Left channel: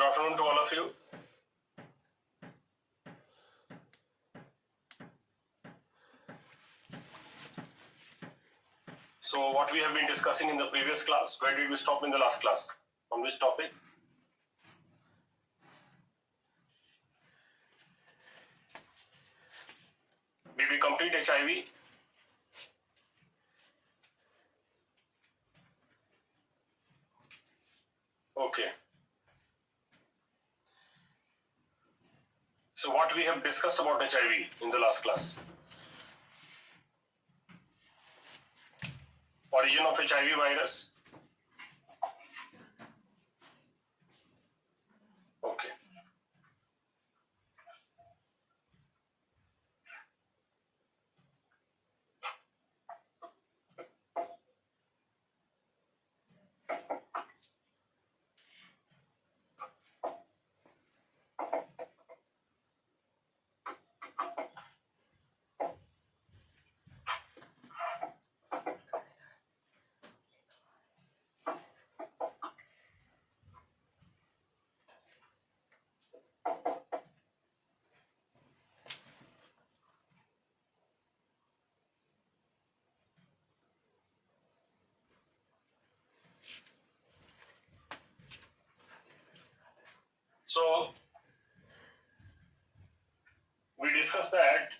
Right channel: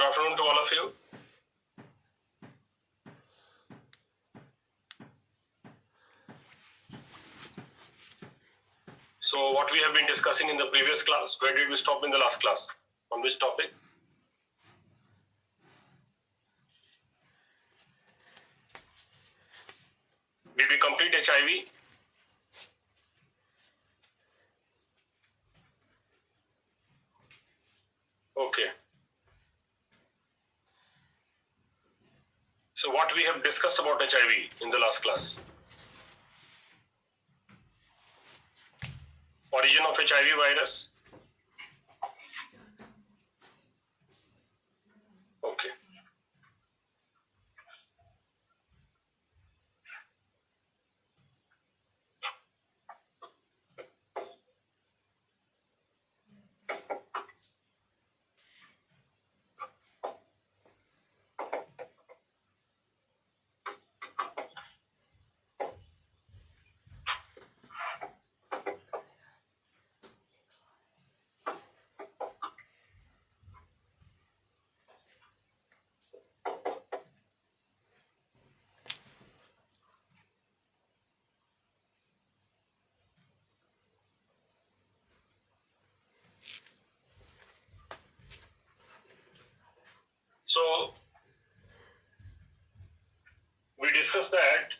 Good afternoon to all of you. So what we have been discussing in the previous class, where did we stop in the last class? On which topic? Did we complete HIV? Okay. So what we have discussed about HIV in the last class? Origin of HIV virus. Okay. So we discussed that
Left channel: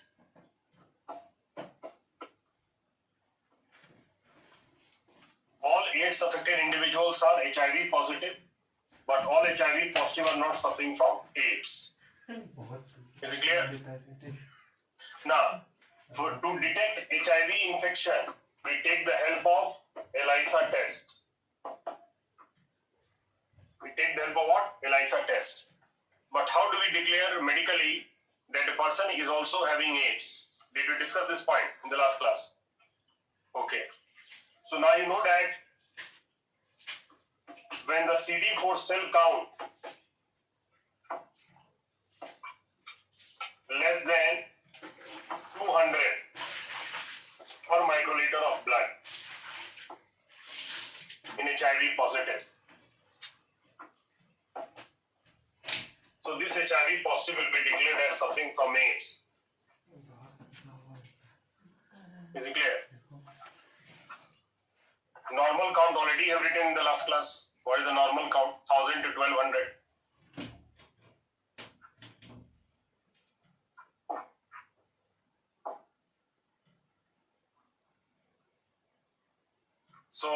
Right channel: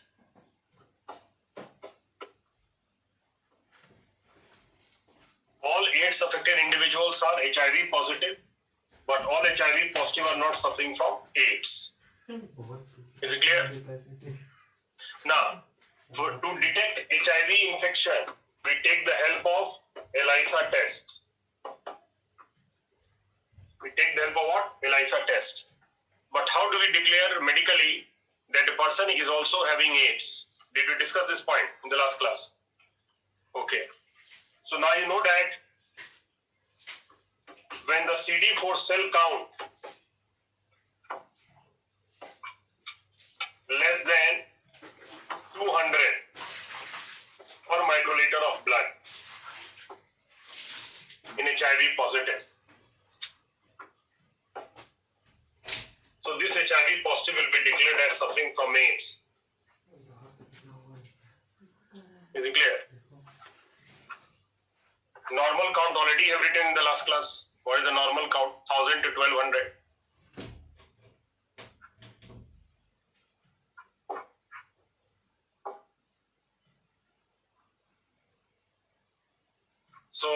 all AIDS affected individuals are HIV positive, but all HIV positive are not suffering from AIDS. Is it clear? Now, to detect HIV infection, we take the help of ELISA test. We take the help of what? ELISA test. But how do we declare medically that a person is also having AIDS? Did we discuss this point in the last class? Okay. So now you know that when the CD4 cell count less than 200 per microliter of blood in HIV positive. So this HIV positive will be declared as suffering from AIDS. Is it clear? Normal count already have written in the last class. What is the normal count? 1000 to 1200. So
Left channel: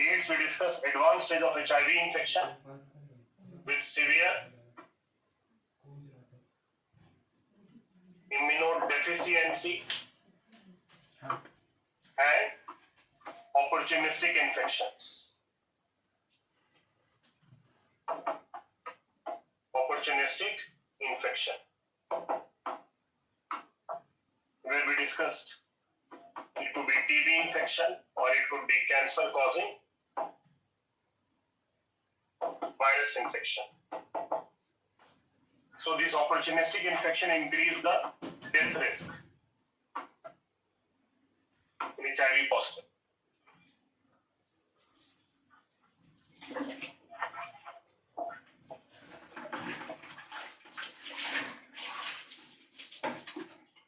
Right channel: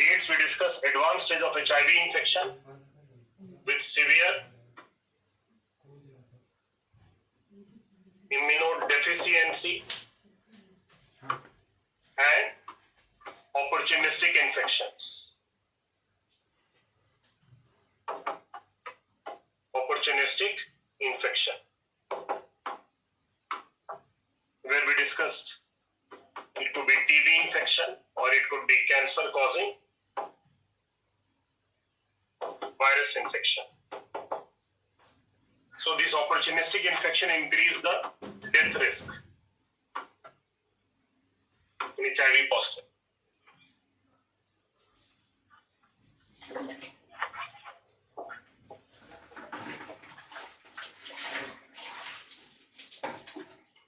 AIDS, we discuss advanced stage of HIV infection with severe immunodeficiency and opportunistic infections. Opportunistic infection, where we discussed it could be TB infection or it could be cancer causing virus infection. So this opportunistic infection increase the death risk in HIV positive.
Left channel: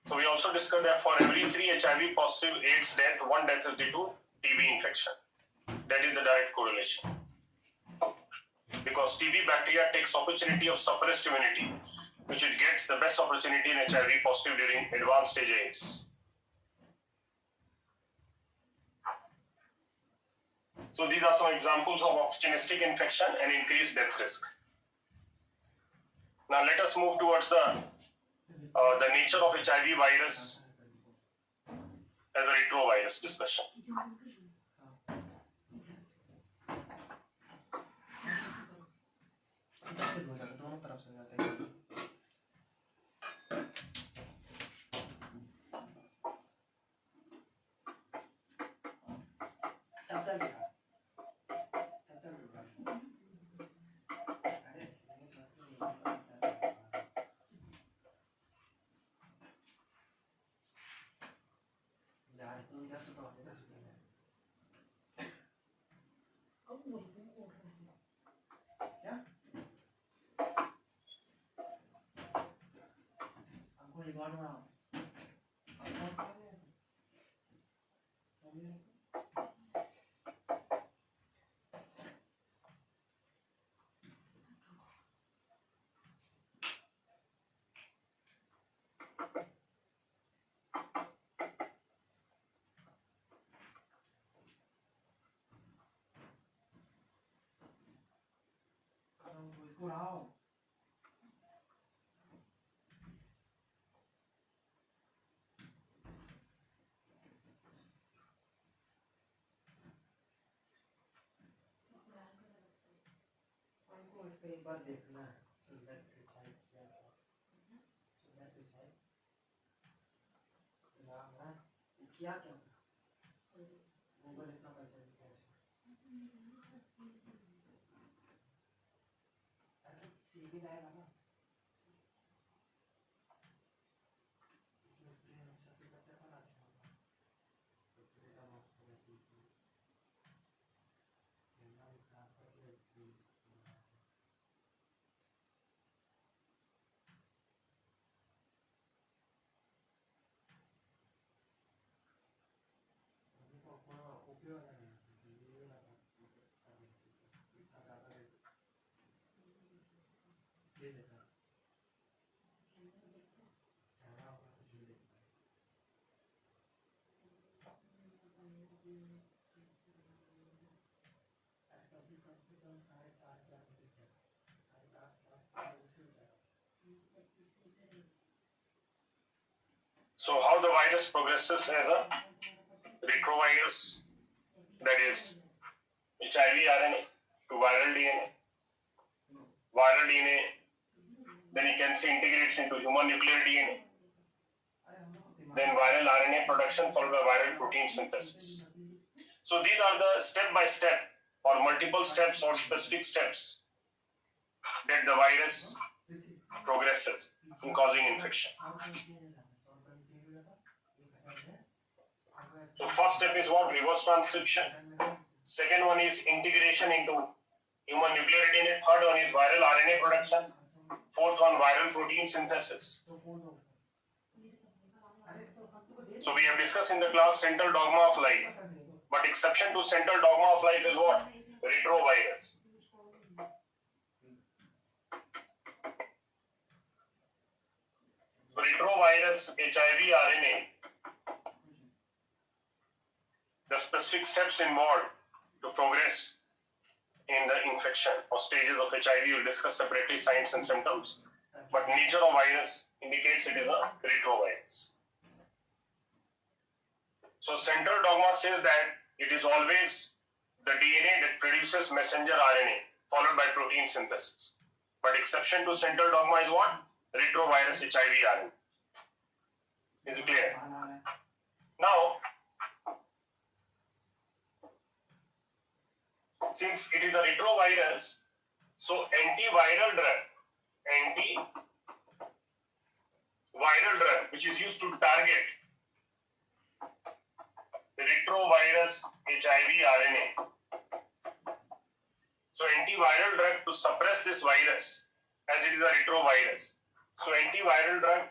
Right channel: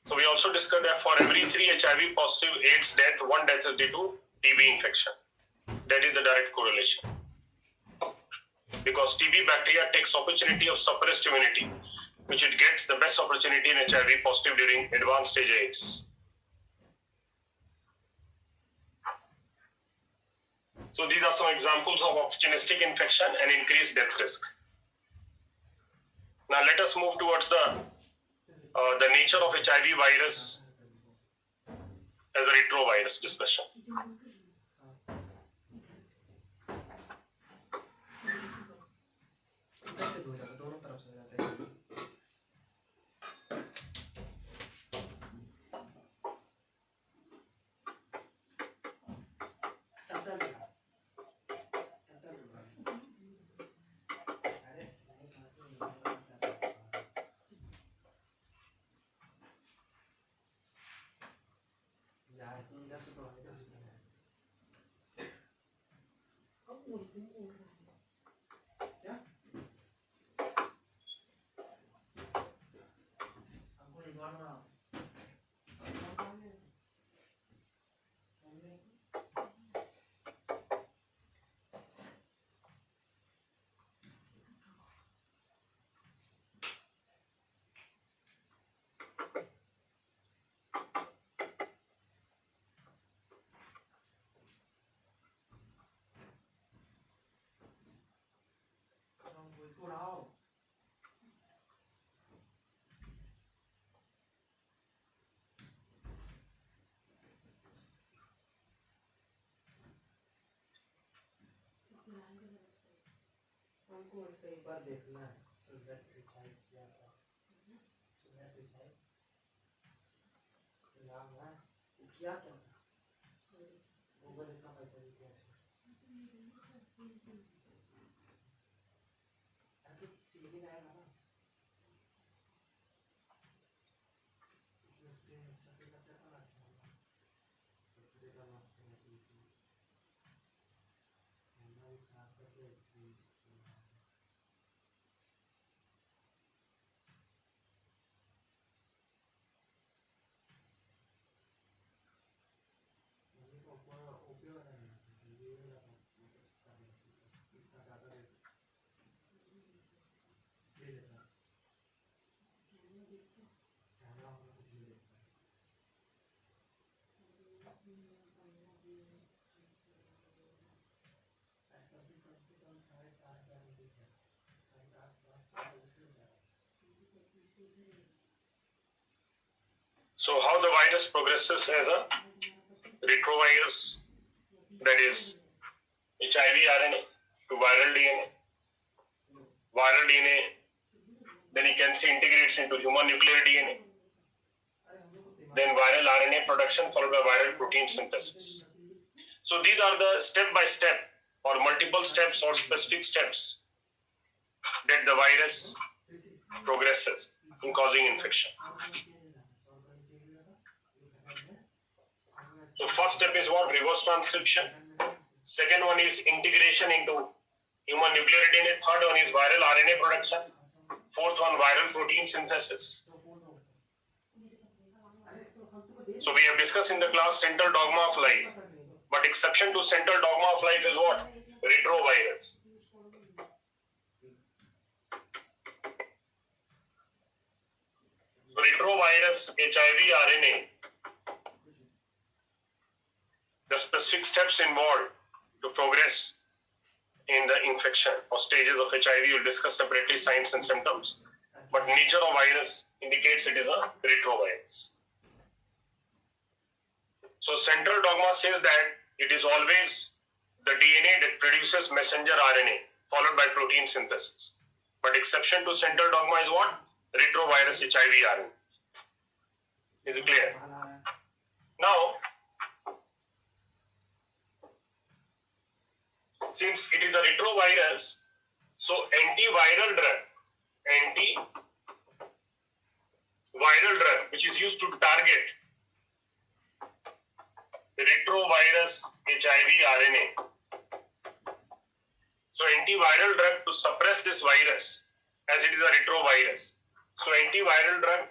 So we also discussed that for every 3 HIV positive AIDS death, 1 death is due to TB infection. That is the direct correlation. Because TB bacteria takes opportunity of suppressed immunity, which it gets the best opportunity in HIV positive during advanced stage AIDS. So these are some examples of opportunistic infection and increased death risk. Now let us move towards the nature of HIV virus as a retrovirus discussion. So how the virus progresses as a retrovirus, that is HIV RNA to viral DNA. Viral DNA, then you can see integrates into human nuclear DNA. Then viral RNA production followed by viral protein synthesis. So these are the step-by-step or multiple steps or specific steps that the virus progresses in causing infection. So first step is what? Reverse transcription. Second one is integration into human nuclear DNA. Third one is viral RNA production. Fourth one, viral protein synthesis. So we have discussed in the class central dogma of life. But exception to central dogma of life is what? Retrovirus. Retrovirus HIV RNA. The specific steps involved to progress in the infection or stages of HIV, we'll discuss separately signs and symptoms. But nature of virus indicates it is a retrovirus. So central dogma says that it is always the DNA that produces messenger RNA followed by protein synthesis. But exception to central dogma is what? Retrovirus HIV RNA. Is it clear? Now, since it is a retrovirus, so antiviral drug which is used to target retrovirus HIV RNA. So antiviral drug to suppress this virus as it is a retrovirus. So antiviral drug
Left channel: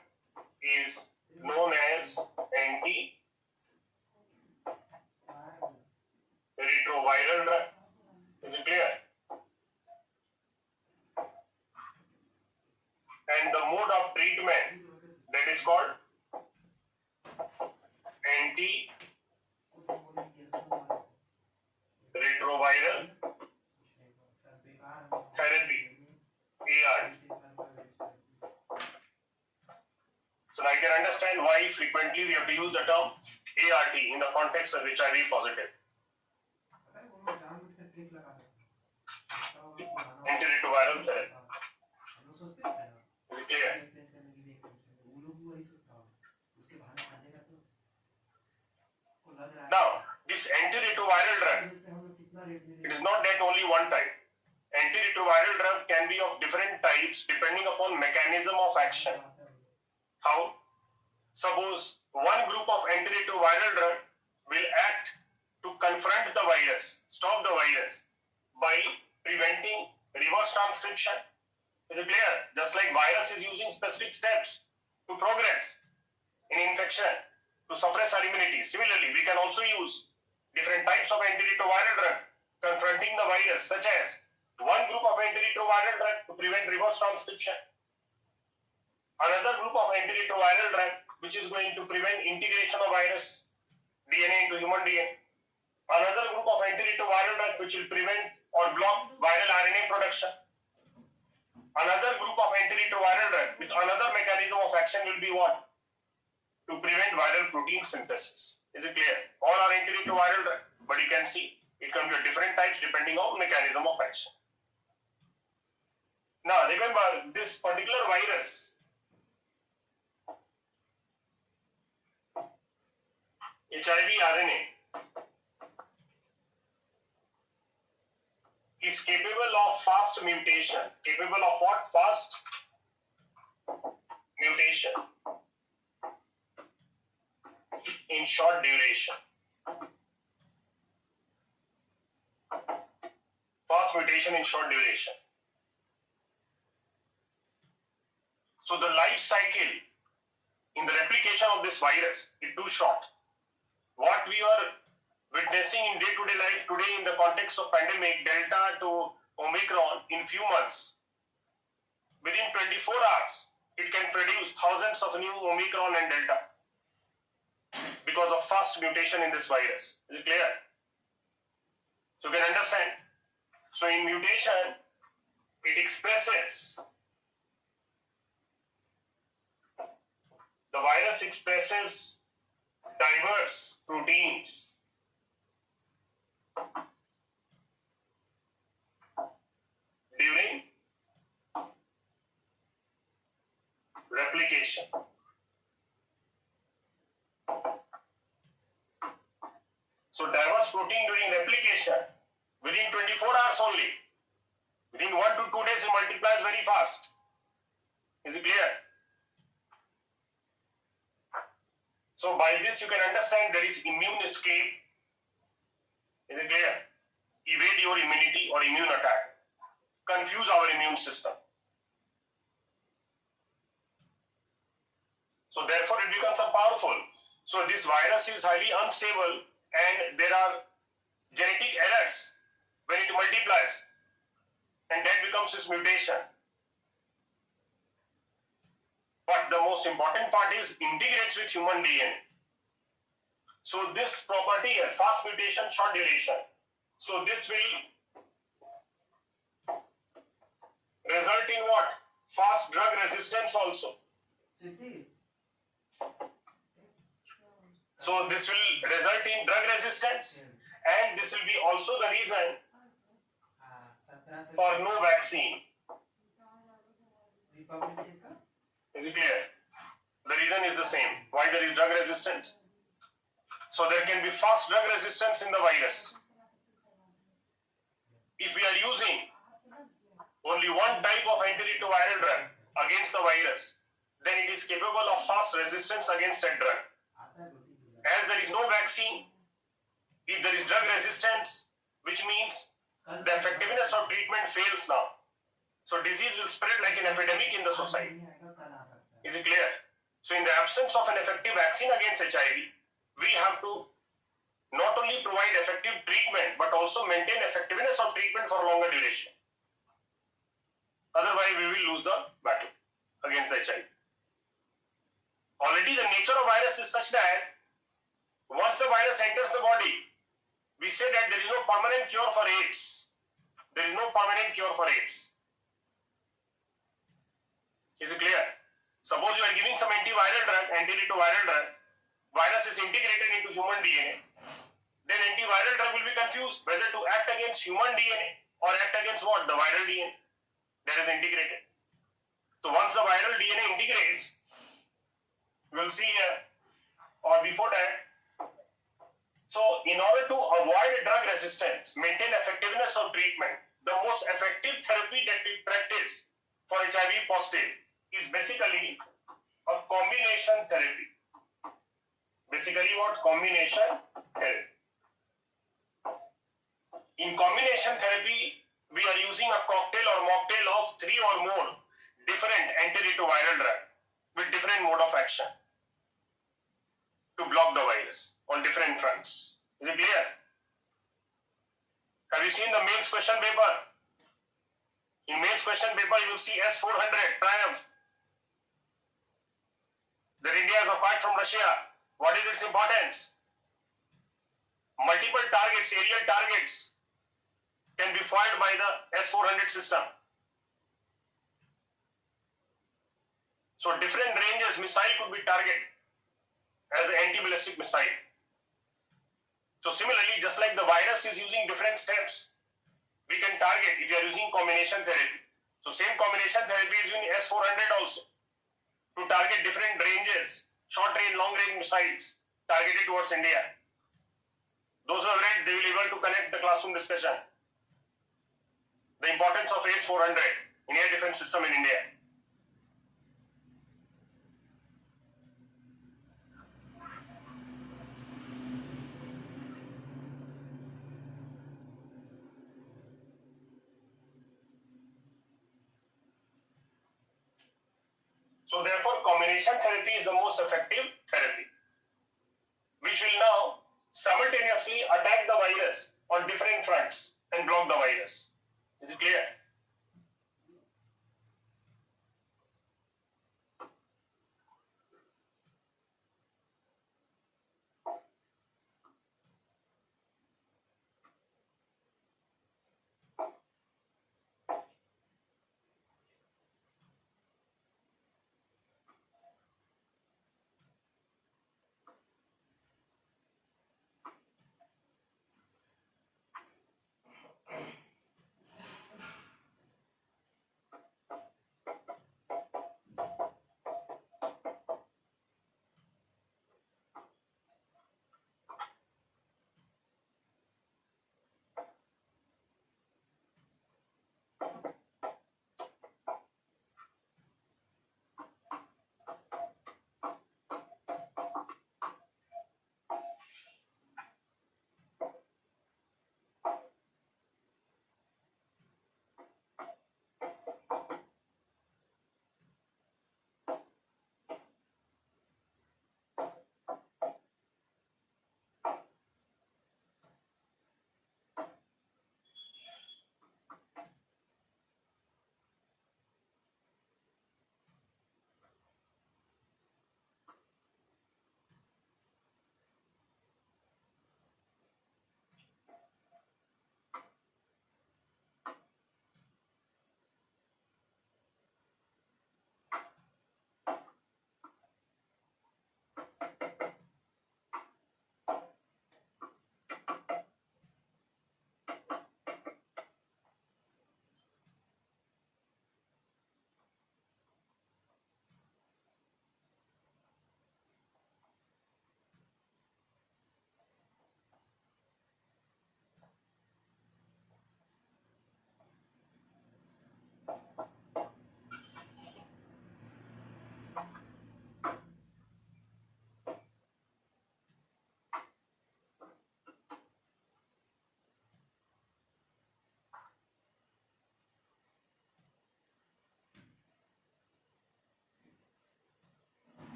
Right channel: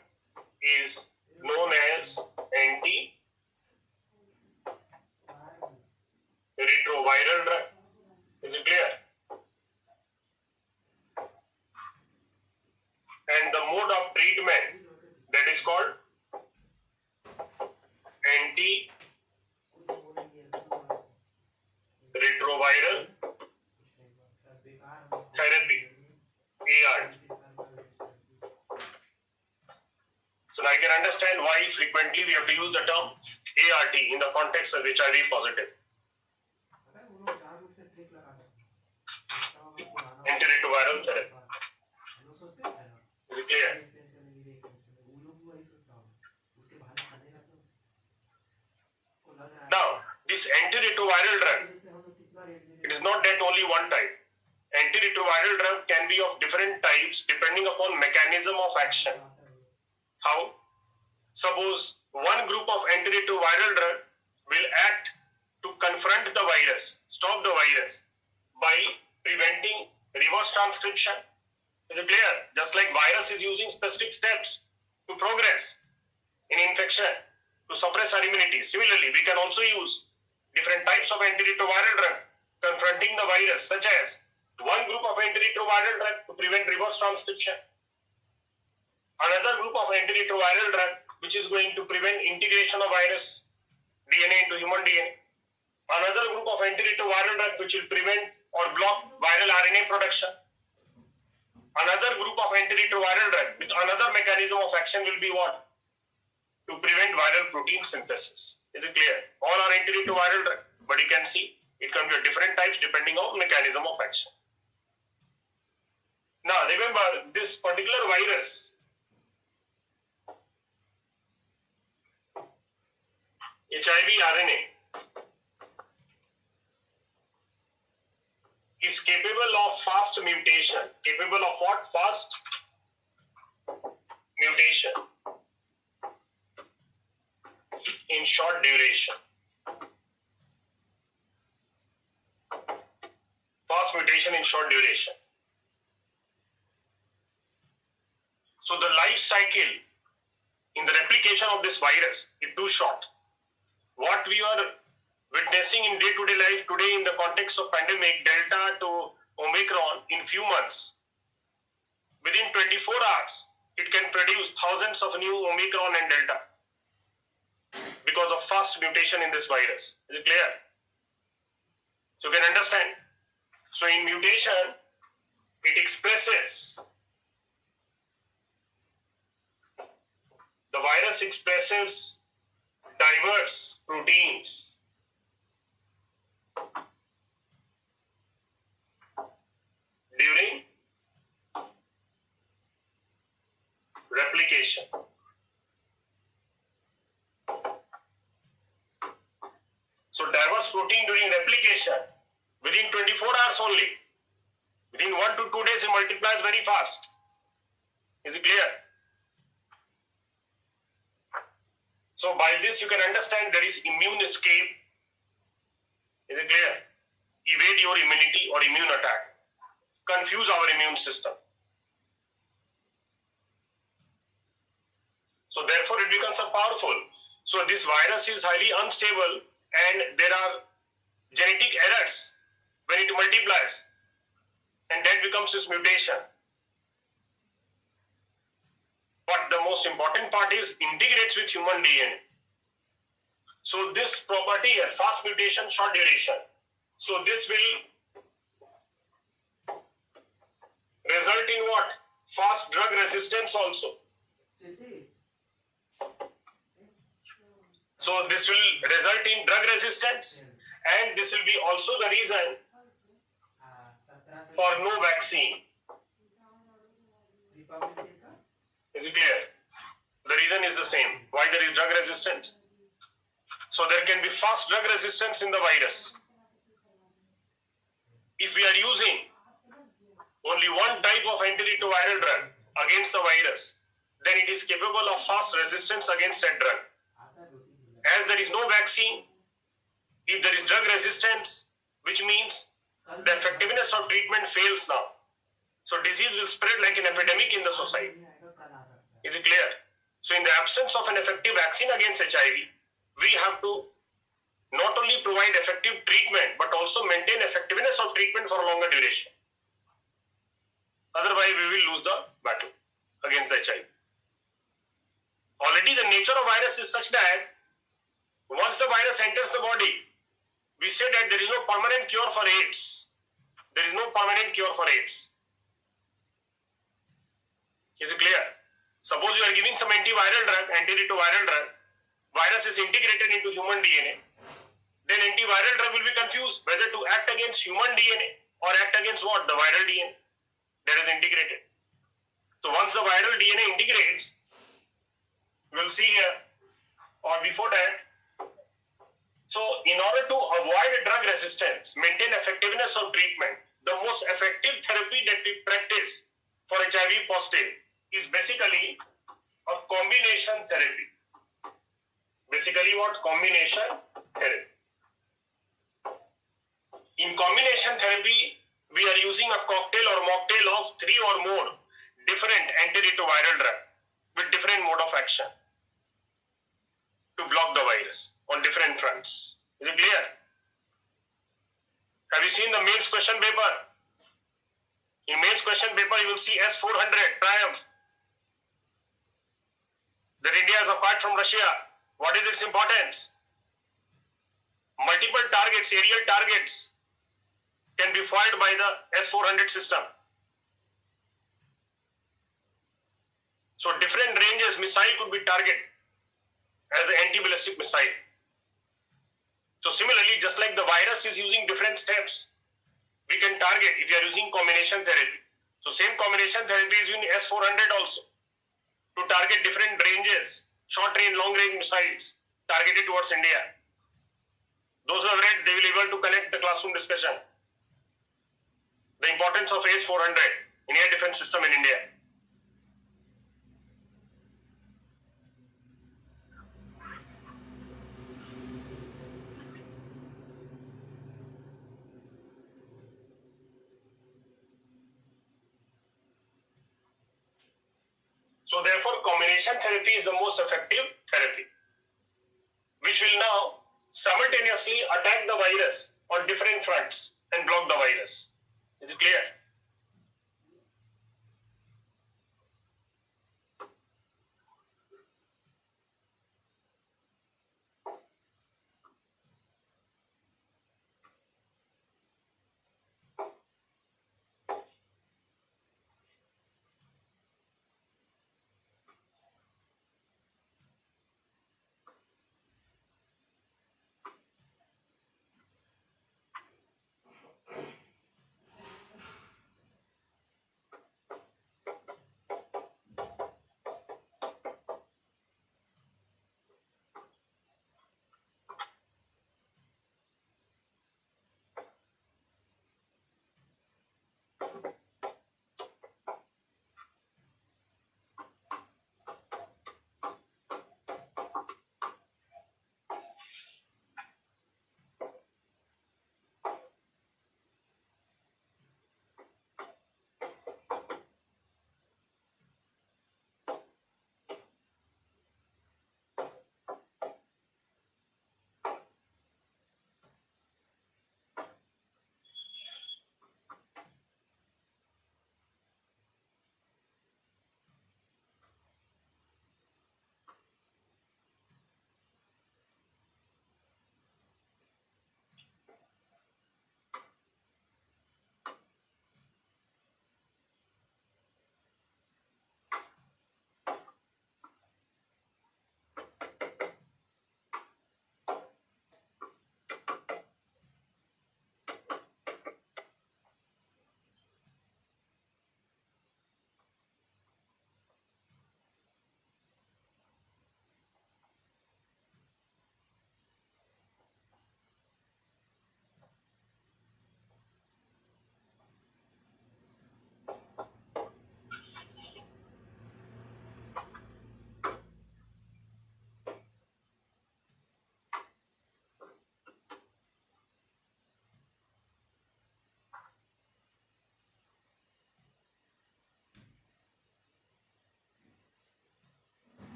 is known as anti-retroviral drug. Is it clear? And the mode of treatment, that is called anti-retroviral therapy, ART. So I can understand why frequently we have to use the term ART in the context of HIV positive. Antiretroviral therapy. Is it clear? Now, this antiretroviral drug, it is not that only one type. Antiretroviral drug can be of different types depending upon mechanism of action. How? Suppose one group of antiretroviral drug will act to confront the virus, stop the virus, by preventing reverse transcription. Is it clear? Just like virus is using specific steps to progress in infection to suppress our immunity. Similarly, we can also use different types of antiretroviral drug confronting the virus, such as one group of antiretroviral drug to prevent reverse transcription, another group of antiretroviral drug which is going to prevent integration of virus DNA into human DNA, another group of antiretroviral drug which will prevent or block viral RNA production, another group of antiretroviral drug with another mechanism of action will be what? To prevent viral protein synthesis. Is it clear? All are antiretroviral drug, but you can see it can be of different types depending on mechanism of action. Now remember, this particular virus HIV RNA is capable of fast mutation. Capable of what? Fast mutation in short duration. Fast mutation in short duration. So the life cycle in the replication of this virus is too short. What we are witnessing in day-to-day life today in the context of pandemic, Delta to Omicron, in few months, within 24 hours, it can produce thousands of new Omicron and Delta because of fast mutation in this virus. Is it clear? So you can understand. So in mutation, it expresses, the virus expresses diverse proteins during replication. So diverse protein during replication within 24 hours only. Within 1 to 2 days it multiplies very fast. Is it clear? So by this you can understand there is immune escape. Is it clear? Evade your immunity or immune attack. Confuse our immune system. So therefore it becomes a powerful. So this virus is highly unstable and there are genetic errors when it multiplies, and that becomes this mutation. But the most important part is integrates with human DNA. So this property here, fast mutation, short duration. So this will result in what? Fast drug resistance also. So this will result in drug resistance, and this will be also the reason for no vaccine. Is it clear? The reason is the same. Why there is drug resistance? So there can be fast drug resistance in the virus. If we are using only one type of antiretroviral drug against the virus, then it is capable of fast resistance against that drug. As there is no vaccine, if there is drug resistance, which means the effectiveness of treatment fails now. So disease will spread like an epidemic in the society. Is it clear? So in the absence of an effective vaccine against HIV, we have to not only provide effective treatment, but also maintain effectiveness of treatment for a longer duration. Otherwise, we will lose the battle against the HIV. Already the nature of virus is such that once the virus enters the body, we say that there is no permanent cure for AIDS. There is no permanent cure for AIDS. Is it clear? Suppose you are giving some antiviral drug, antiretroviral drug, virus is integrated into human DNA, then antiviral drug will be confused whether to act against human DNA or act against what? The viral DNA that is integrated. So once the viral DNA integrates, we will see here, or before that, so in order to avoid drug resistance, maintain effectiveness of treatment, the most effective therapy that we practice for HIV positive is basically a combination therapy. Basically what? Combination therapy. In combination therapy, we are using a cocktail or mocktail of 3 or more different antiretroviral drugs with different mode of action to block the virus on different fronts. Is it clear? Have you seen the mains question paper? In mains question paper, you will see S-400 triumph. That India is apart from Russia. What is its importance? Multiple targets, aerial targets, can be foiled by the S-400 system. So different ranges missile could be targeted as an anti-ballistic missile. So similarly, just like the virus is using different steps, we can target if you are using combination therapy. So same combination therapy is using S-400 also to target different ranges, short range, long range missiles targeted towards India. Those who have read, they will be able to connect the classroom discussion. The importance of S-400 in air defense system in India. So therefore, combination therapy is the most effective therapy, which will now simultaneously attack the virus on different fronts and block the virus. Is it clear?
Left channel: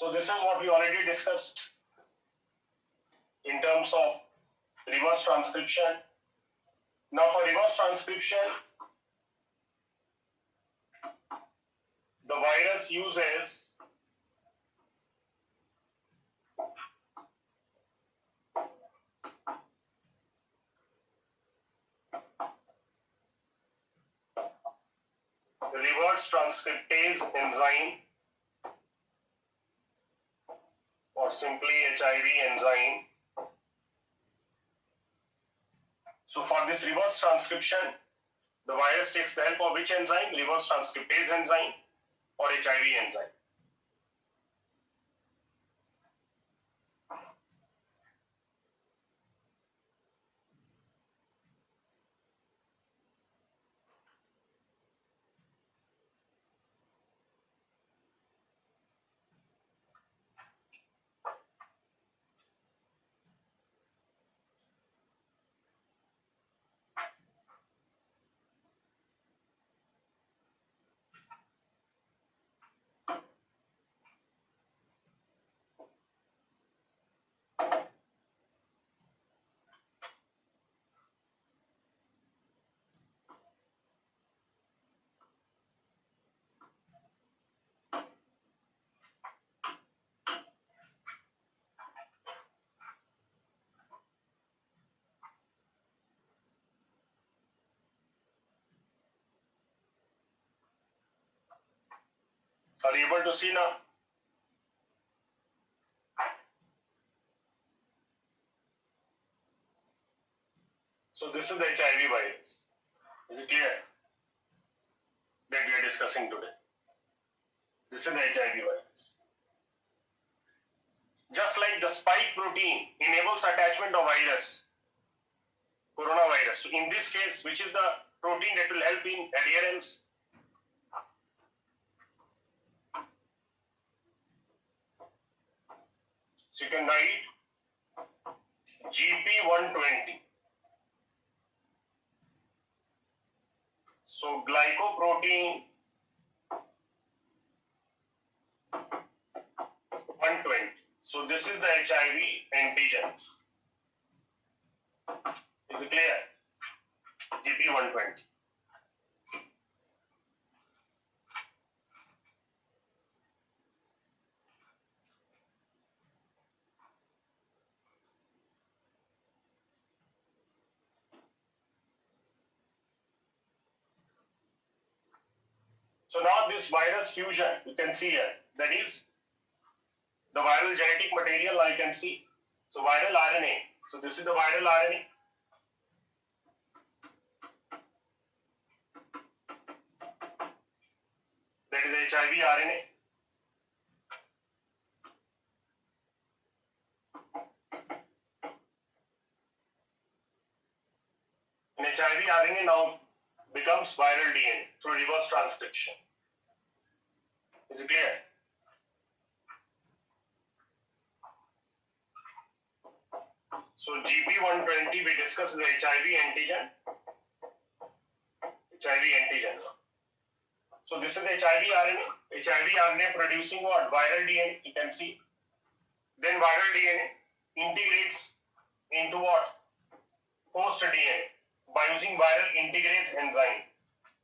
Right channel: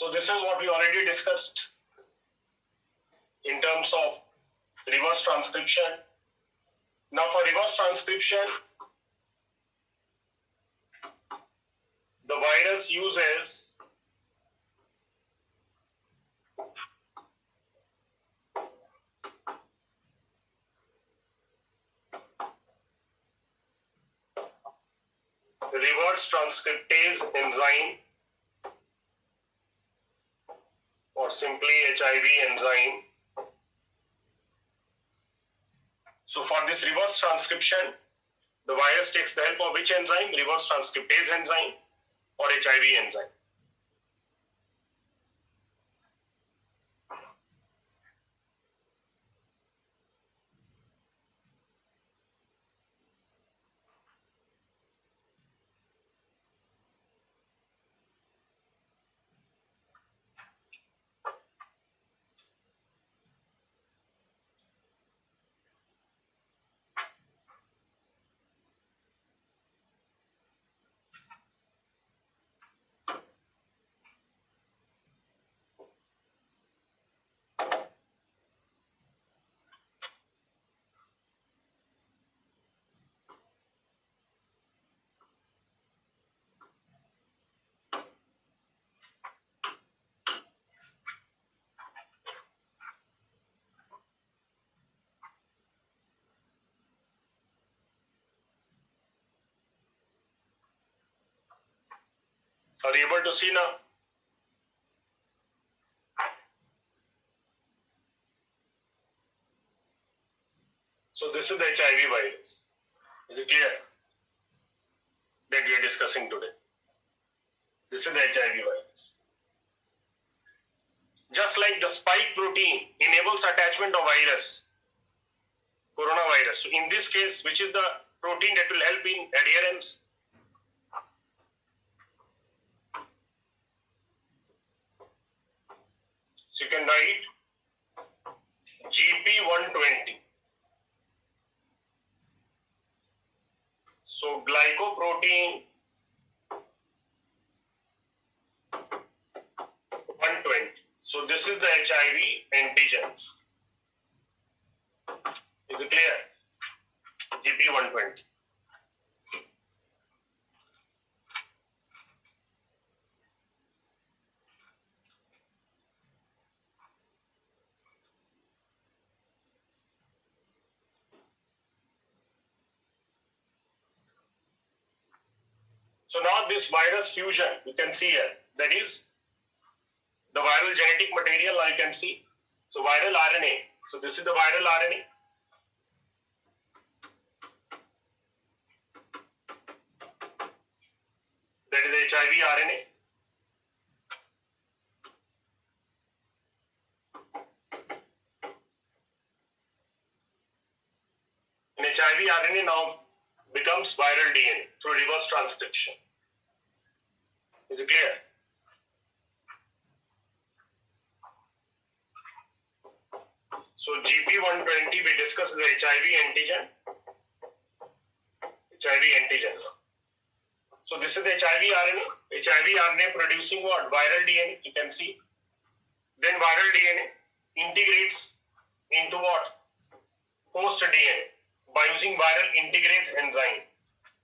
So this is what we already discussed in terms of reverse transcription. Now for reverse transcription, the virus uses reverse transcriptase enzyme, or simply HIV enzyme. So for this reverse transcription, the virus takes the help of which enzyme? Reverse transcriptase enzyme or HIV enzyme. Are you able to see now? So this is the HIV virus. Is it clear? That we are discussing today. This is the HIV virus. Just like the spike protein enables attachment of virus, coronavirus. So in this case, which is the protein that will help in adherence? So you can write GP120. So glycoprotein 120. So this is the HIV antigen. Is it clear? GP120. So now this virus fusion, you can see here, that is the viral genetic material. Now you can see. So viral RNA. So this is the viral RNA. That is HIV RNA. And HIV RNA now becomes viral DNA through reverse transcription. Is it clear? So GP120, we discussed the HIV antigen. HIV antigen. So this is the HIV RNA. HIV RNA producing what? Viral DNA, you can see. Then viral DNA integrates into what? Host DNA by using viral integrase enzyme.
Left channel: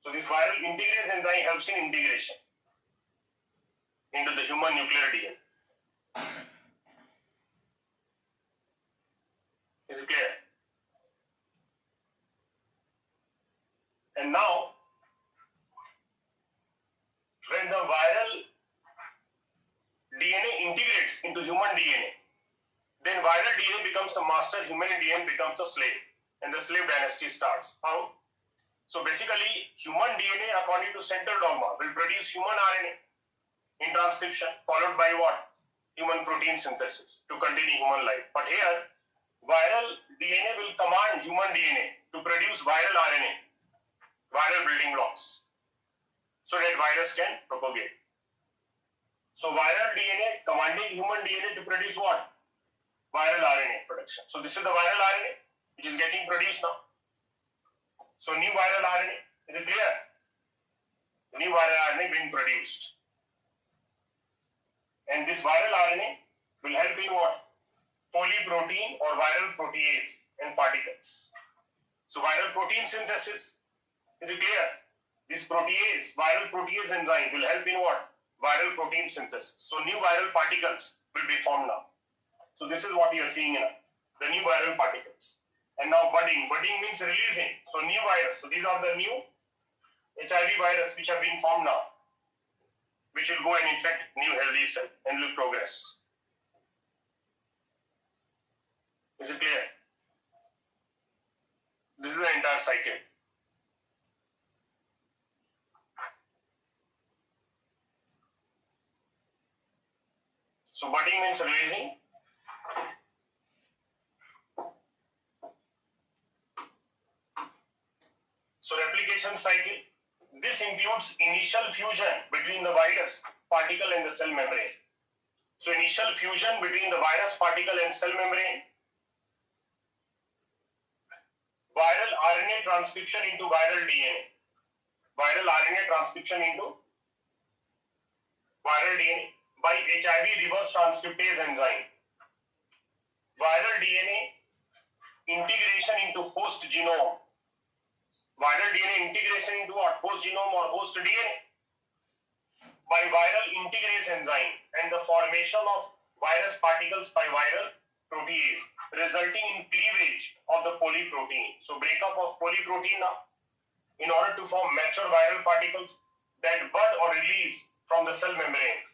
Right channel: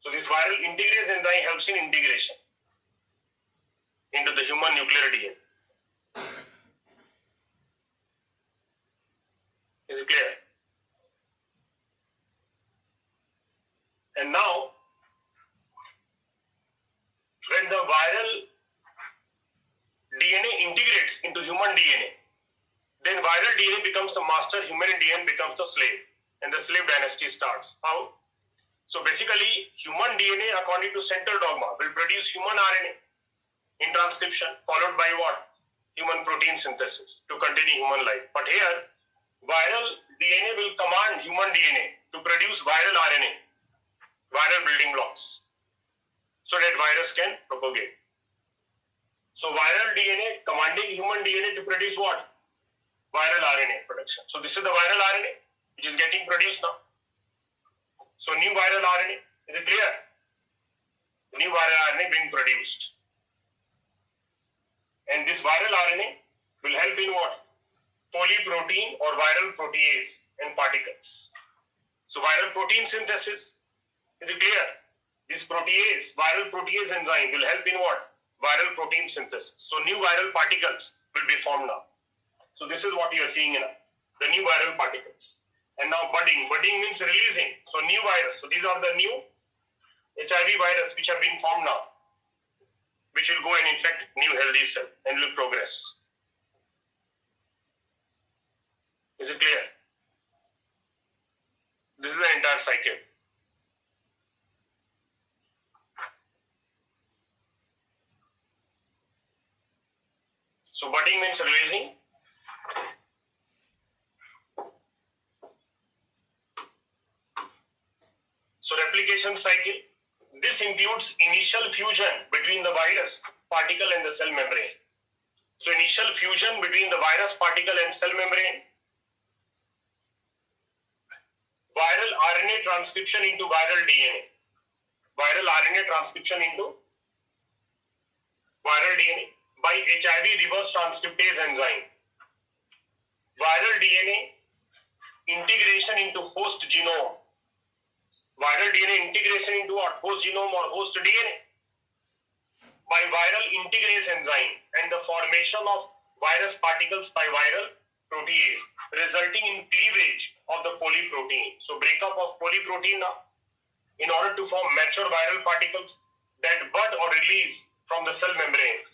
So this viral integrase enzyme helps in integration into the human nuclear DNA. Is it clear? And now, when the viral DNA integrates into human DNA, then viral DNA becomes the master, human DNA becomes the slave, and the slave dynasty starts. How? So basically, human DNA, according to central dogma, will produce human RNA in transcription, followed by what? Human protein synthesis to continue human life. But here, viral DNA will command human DNA to produce viral RNA, viral building blocks, so that virus can propagate. So viral DNA commanding human DNA to produce what? Viral RNA production. So this is the viral RNA which is getting produced now. So new viral RNA, is it clear? New viral RNA being produced. And this viral RNA will help in what? Polyprotein or viral protease and particles. So viral protein synthesis, is it clear? This protease, viral protease enzyme will help in what? Viral protein synthesis. So new viral particles will be formed now. So this is what you are seeing now, the new viral particles. And now budding. Budding means releasing. So new virus. So these are the new HIV virus which have been formed now, which will go and infect new healthy cell and will progress. Is it clear? This is the entire cycle. So budding means releasing. So replication cycle, this includes initial fusion between the virus particle and the cell membrane. So initial fusion between the virus particle and cell membrane, viral RNA transcription into viral DNA, viral RNA transcription into viral DNA by HIV reverse transcriptase enzyme, viral DNA integration into host genome, viral DNA integration into what? Host genome or host DNA by viral integrase enzyme and the formation of virus particles by viral protease, resulting in cleavage of the polyprotein. So breakup of polyprotein now in order to form mature viral particles that bud or release from the cell membrane.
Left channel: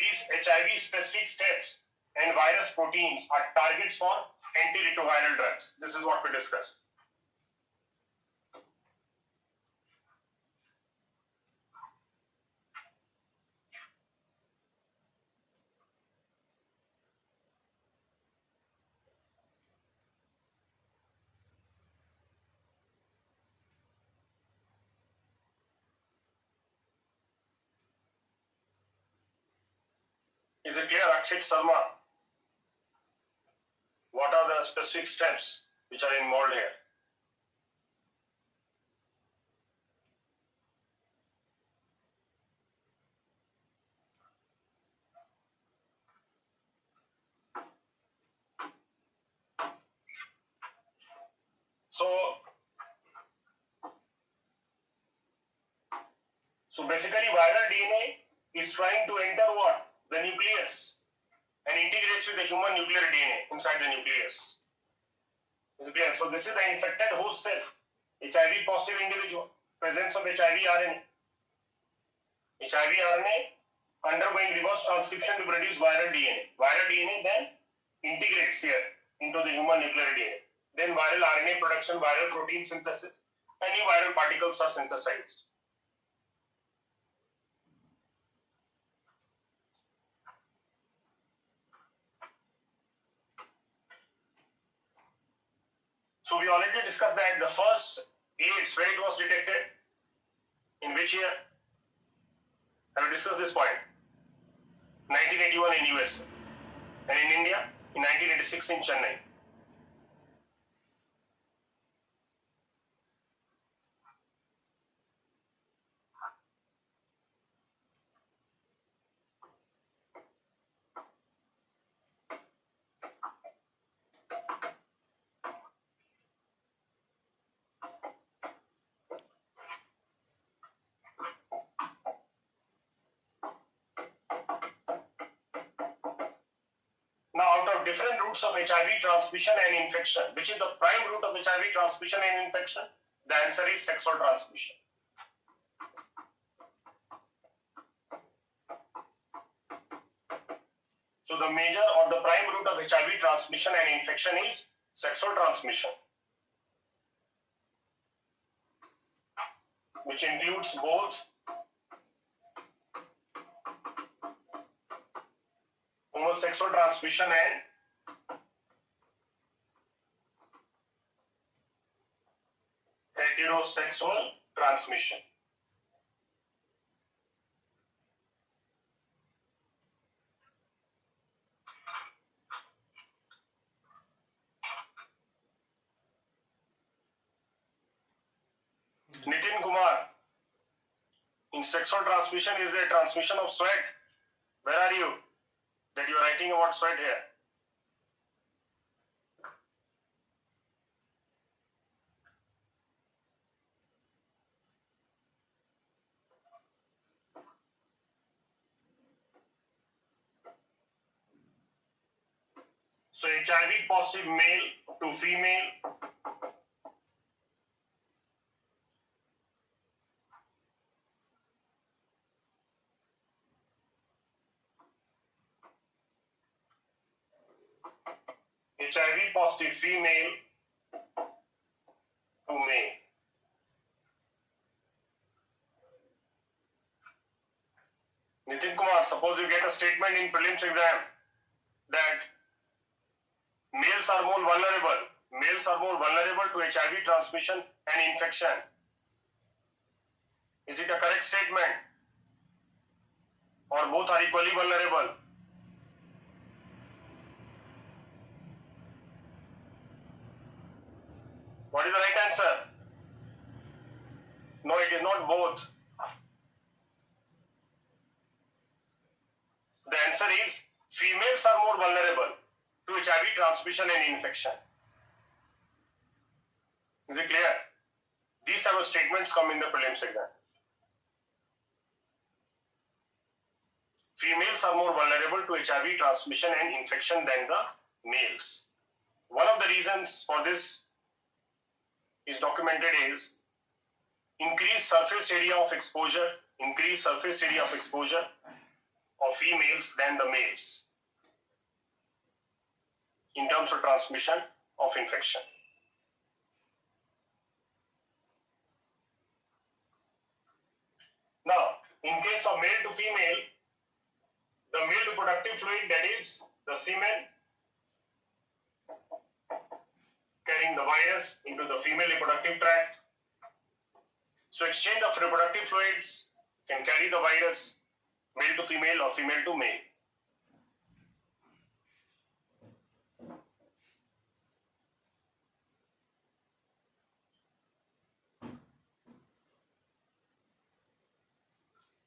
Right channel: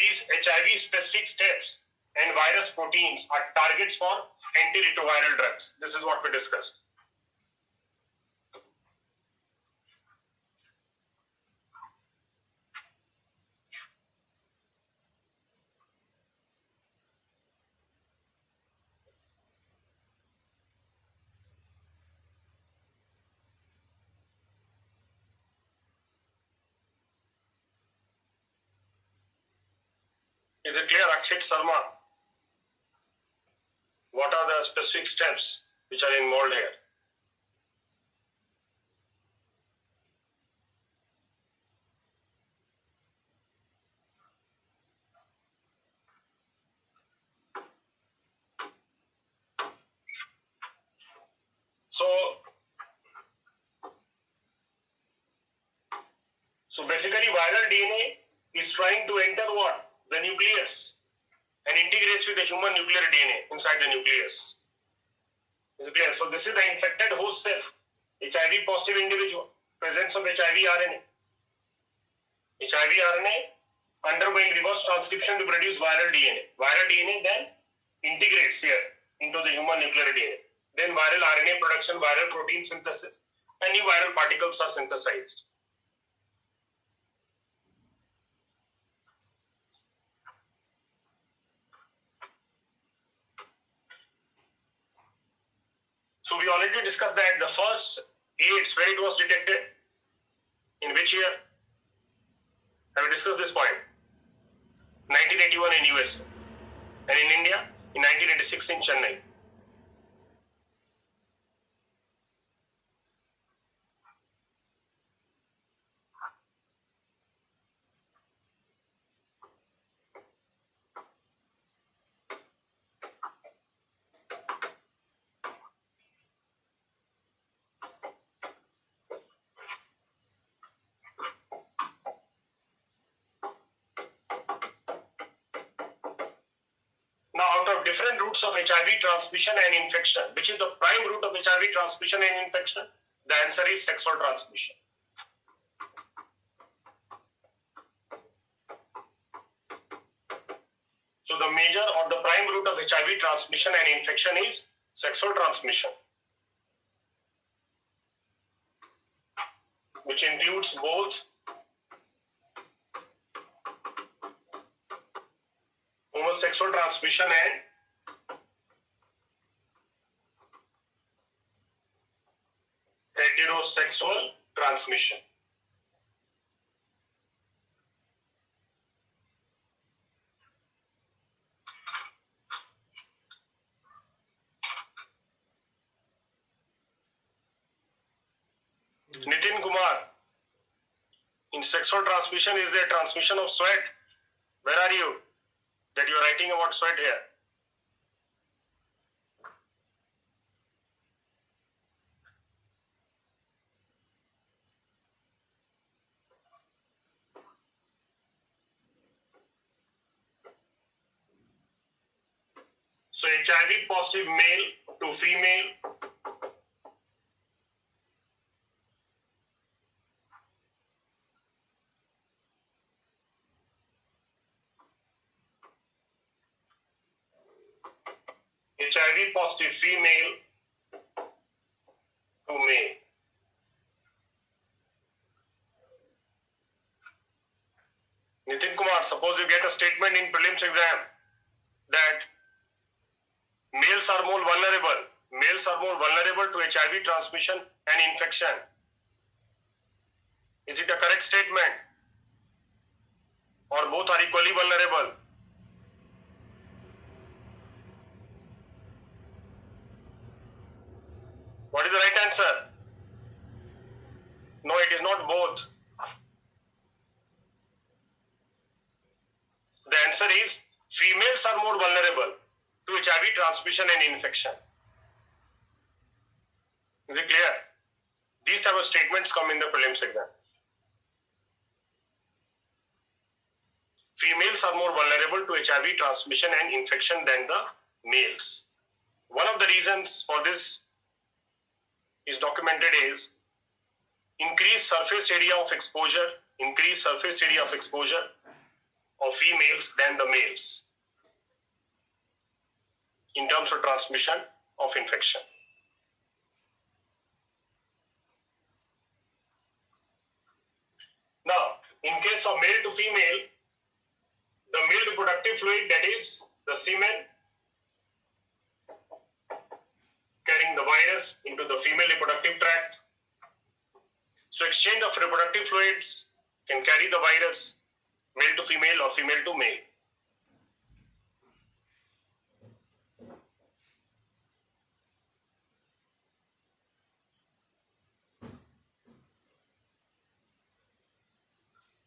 These HIV specific steps and virus proteins are targets for antiretroviral drugs. This is what we discussed. Is it clear, Akshit Sharma? What are the specific steps which are involved here? So basically viral DNA is trying to enter what? The nucleus and integrates with the human nuclear DNA inside the nucleus. Is it clear? So this is the infected host cell, HIV positive individual, presence of HIV RNA. HIV RNA undergoing reverse transcription to produce viral DNA. Viral DNA then integrates here into the human nuclear DNA. Then viral RNA production, viral protein synthesis, and new viral particles are synthesized. So we already discussed that the first AIDS, when it was detected, in which year? Have we discussed this point? 1981 in US, and in India in 1986 in Chennai. Out of different routes of HIV transmission and infection. Which is the prime route of HIV transmission and infection? The answer is sexual transmission. So the major or the prime route of HIV transmission and infection is sexual transmission, which includes both homosexual transmission and heterosexual transmission. Nitin Kumar, in sexual transmission, is there transmission of sweat? Where are you? That you are writing about sweat here. So HIV positive male to female, HIV positive female to male. Nitin Kumar, suppose you get a statement in prelims exam that males are more vulnerable to HIV transmission and infection. Is it a correct statement? Or both are equally vulnerable? What is the right answer? No, it is not both. The answer is females are more vulnerable to HIV transmission and infection. Is it clear? These type of statements come in the prelims exam. Females are more vulnerable to HIV transmission and infection than the males. One of the reasons for this is documented is increased surface area of exposure of females than the males in terms of transmission of infection. Now, in case of male to female, the male reproductive fluid, that is the semen, carrying the virus into the female reproductive tract. So exchange of reproductive fluids can carry the virus male to female or female to male.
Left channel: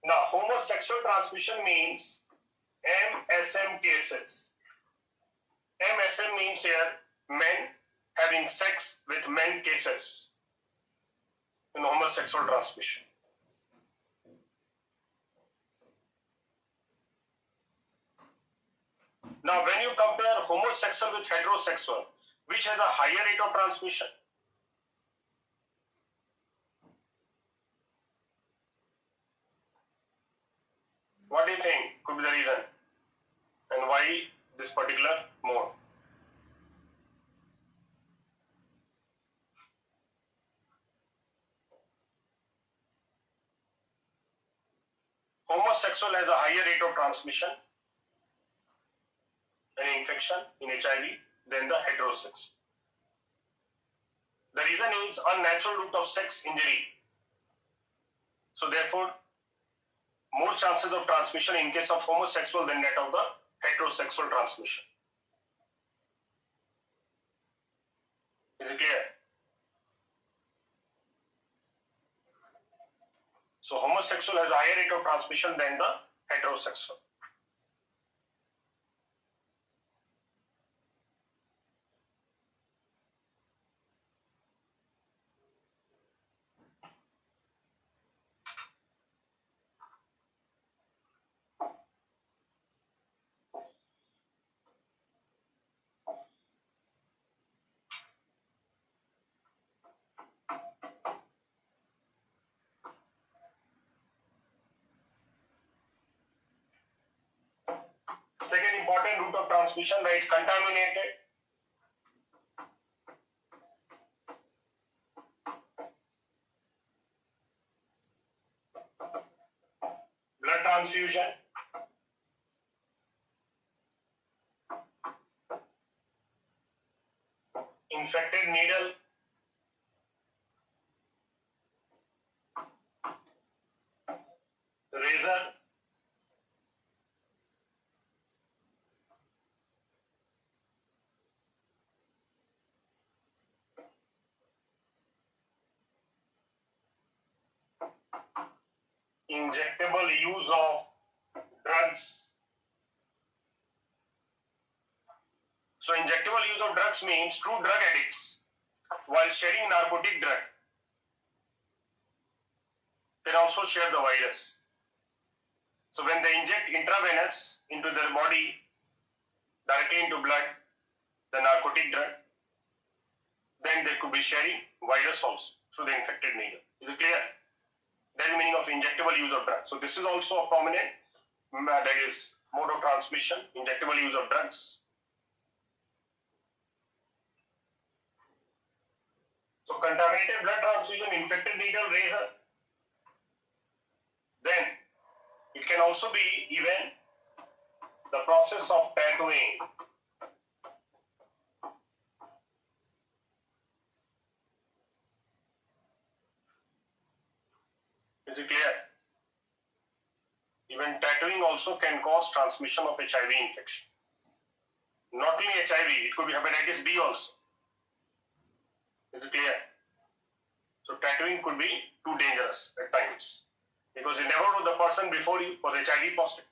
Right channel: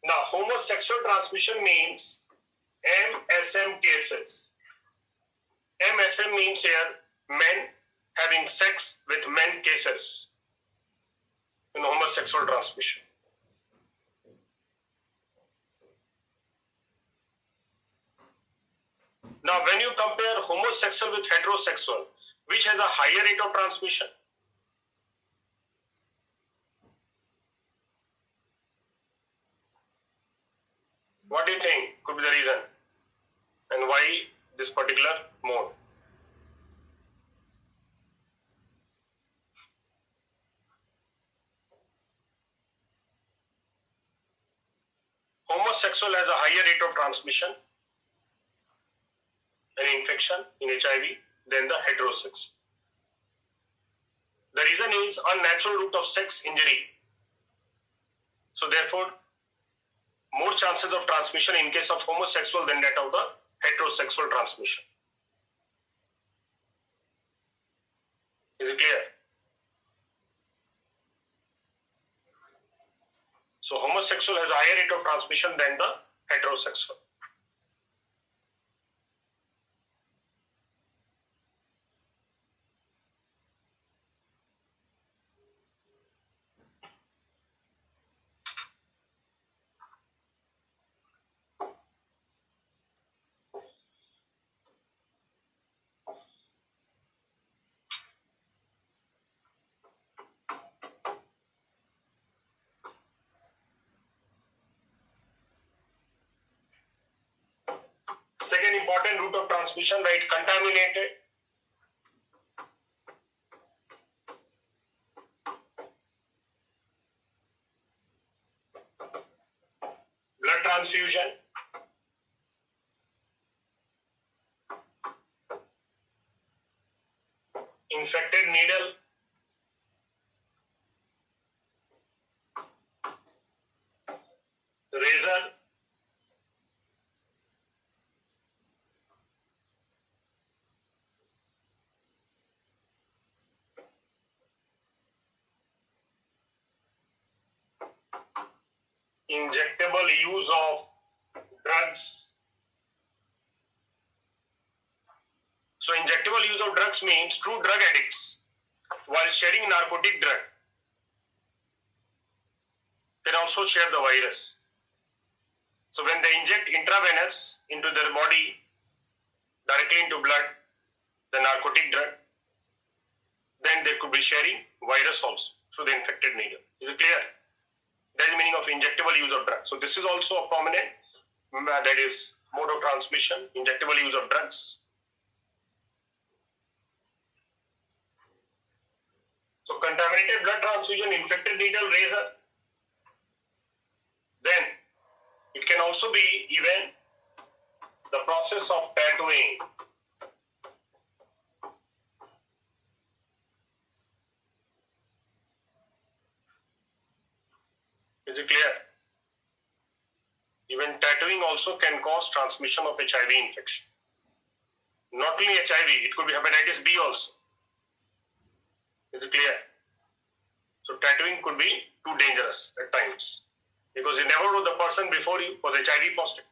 Now, homosexual transmission means MSM cases. MSM means here men having sex with men cases in homosexual transmission. Now, when you compare homosexual with heterosexual, which has a higher rate of transmission? What do you think could be the reason? And why this particular mode? Homosexual has a higher rate of transmission and infection in HIV than the heterosexual. The reason is unnatural route of sex injury. So therefore, more chances of transmission in case of homosexual than that of the heterosexual transmission. Is it clear? So homosexual has a higher rate of transmission than the heterosexual. second important route of transmission, right? Contaminated. Blood transfusion. Infected needle. Razor. Injectable use of drugs. So injectable use of drugs means true drug addicts, while sharing narcotic drug, can also share the virus. So when they inject intravenous into their body, directly into blood, the narcotic drug, then they could be sharing virus also through the infected needle. Is it clear? That is the meaning of injectable use of drugs. So this is also a prominent, that is mode of transmission, injectable use of drugs. So contaminated blood transfusion, infected needle, razor. Then it can also be even the process of tattooing. Is it clear? Even tattooing also can cause transmission of HIV infection. Not only HIV, it could be hepatitis B also. Is it clear? So tattooing could be too dangerous at times, because you never know the person before you was HIV positive.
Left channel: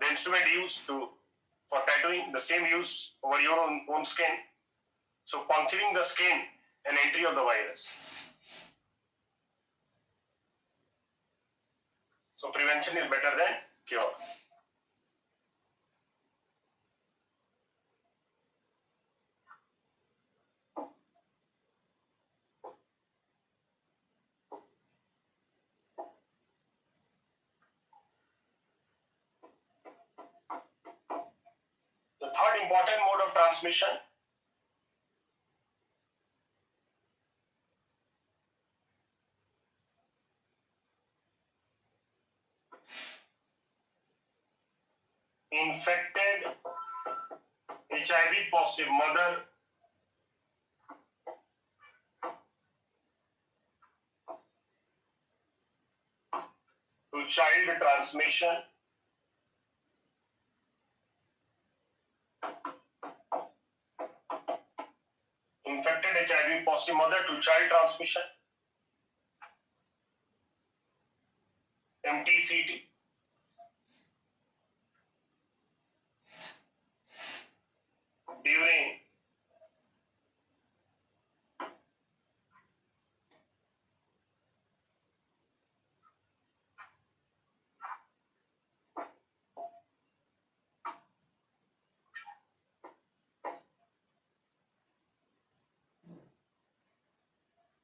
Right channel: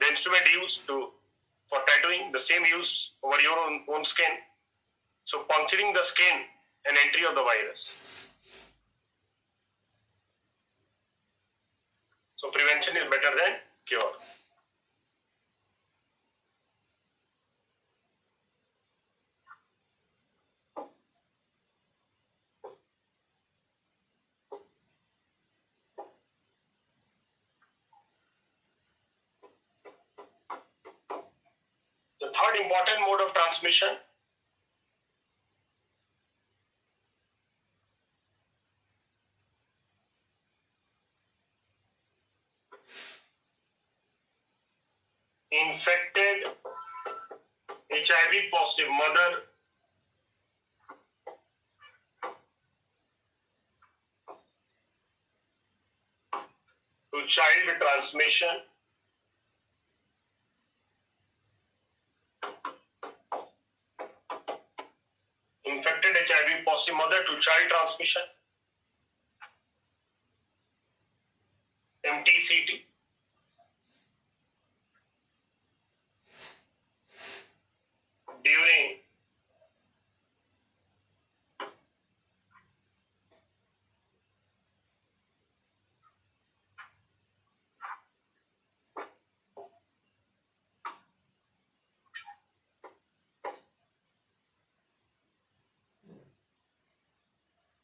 The instrument used for tattooing, the same used over your own skin. So puncturing the skin and entry of the virus. So prevention is better than cure. The third important mode of transmission infected HIV positive mother to child transmission. Infected HIV positive mother to child transmission. MTCT. During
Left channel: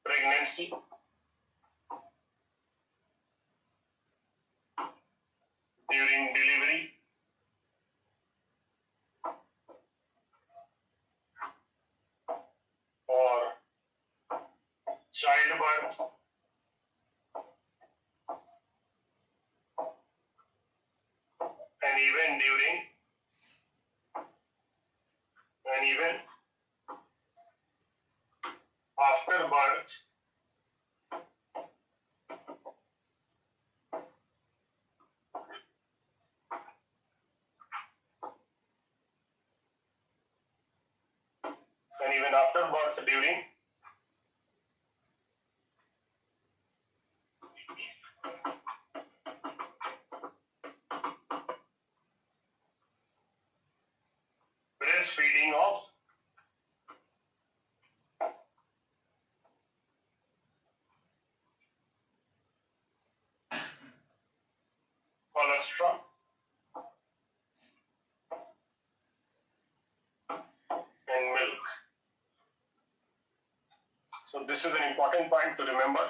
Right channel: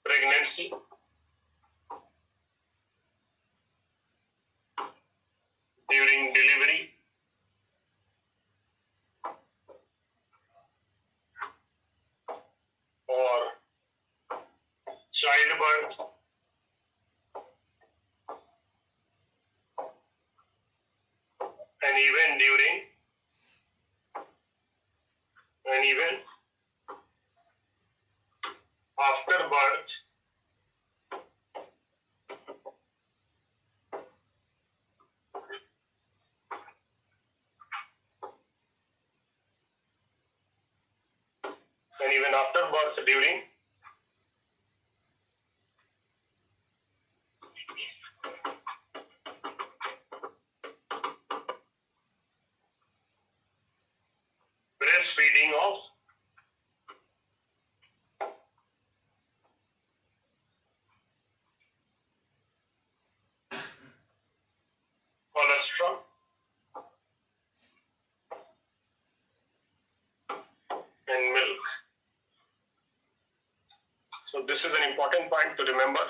pregnancy, during delivery, or childbirth, and even after birth, during breastfeeding of colostrum and milk. So this is an important point to remember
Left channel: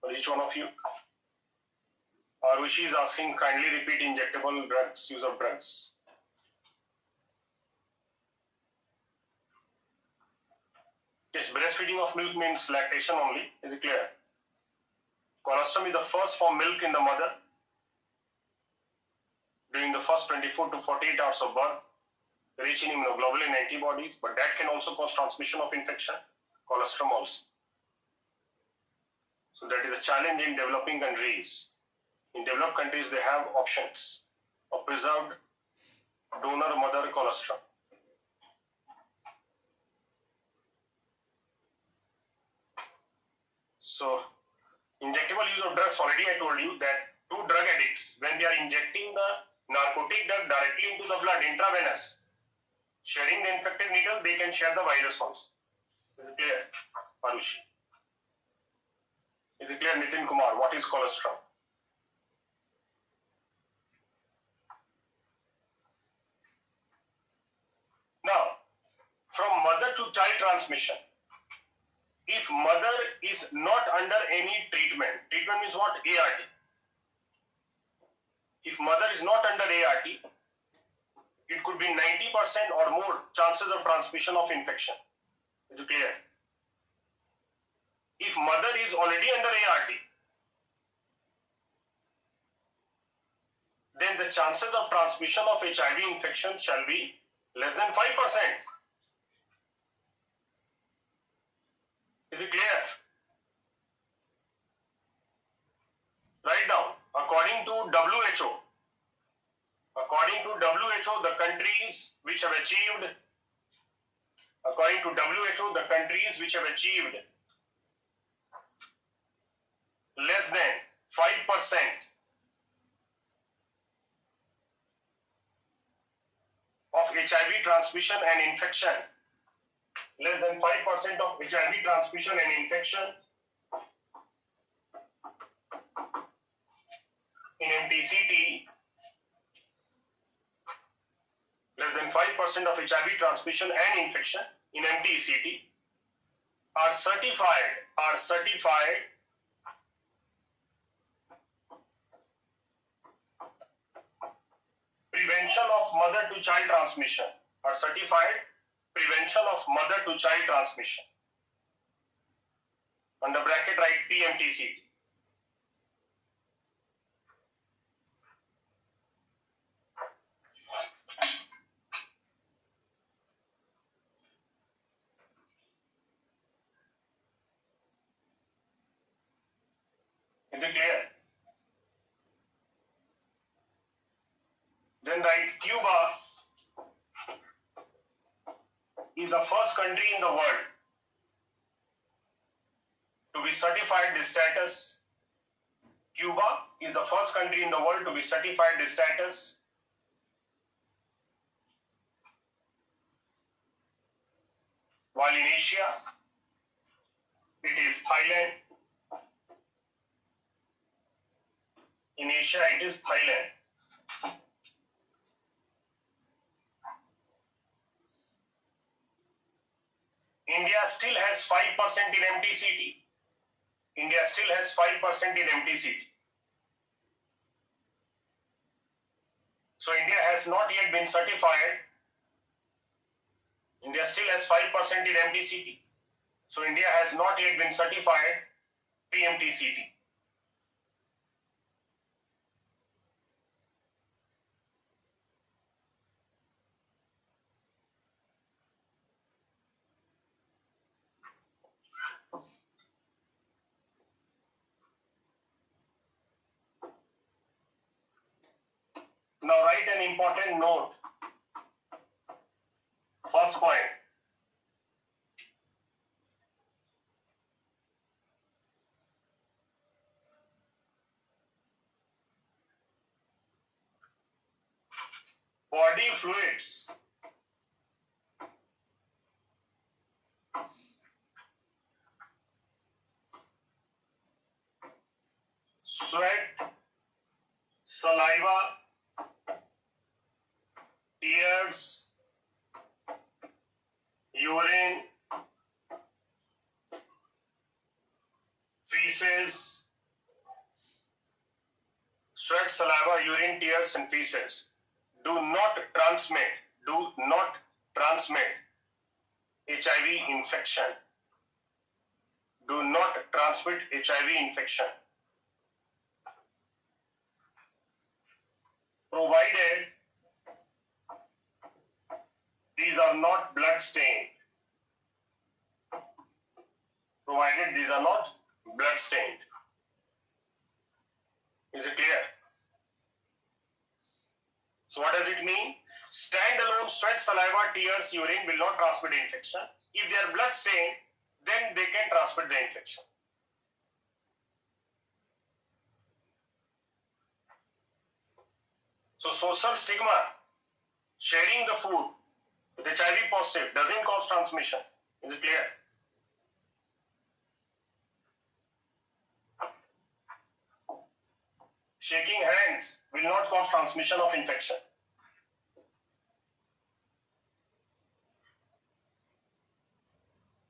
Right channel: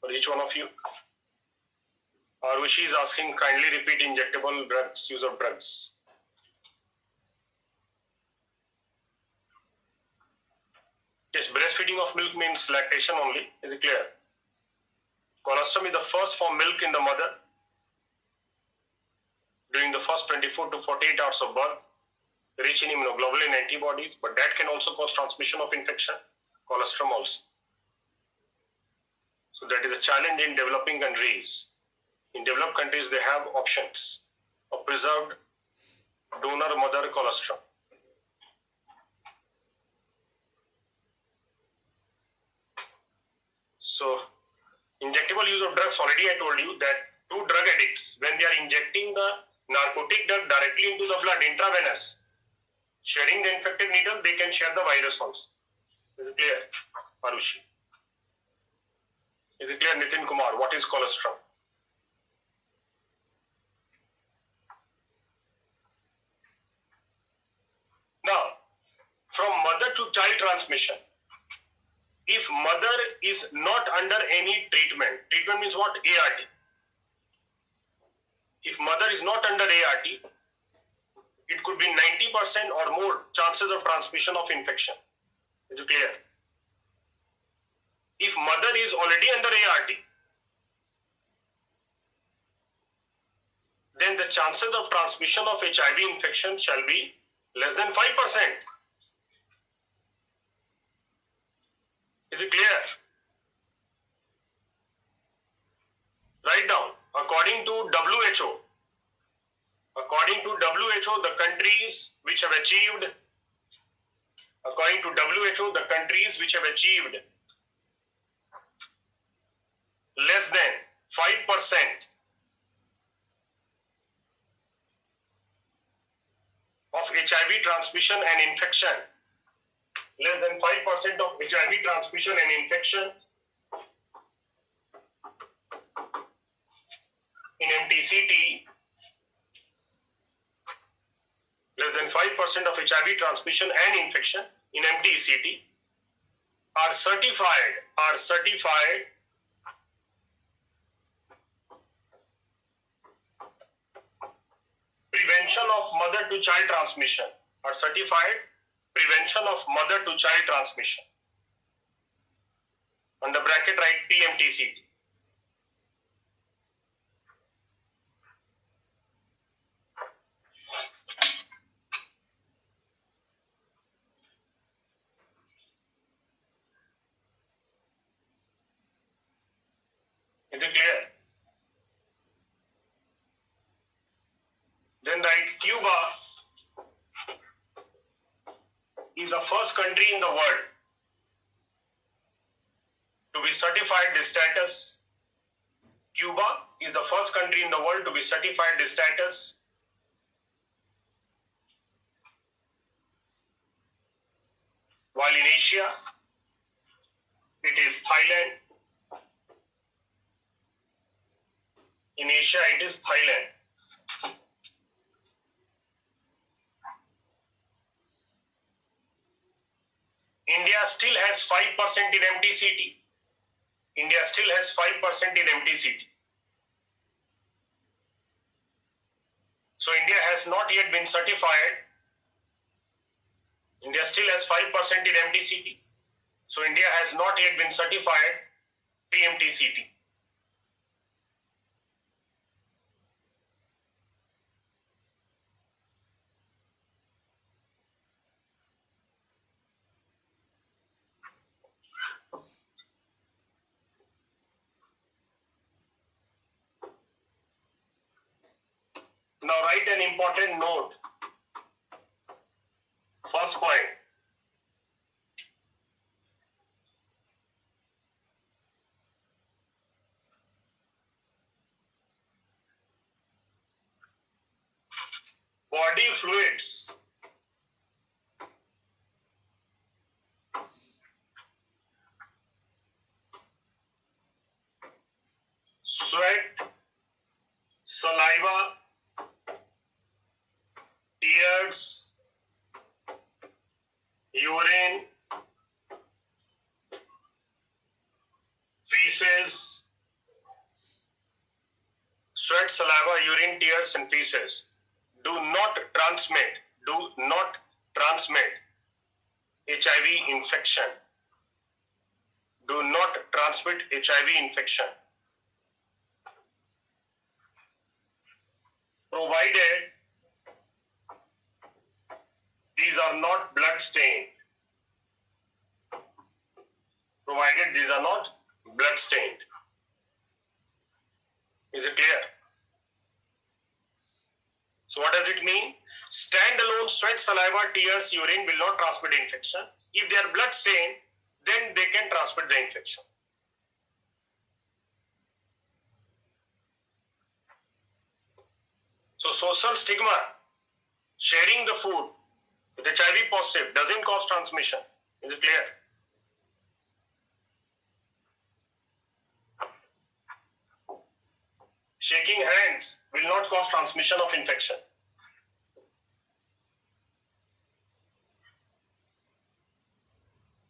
for each one of you. Arushi is asking, kindly repeat injectable drugs, use of drugs. Yes, breastfeeding of milk means lactation only. Is it clear? Colostrum is the first form milk in the mother during the first 24 to 48 hours of birth, rich in immunoglobulin antibodies, but that can also cause transmission of infection. Colostrum also. So that is a challenge in developing countries. In developed countries, they have options of preserved donor mother colostrum. So, injectable use of drugs, already I told you that two drug addicts, when they are injecting the narcotic drug directly into the blood, intravenous, sharing the infected needle, they can share the virus also. Is it clear, Arushi? Is it clear, Nitin Kumar? What is colostrum? Now, from mother to child transmission, if mother is not under any treatment, treatment means what? ART. If mother is not under ART, it could be 90% or more chances of transmission of infection. Is it clear? If mother is already under ART, then the chances of transmission of HIV infection shall be less than 5%. Is it clear? Write down. According to WHO, the countries which have achieved, less than 5% of HIV transmission and infection, less than 5% of HIV transmission and infection in MTCT, less than 5% of HIV transmission and infection in MTCT are certified prevention of mother to child transmission, are certified prevention of mother to child transmission. Under bracket write PMTCT. Is it clear? Then write Cuba is the first country in the world to be certified this status. Cuba is the first country in the world to be certified this status. While in Asia, it is Thailand. In Asia, it is Thailand. India still has 5% in MTCT. India still has 5% in MTCT. So India has not yet been certified. India still has 5% in MTCT. So India has not yet been certified PMTCT. Now write an important note. First point. Body fluids. Sweat, saliva, tears, urine, feces, sweat, saliva, urine, tears, and feces do not transmit HIV infection. do not transmit HIV infection, provided these are not blood stained. Provided these are not blood stained. Is it clear? So what does it mean? Standalone sweat, saliva, tears, urine will not transmit infection. If they are blood stained, then they can transmit the infection. So social stigma, sharing the food with HIV positive doesn't cause transmission. Is it clear? Shaking hands will not cause transmission of infection.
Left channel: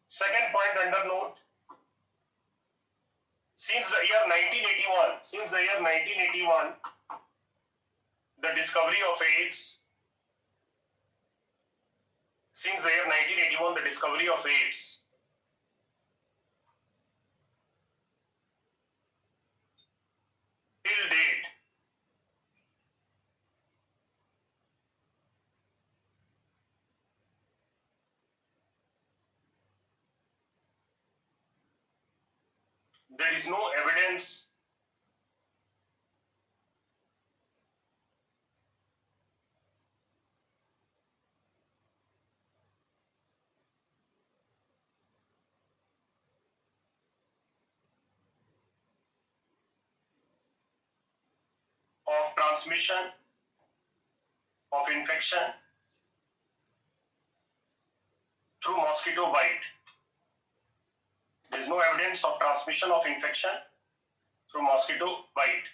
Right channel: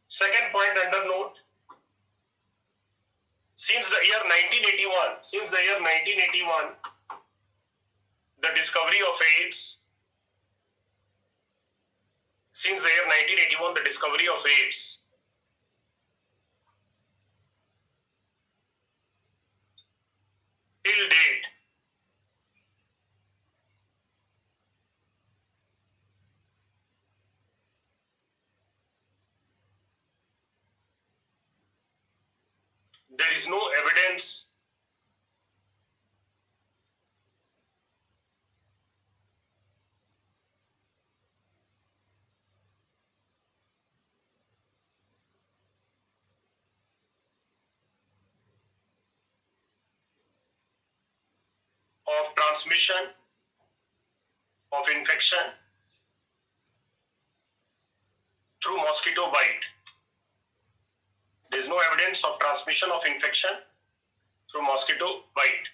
Second point under note, since the year 1981, the discovery of AIDS, till date, there is no evidence of transmission of infection through mosquito bite. There is no evidence of transmission of infection through mosquito bite.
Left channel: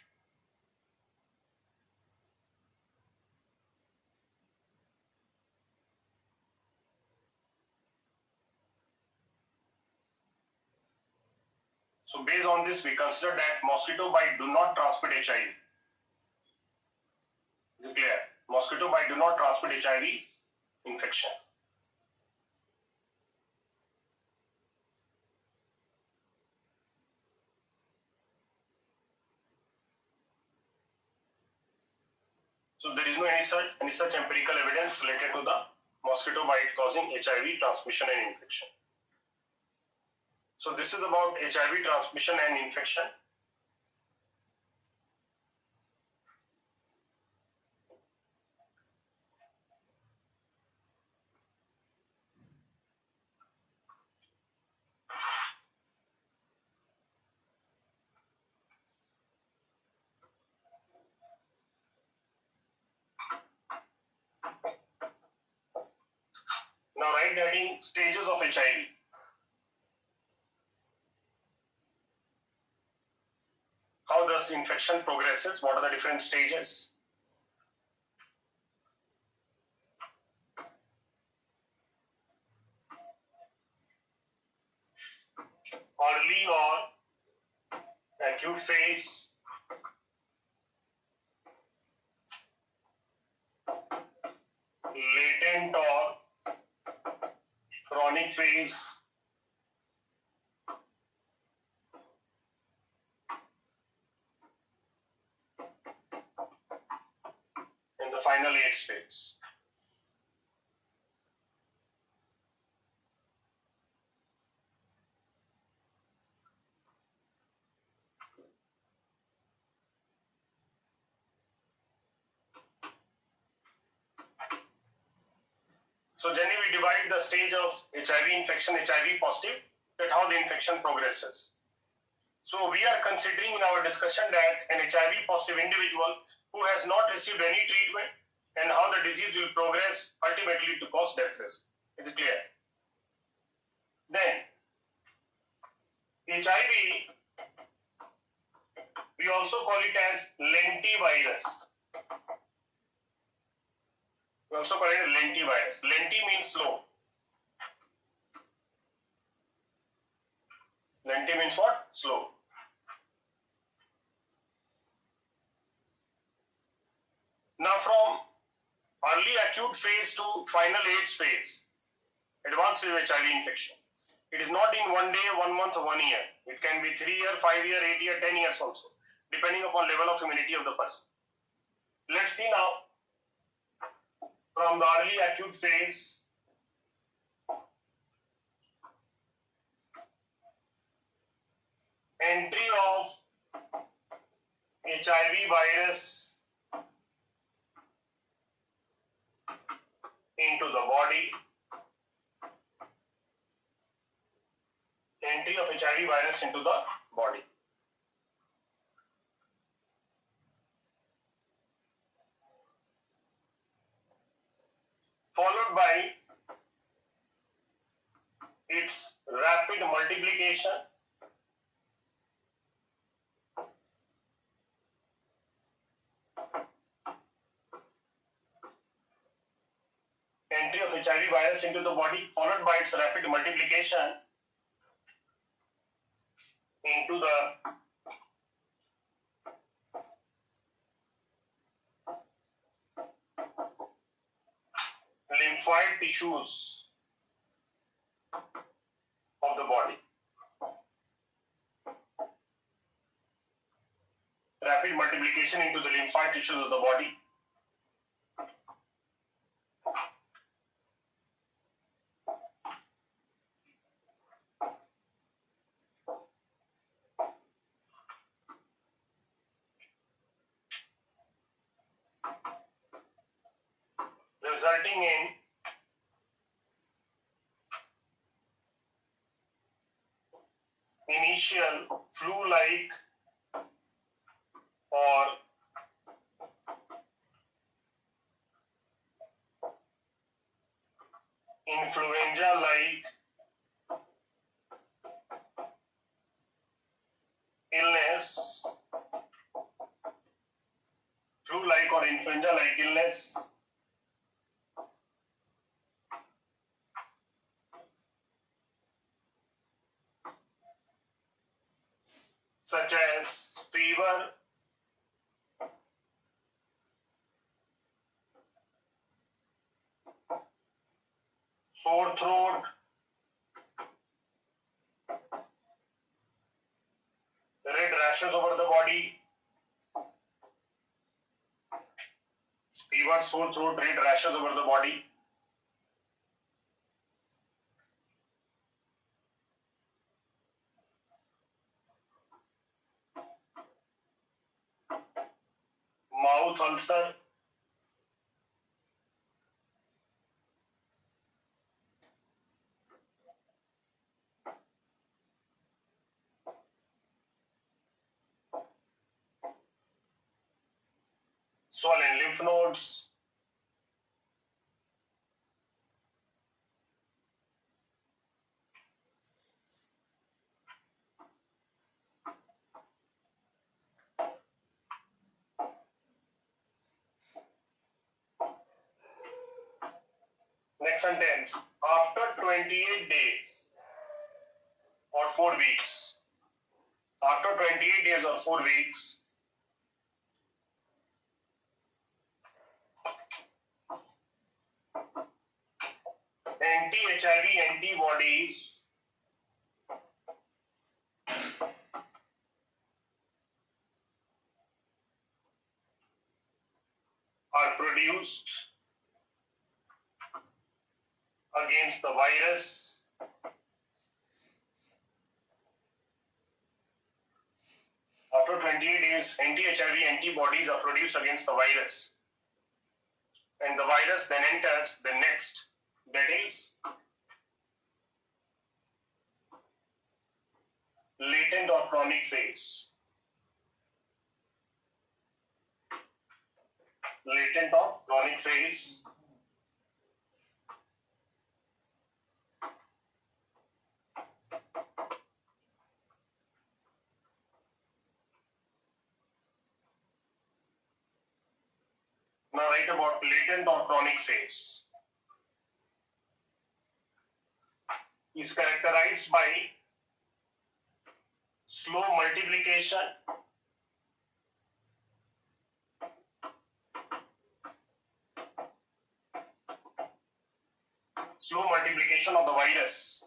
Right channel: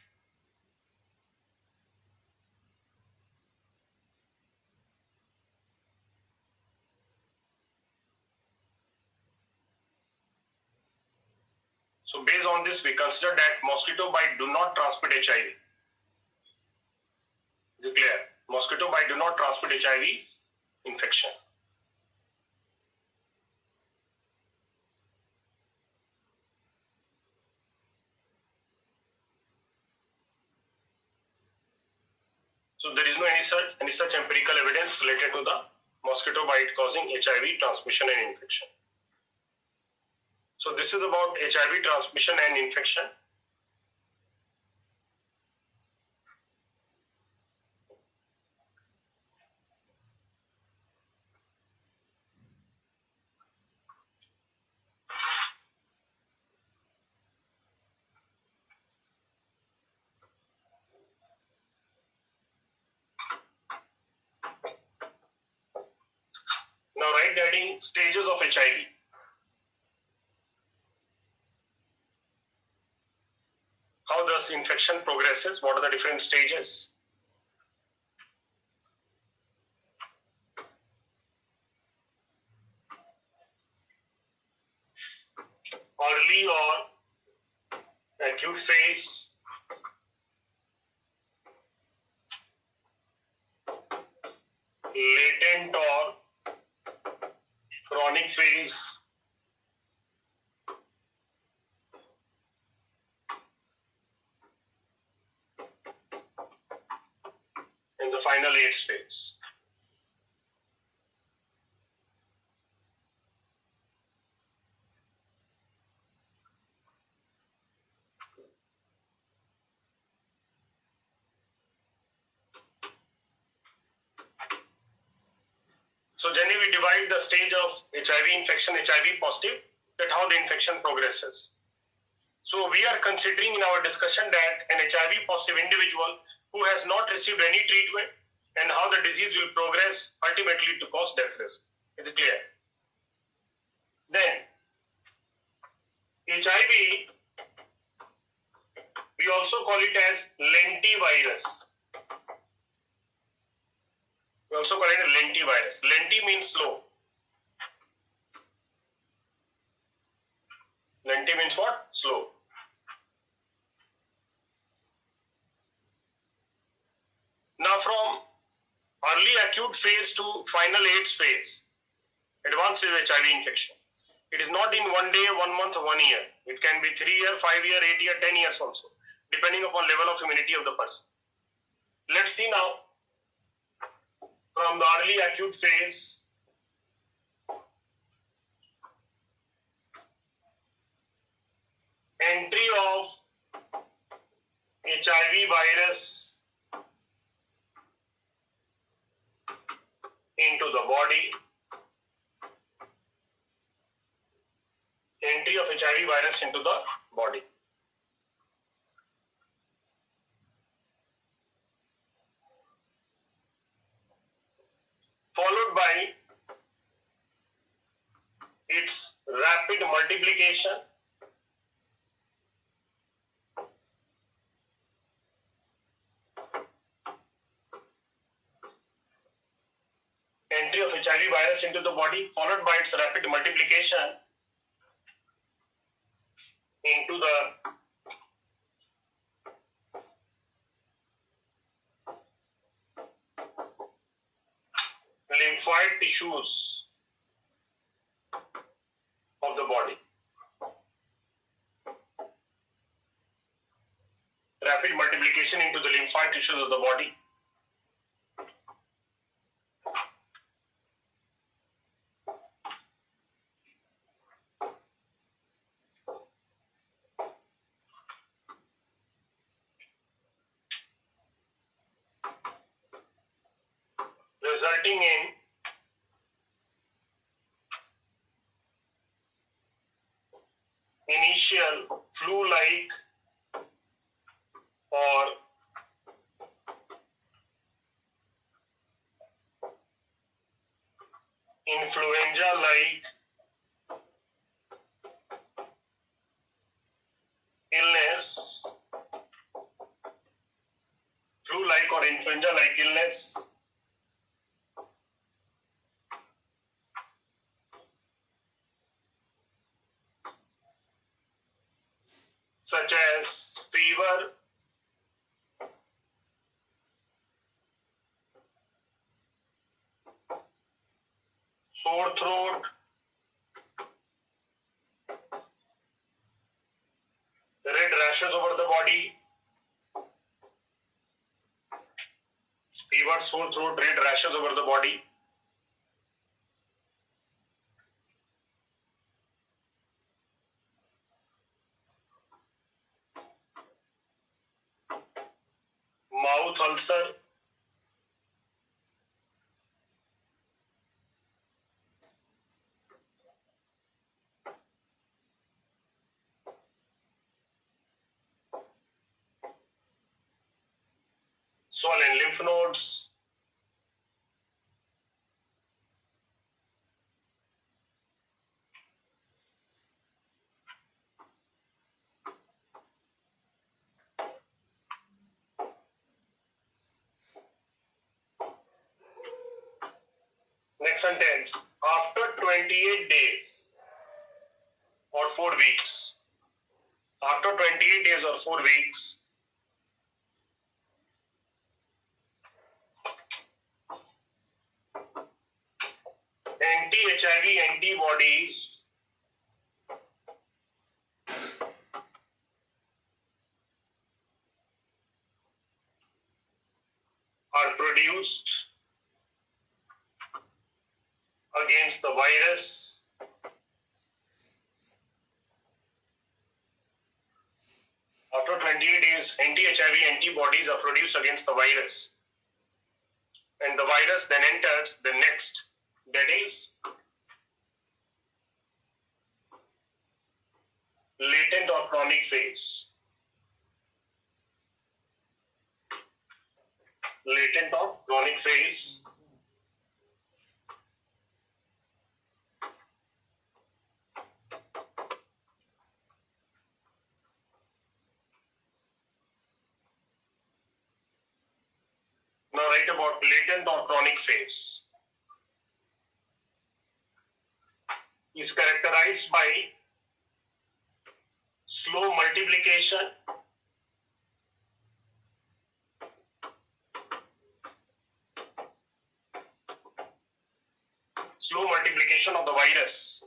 So based on this, we consider that mosquito bite do not transmit HIV. Is it clear? Mosquito bite do not transmit HIV infection. So there is no any such empirical evidence related to the mosquito bite causing HIV transmission and infection. So this is about HIV transmission and infection. Now write down stages of HIV. How does infection progresses? What are the different stages? Early or acute phase, latent or chronic phase, and the final AIDS phase. So generally we divide the stage of HIV infection, HIV positive, that how the infection progresses. So we are considering in our discussion that an HIV positive individual who has not received any treatment and how the disease will progress ultimately to cause death risk. Is it clear? Then HIV, we also call it as lentivirus. We also call it a lentivirus. Lenti means slow. Lenti means what? Slow. Now from early acute phase to final AIDS phase, advanced HIV infection. It is not in 1 day, 1 month, 1 year. It can be 3 years, 5 years, 8 years, 10 years also, depending upon level of immunity of the person. Let's see now from the early acute phase. Entry of HIV virus into the body. Entry of HIV virus into the body. Followed by its rapid multiplication. Entry of HIV virus into the body, followed by its rapid multiplication into the lymphoid tissues of the body. Rapid multiplication into the lymphoid tissues of the body. Resulting in initial flu-like or influenza-like illness, flu-like or influenza-like illness, such as fever, sore throat, red rashes over the body, fever, sore throat, red rashes over the body, mouth ulcer, swollen lymph nodes, next sentence, after 28 days or 4 weeks, after 28 days or 4 weeks, anti-HIV antibodies are produced against the virus after 28 days. Anti-HIV antibodies are produced against the virus, and the virus then enters the next, that is latent or chronic phase. Latent or chronic phase. Now write about latent or chronic phase. Is characterized by slow multiplication, of the virus,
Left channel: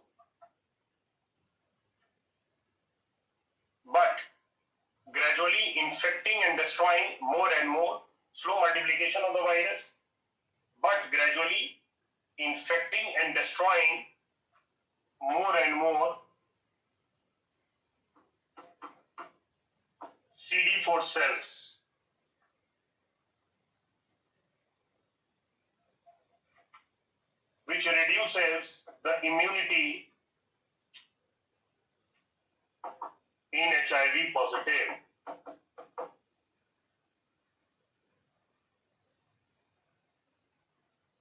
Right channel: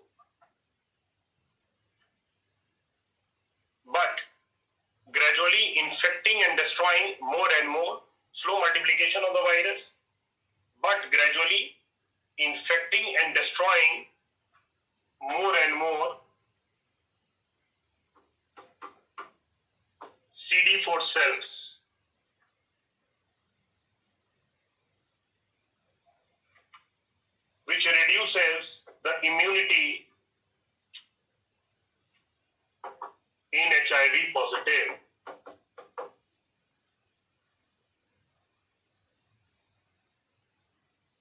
but gradually infecting and destroying more and more, slow multiplication of the virus, but gradually infecting and destroying more and more CD4 cells, which reduces the immunity in HIV positive.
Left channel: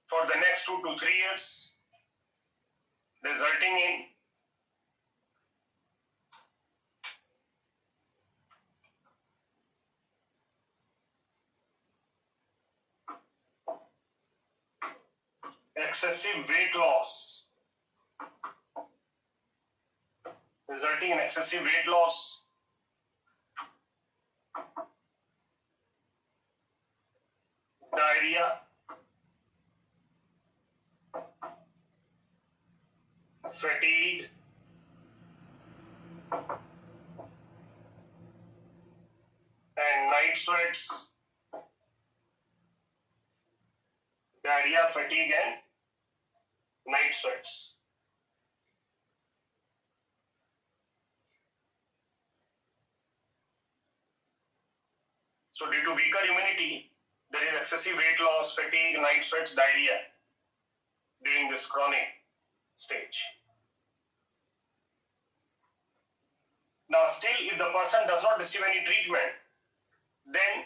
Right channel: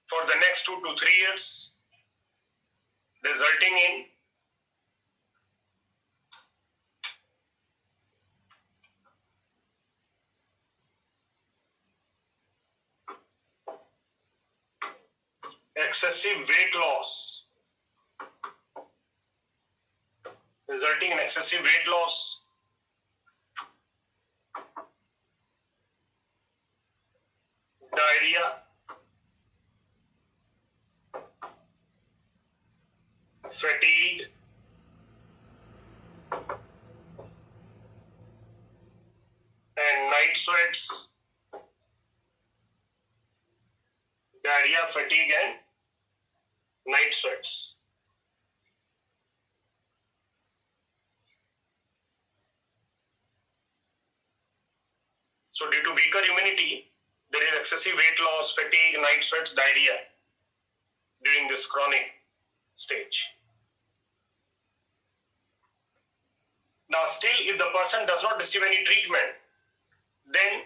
For the next 2 to 3 years, resulting in excessive weight loss, diarrhea, fatigue, and night sweats, diarrhea, fatigue, and night sweats. So due to weaker immunity, there is excessive weight loss, fatigue, night sweats, diarrhea during this chronic stage. Now still, if the person does not receive any treatment, then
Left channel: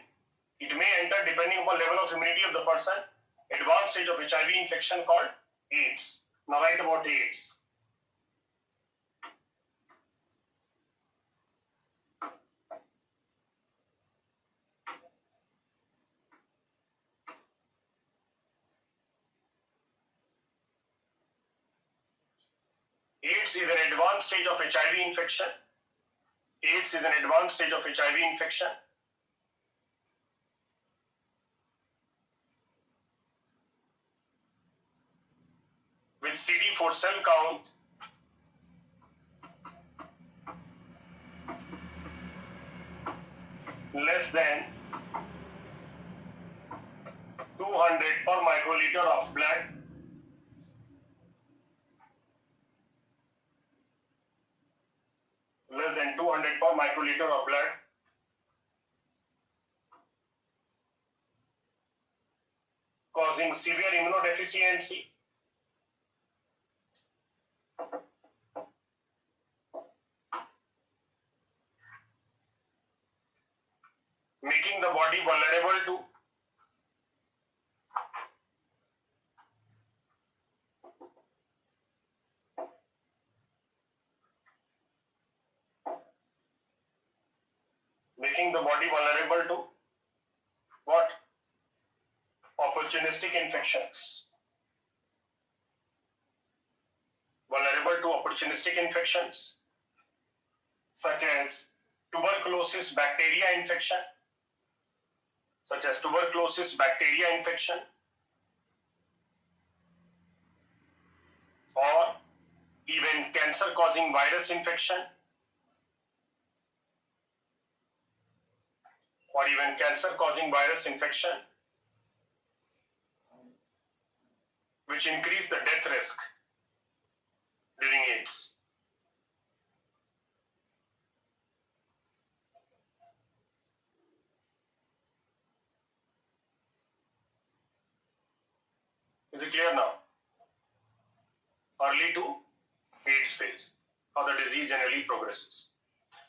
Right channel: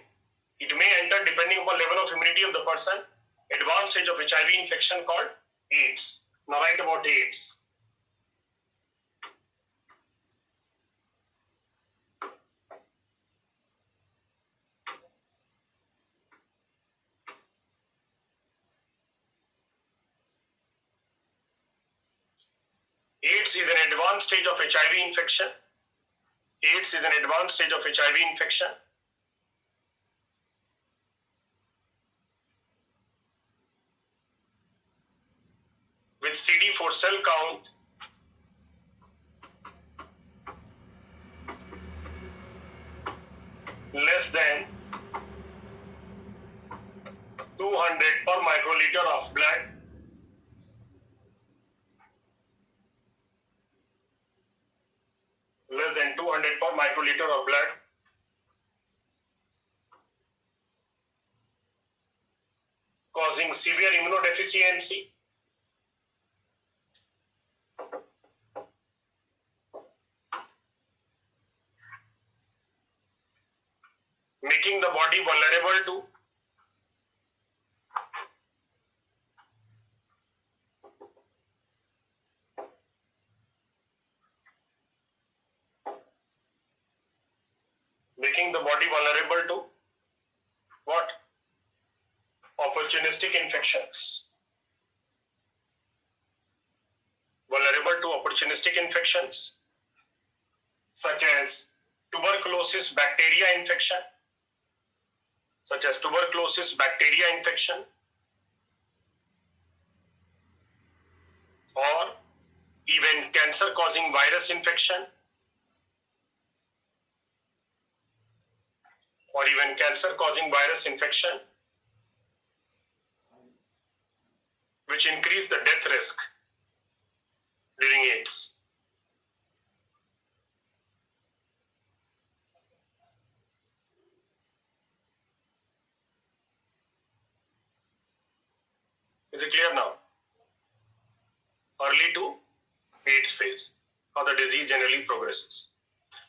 it may enter, depending upon level of immunity of the person, advanced stage of HIV infection called AIDS. Now write about AIDS. AIDS is an advanced stage of HIV infection. AIDS is an advanced stage of HIV infection. With CD4 cell count less than 200 per microliter of blood, less than 200 per microliter of blood, causing severe immunodeficiency, making the body vulnerable to what? Opportunistic infections. Vulnerable to opportunistic infections such as tuberculosis bacteria infection, or even cancer-causing virus infection, which increase the death risk during AIDS. Is it clear now? Early to AIDS phase, how the disease generally progresses.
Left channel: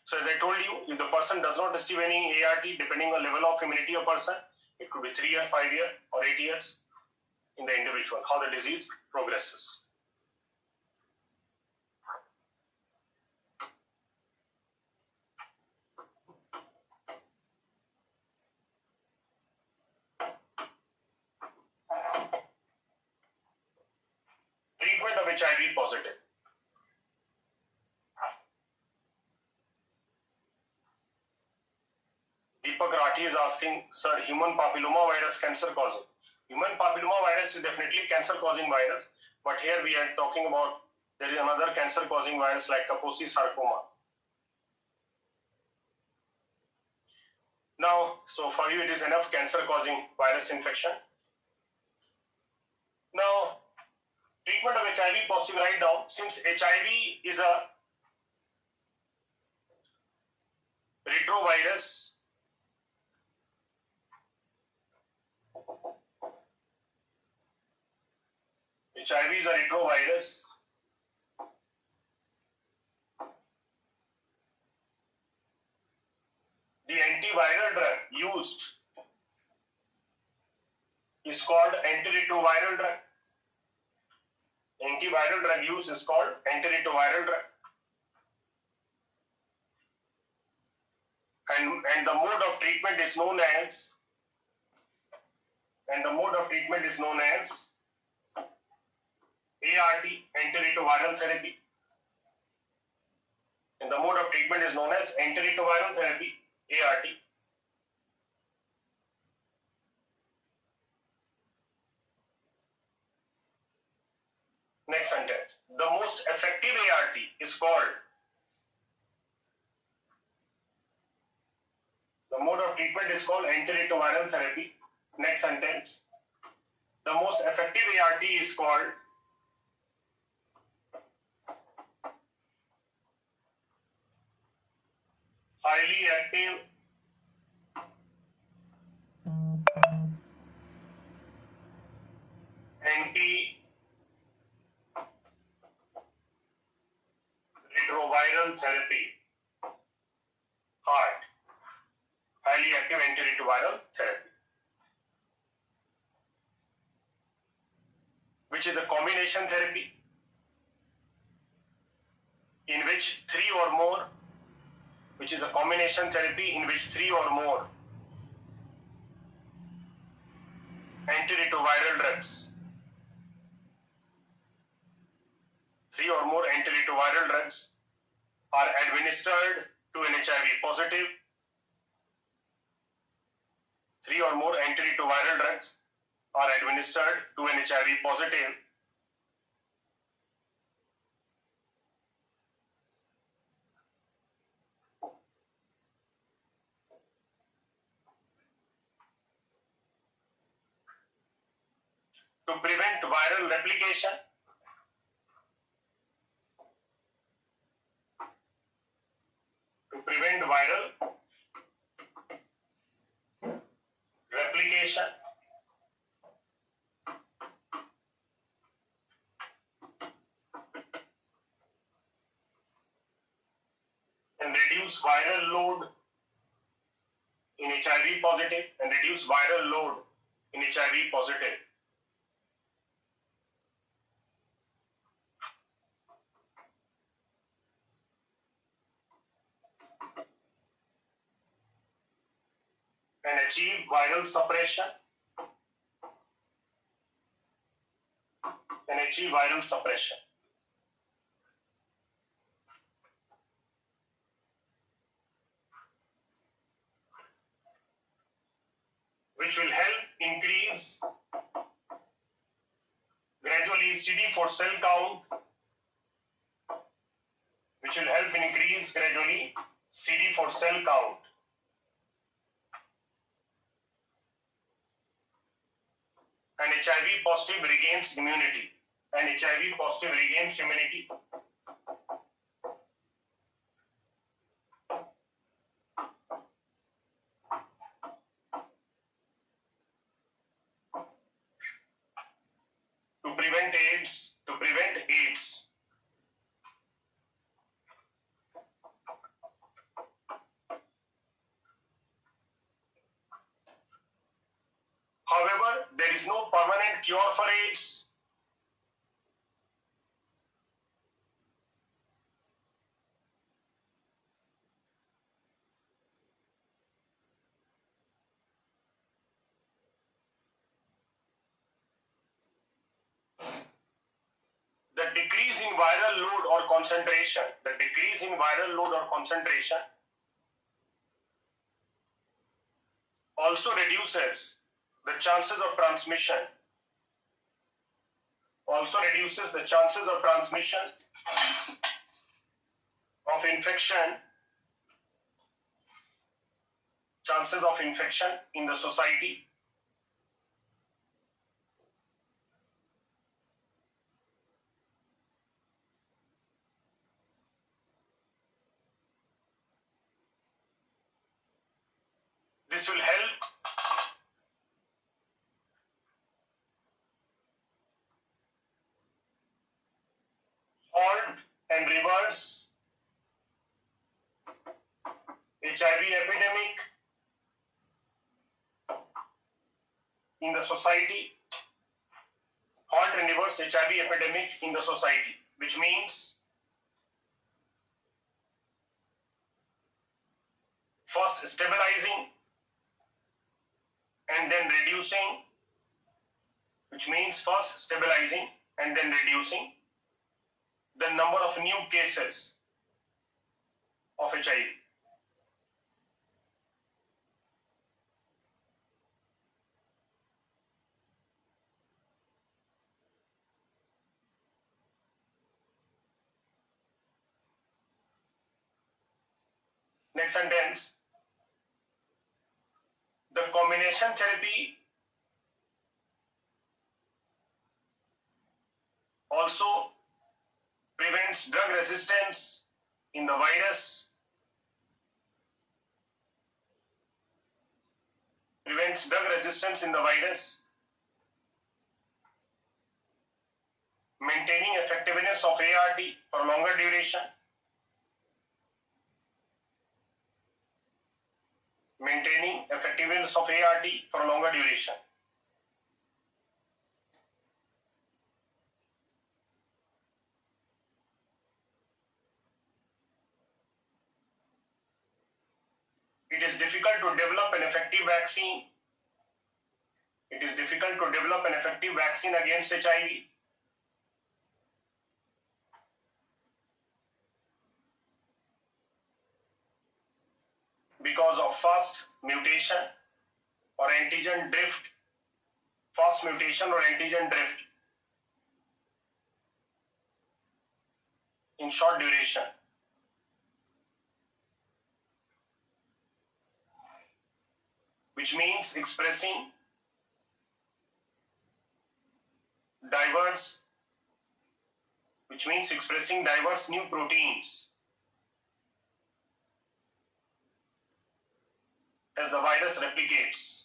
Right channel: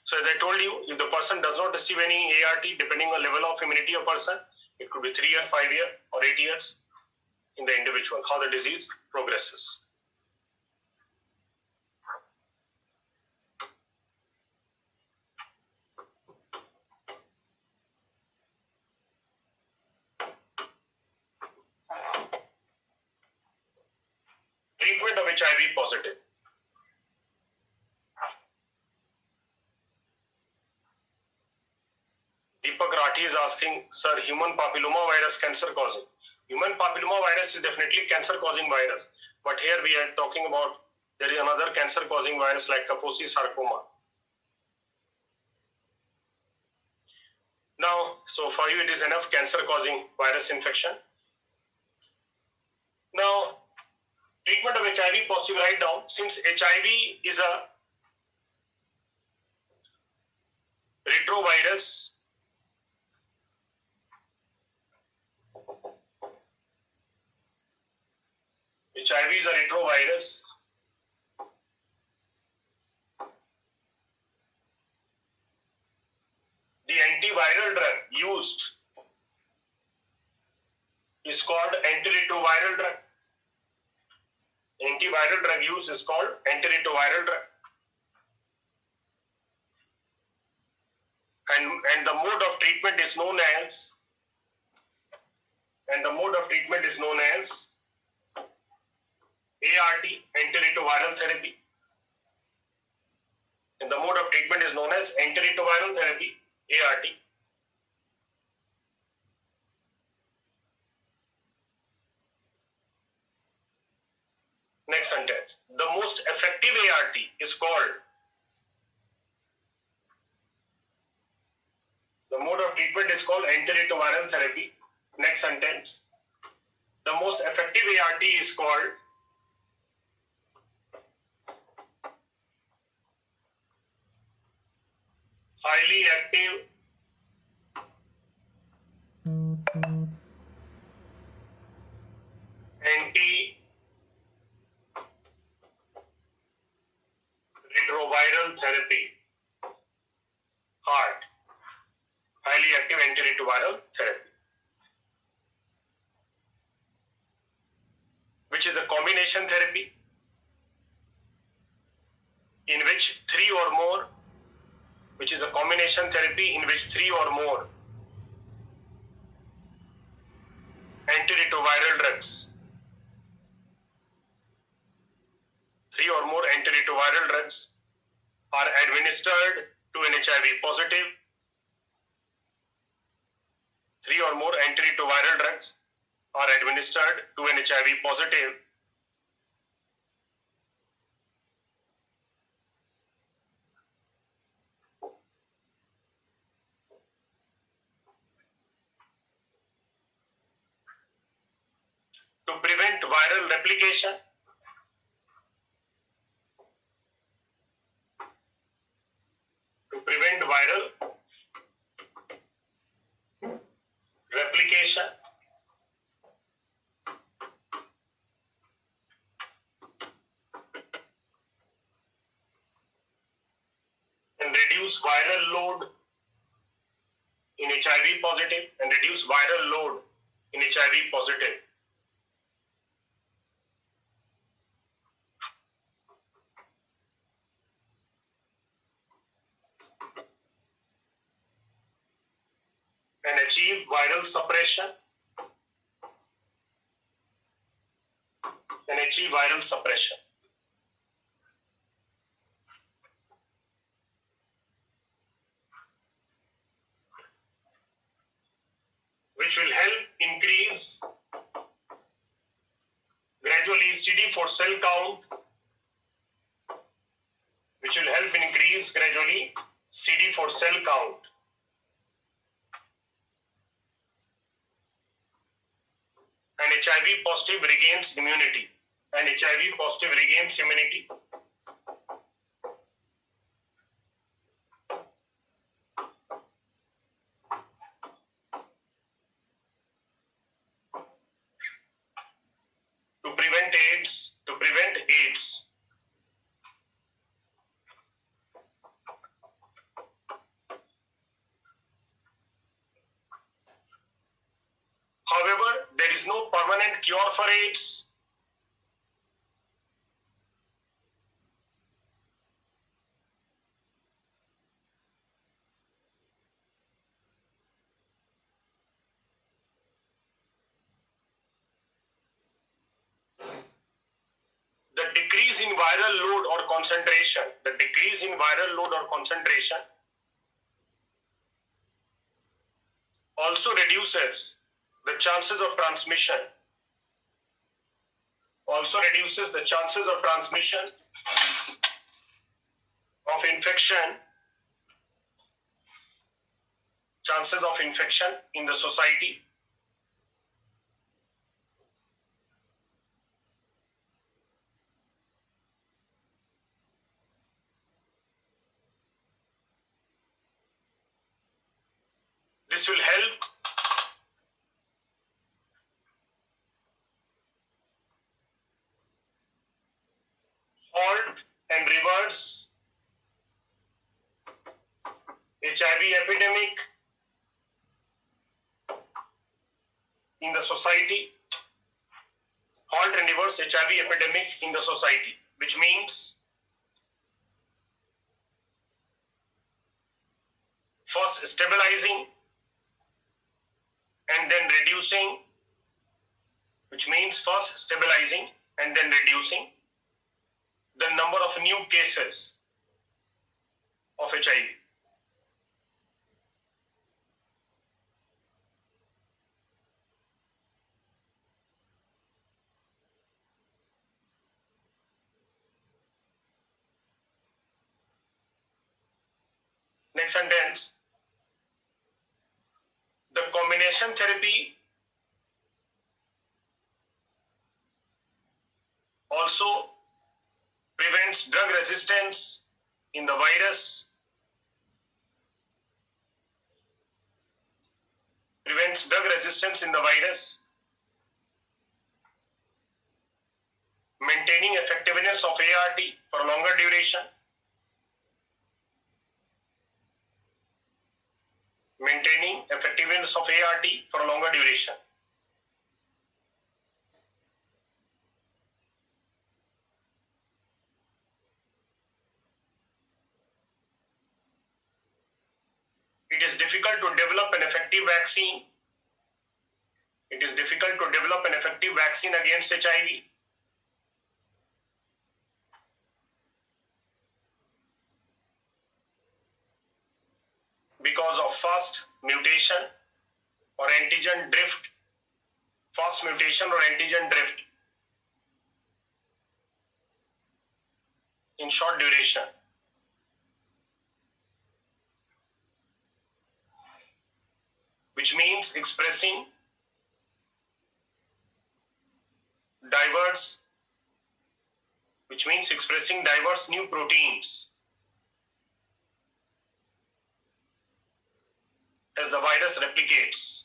So as I told you, if the person does not receive any ART, depending on level of immunity of person, it could be 3 years, 5 years, or 8 years in the individual, how the disease progresses. Treatment of HIV positive. Deepak Rathi is asking, sir, human papilloma virus cancer causing? Human papilloma virus is definitely cancer causing virus, but here we are talking about there is another cancer causing virus like Kaposi sarcoma. So for you, it is enough cancer-causing virus infection. Now, treatment of HIV positive, write down, since HIV is a retrovirus, HIV is a retrovirus. The antiviral drug used is called antiretroviral drug. Antiviral drug used is called antiretroviral drug. And the mode of treatment is known as ART, antiretroviral therapy. And the mode of treatment is known as antiretroviral therapy, ART. Next sentence. The most effective ART is called. The mode of treatment is called antiretroviral therapy. Next sentence. The most effective ART is called highly active antiretroviral therapy. HART. Highly active antiretroviral therapy, which is a combination therapy in which three or more antiretroviral drugs, are administered to an HIV positive. 3 or more antiretroviral drugs are administered to an HIV positive. To prevent viral replication. And reduce viral load in HIV positive and achieve viral suppression. Which will help increase gradually CD4 cell count. And HIV positive regains immunity. To prevent AIDS. However, there is no permanent cure for AIDS. The decrease in viral load or concentration, also reduces the chances of transmission. Of infection chances of infection in the society. This will help halt and reverse HIV epidemic in the society. Halt and reverse HIV epidemic in the society, which means first stabilizing and then reducing, which means first stabilizing and then reducing the number of new cases of HIV. Next sentence. The combination therapy also prevents drug resistance in the virus, maintaining effectiveness of ART for a longer duration, It is difficult to develop an effective vaccine. Against HIV. Because of fast mutation or antigen drift. In short duration. Which means expressing diverse new proteins as the virus replicates.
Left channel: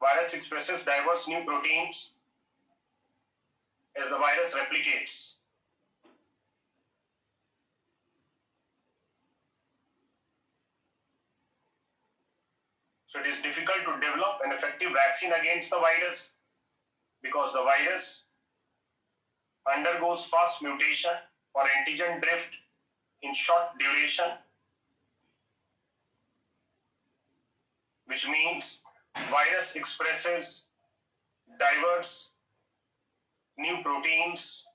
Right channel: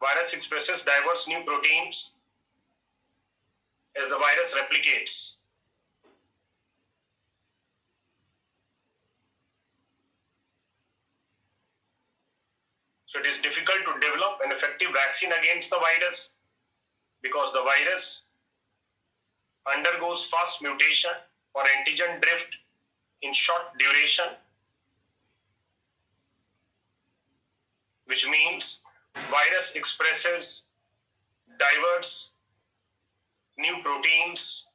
Virus expresses diverse new proteins as the virus replicates. So it is difficult to develop an effective vaccine against the virus because the virus undergoes fast mutation or antigen drift in short duration, which means virus expresses diverse new proteins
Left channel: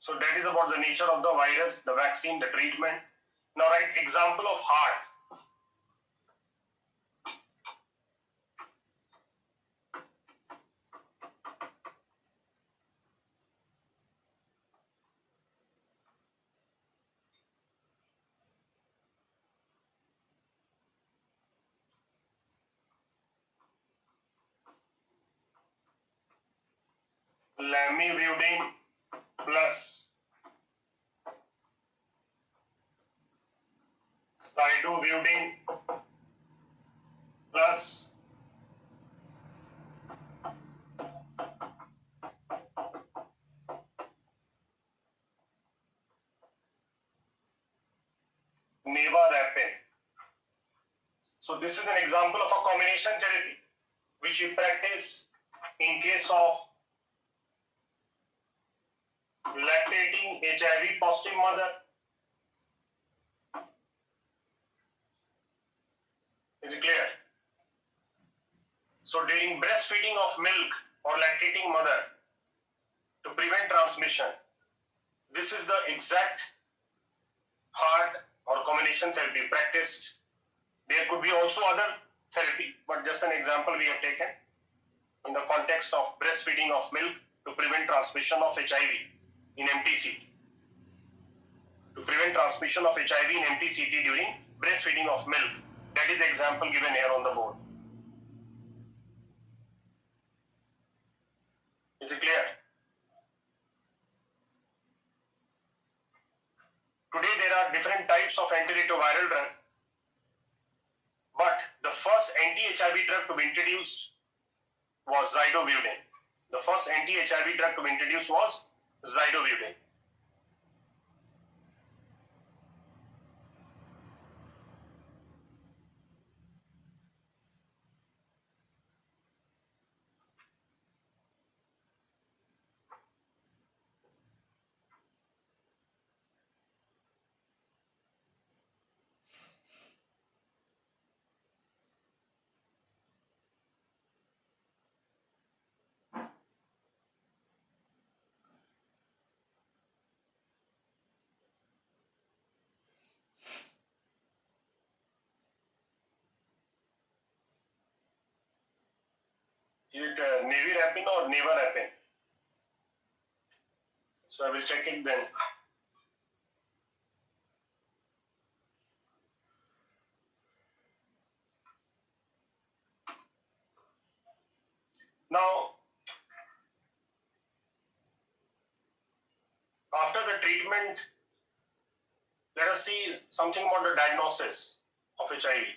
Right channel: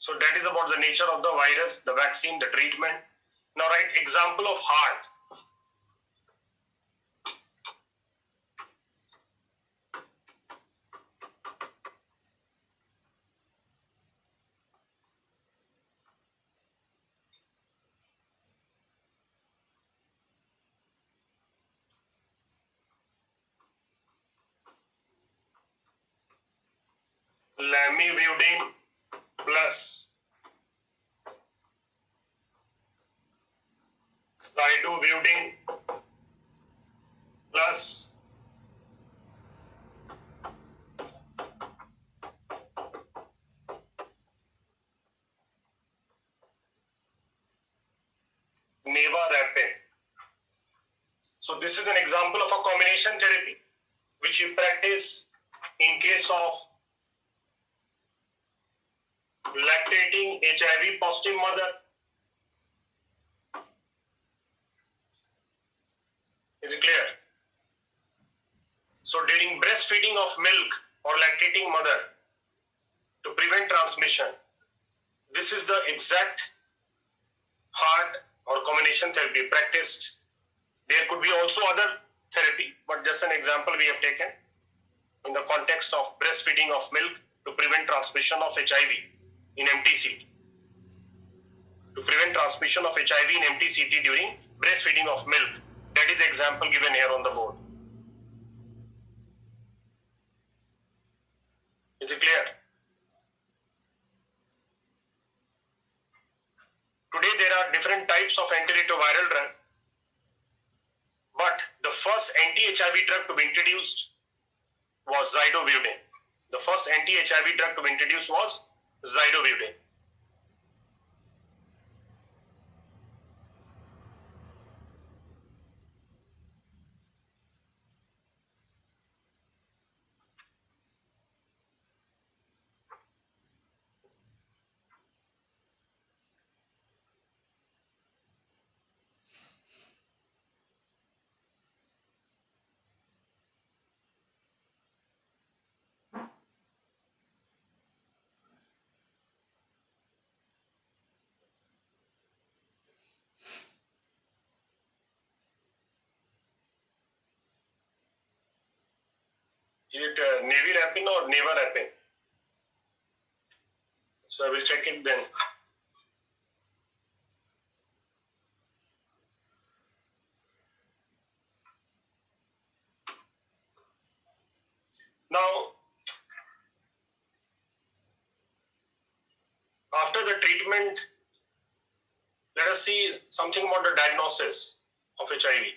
So that is about the nature of the virus, the vaccine, the treatment. Now write example of heart. Lamivudine plus Cidovudine plus Nevarapine. So this is an example of a combination therapy which you practice in case of lactating HIV positive mother. Is it clear? So during breastfeeding of milk or lactating mother to prevent transmission, this is the exact heart radiation therapy practiced. There could be also other therapy, but just an example we have taken in the context of breastfeeding of milk to prevent transmission of HIV in MTCT. To prevent transmission of HIV in MTCT during breastfeeding of milk. That is the example given here on the board. Is it clear? Today there are different types of antiretroviral drug, but the first anti-HIV drug to be introduced was zidovudine. The first anti-HIV drug to be introduced was zidovudine. Is it nevirapine or nevarapine? So I will check it then. Now, after the treatment, let us see something about the diagnosis of HIV.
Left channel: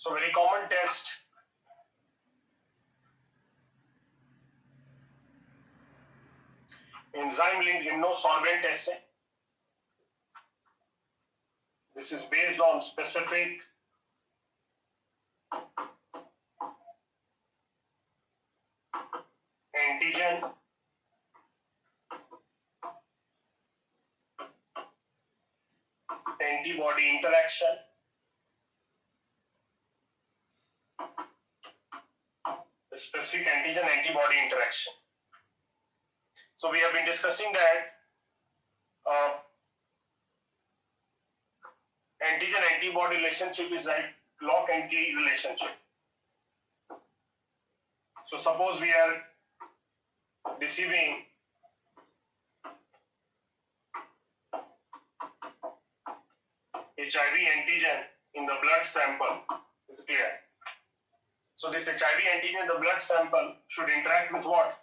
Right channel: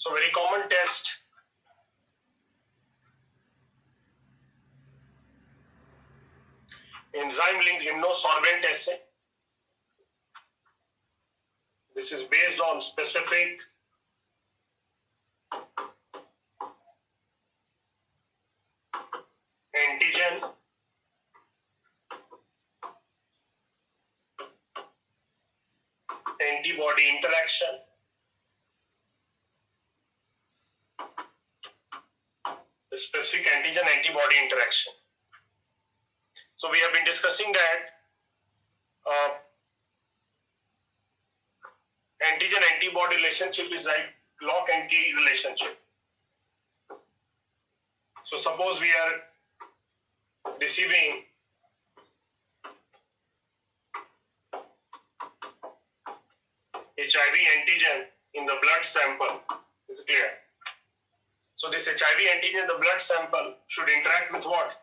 So very common test enzyme-linked immunosorbent assay. This is based on specific antigen antibody interaction. The specific antigen antibody interaction. So we have been discussing that antigen antibody relationship is like lock and key relationship. So suppose we are receiving HIV antigen in the blood sample. Is it clear? So this HIV antigen in the blood sample should interact with what?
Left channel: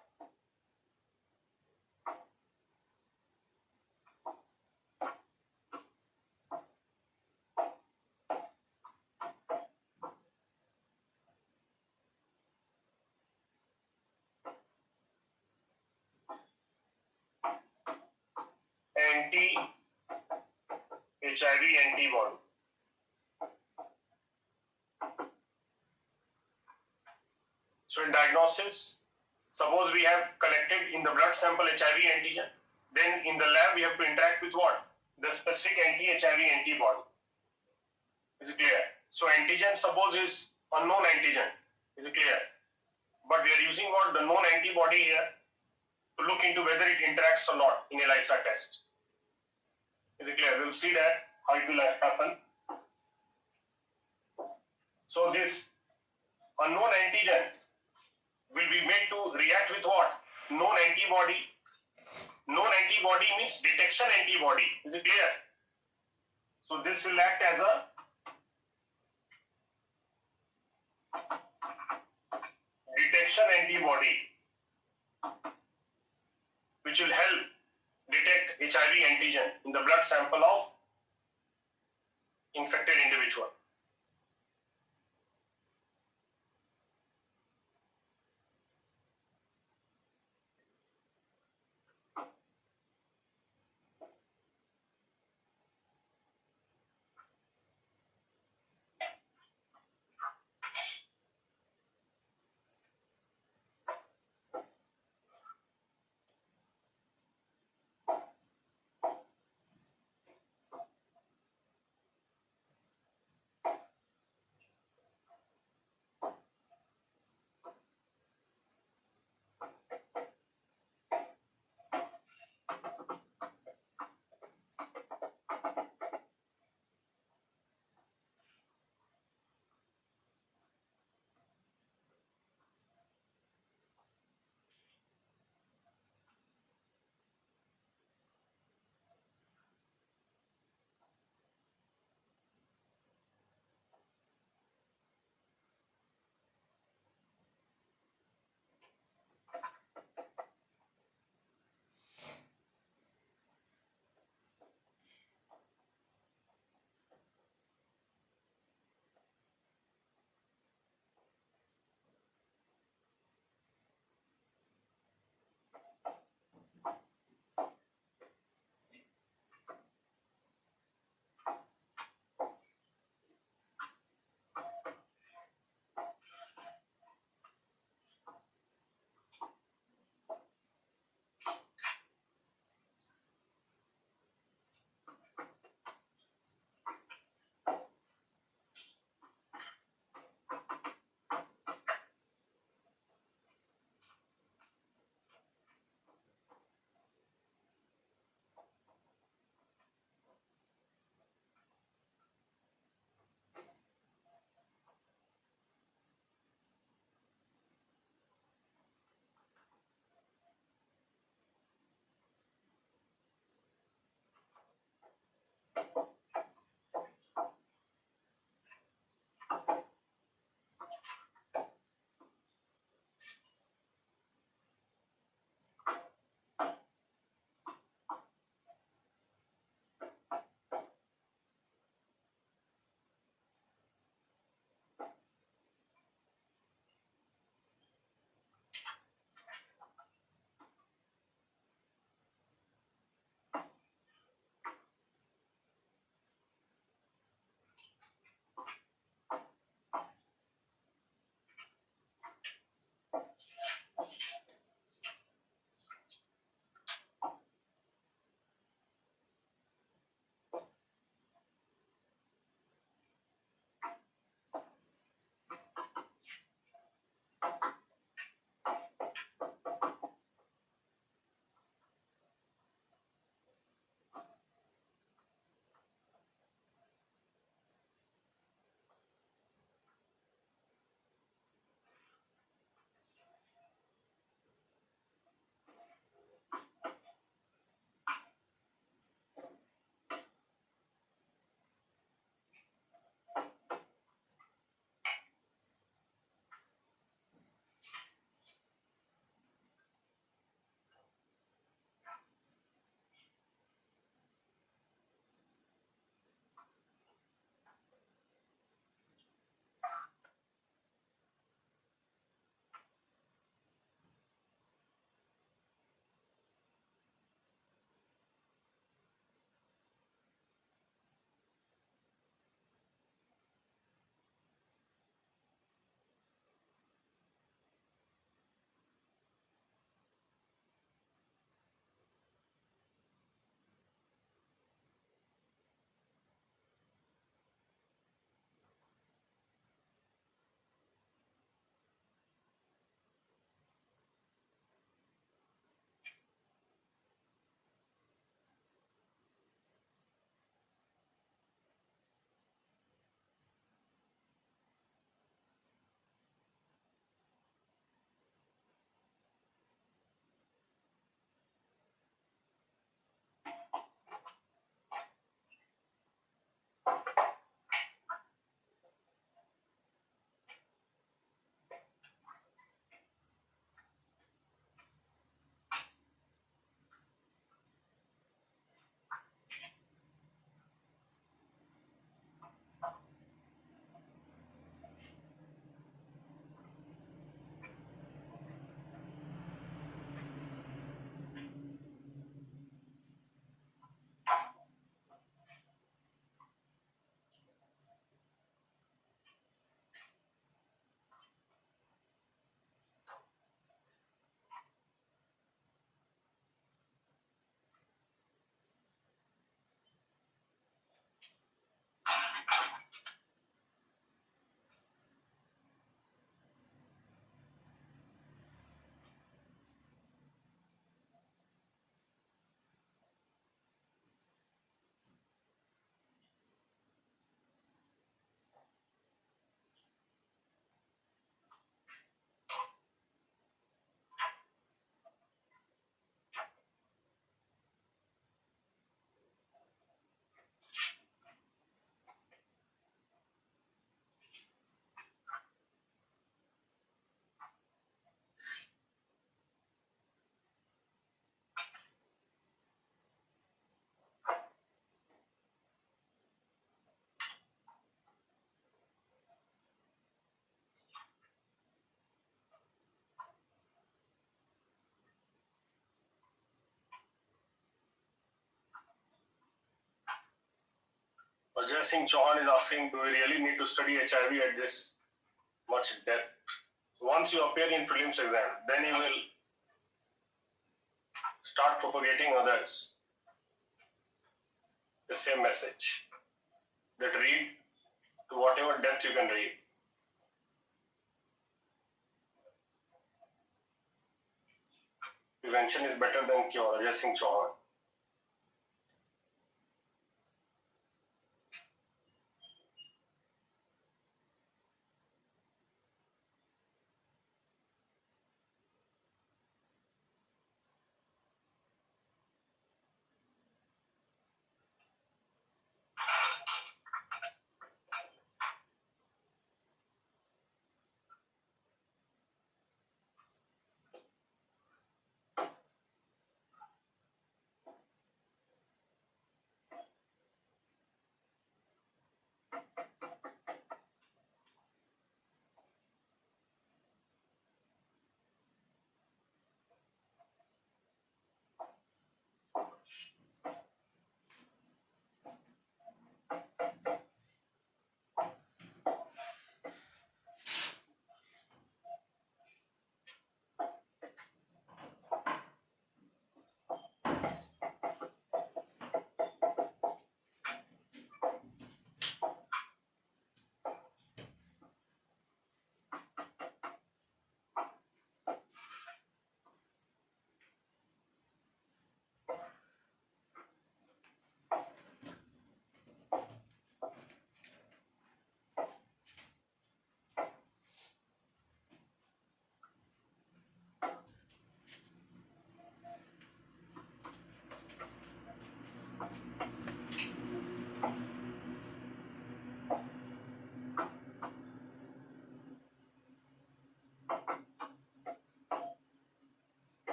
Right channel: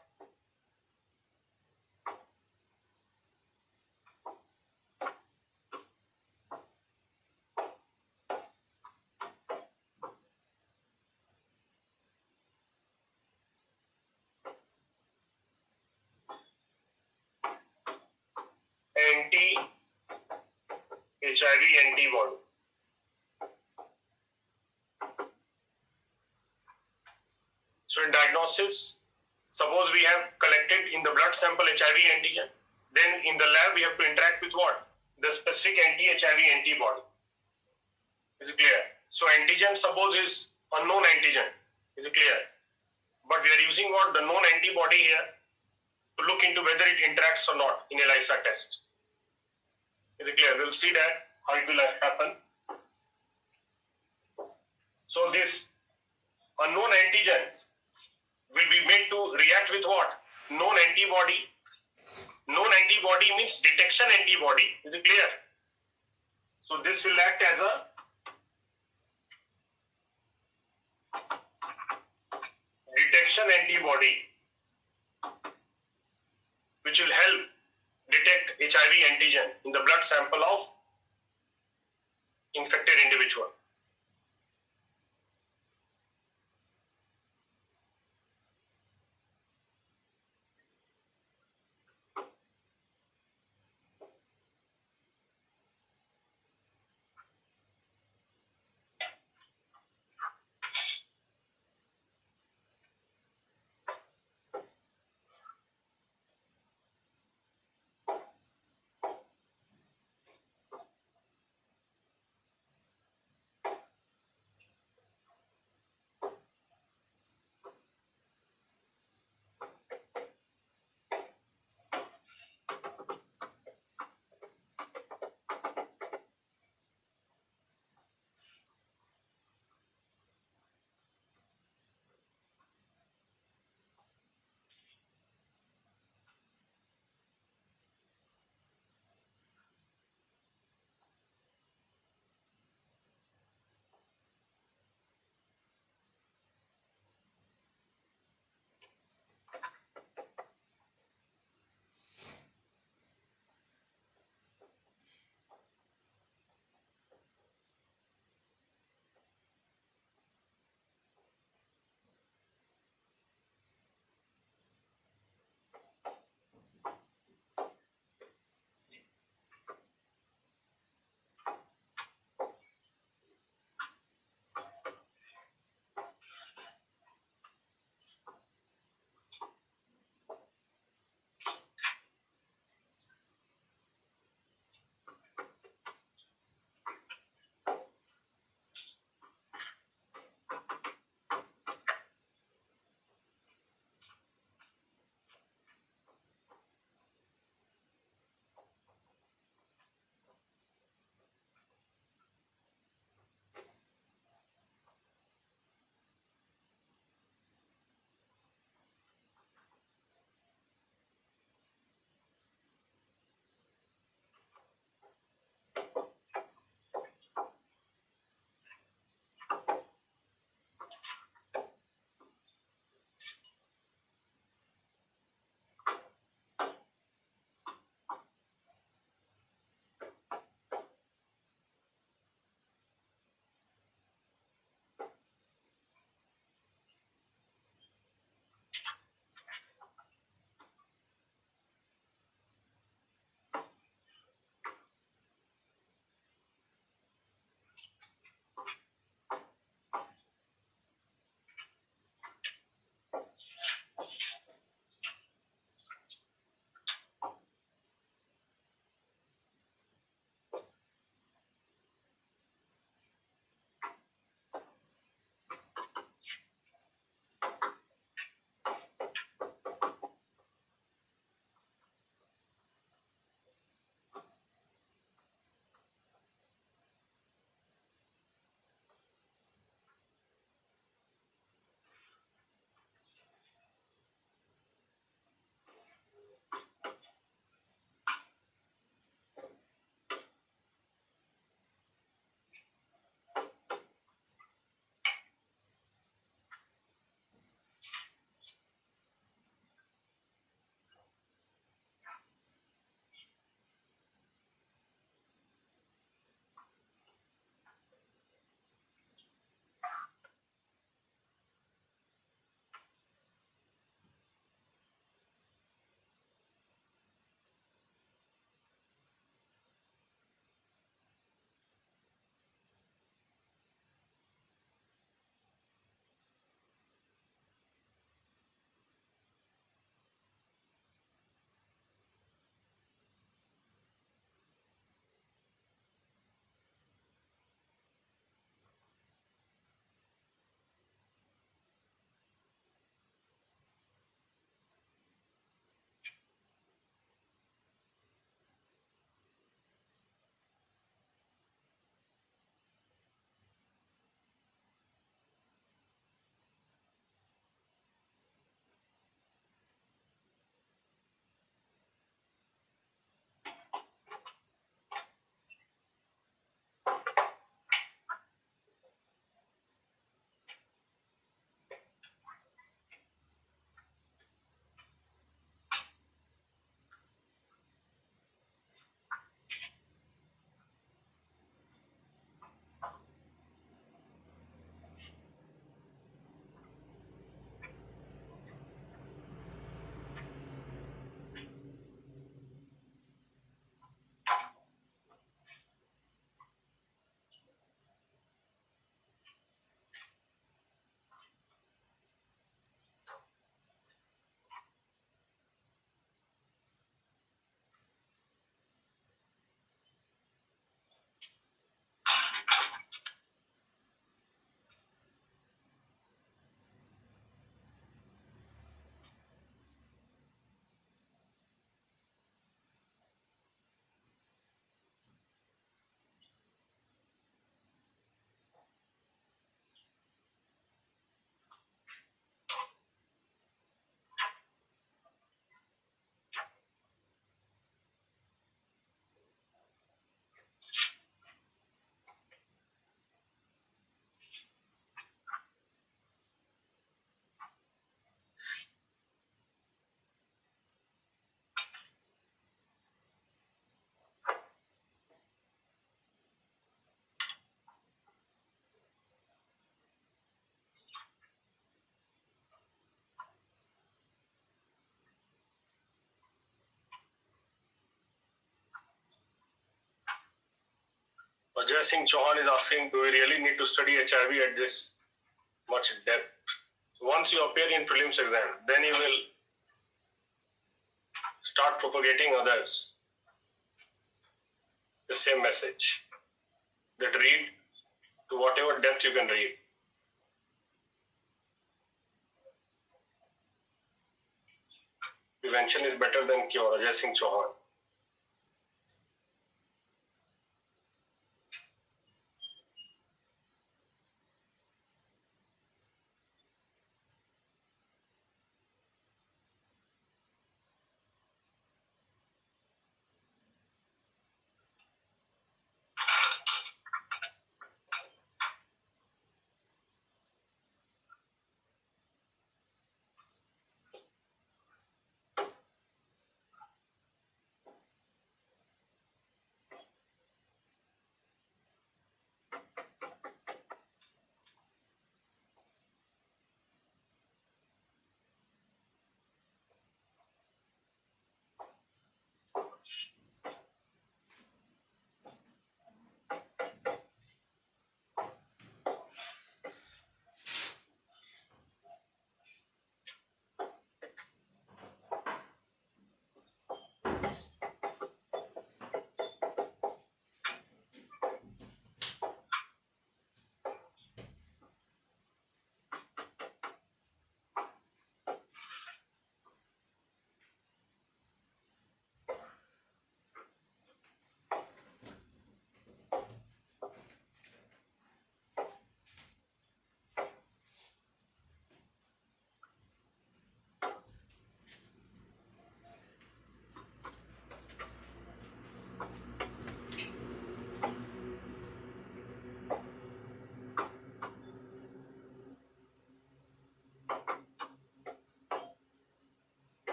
Anti-HIV antibody. So in diagnosis, suppose we have collected in the blood sample HIV antigen, then in the lab we have to interact with what? The specific anti-HIV antibody. Is it clear? So antigen suppose is unknown antigen. Is it clear? But we are using what? The known antibody here to look into whether it interacts or not in ELISA test. Is it clear? We will see that how it will happen. So this unknown antigen will be made to react with what? Known antibody. Known antibody means detection antibody. Is it clear? So this will act as a detection antibody, which will help detect HIV antigen in the blood sample of infected individual. Ajay Singh Chauhan is asking, do we really need to study HIV at this much depth? Once you appear in prelims exam, then you will start propagating others the same message, that read to whatever depth you can read. Prevention is better than cure. Ajay Singh Chauhan.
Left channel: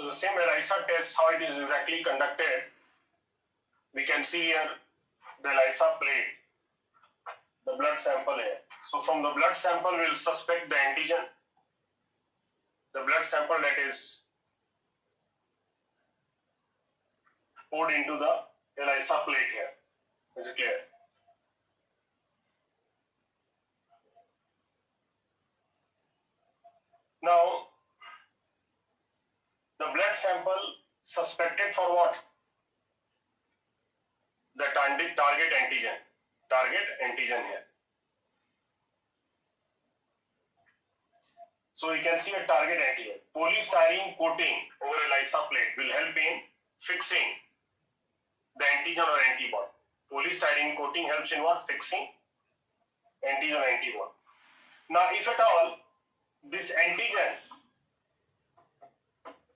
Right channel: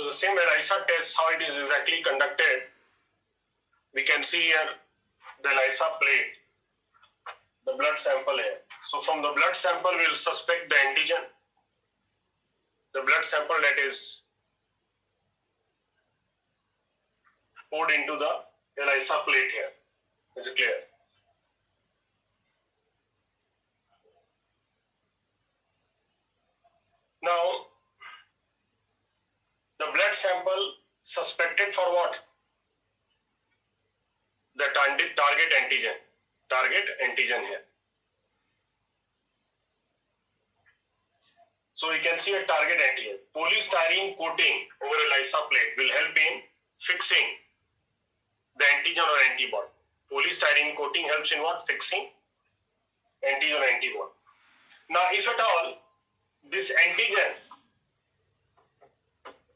So the same ELISA test, how it is exactly conducted, we can see here the ELISA plate, the blood sample here. So from the blood sample, we will suspect the antigen. The blood sample that is poured into the ELISA plate here. Is it clear? Now, the blood sample suspected for what? The target antigen. Target antigen here. So you can see a target antigen. Polystyrene coating over ELISA plate will help in fixing the antigen or antibody. Polystyrene coating helps in what? Fixing antigen or antibody. Now, if at all this antigen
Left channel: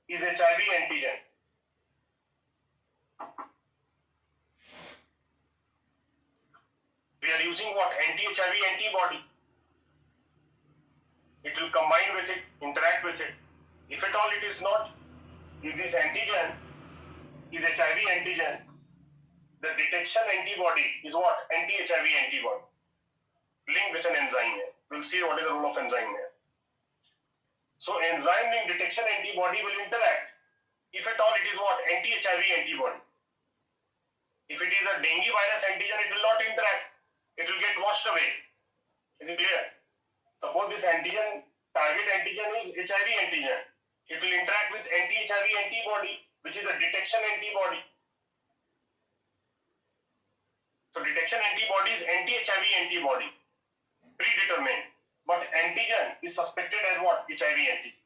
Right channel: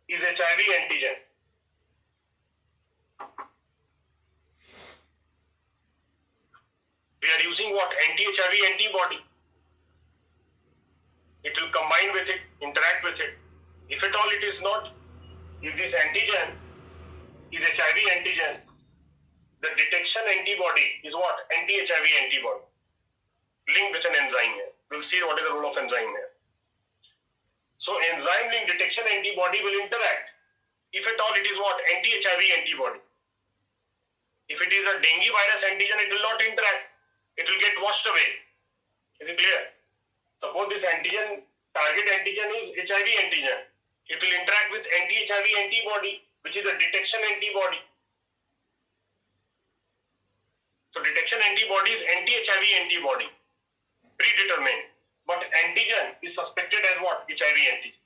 is HIV antigen, we are using what? Anti-HIV antibody. It will combine with it, interact with it. If at all it is not, if this antigen is HIV antigen, the detection antibody is what? Anti-HIV antibody. Linked with an enzyme here. We'll see what is the role of enzyme here. So enzyme linked detection antibody will interact. If at all it is what? Anti-HIV antibody. If it is a dengue virus antigen, it will not interact. It will get washed away. Is it clear? Suppose this antigen, target antigen is HIV antigen. It will interact with anti-HIV antibody, which is a detection antibody. So detection antibody is anti-HIV antibody, predetermined. But antigen is suspected as what? HIV antigen.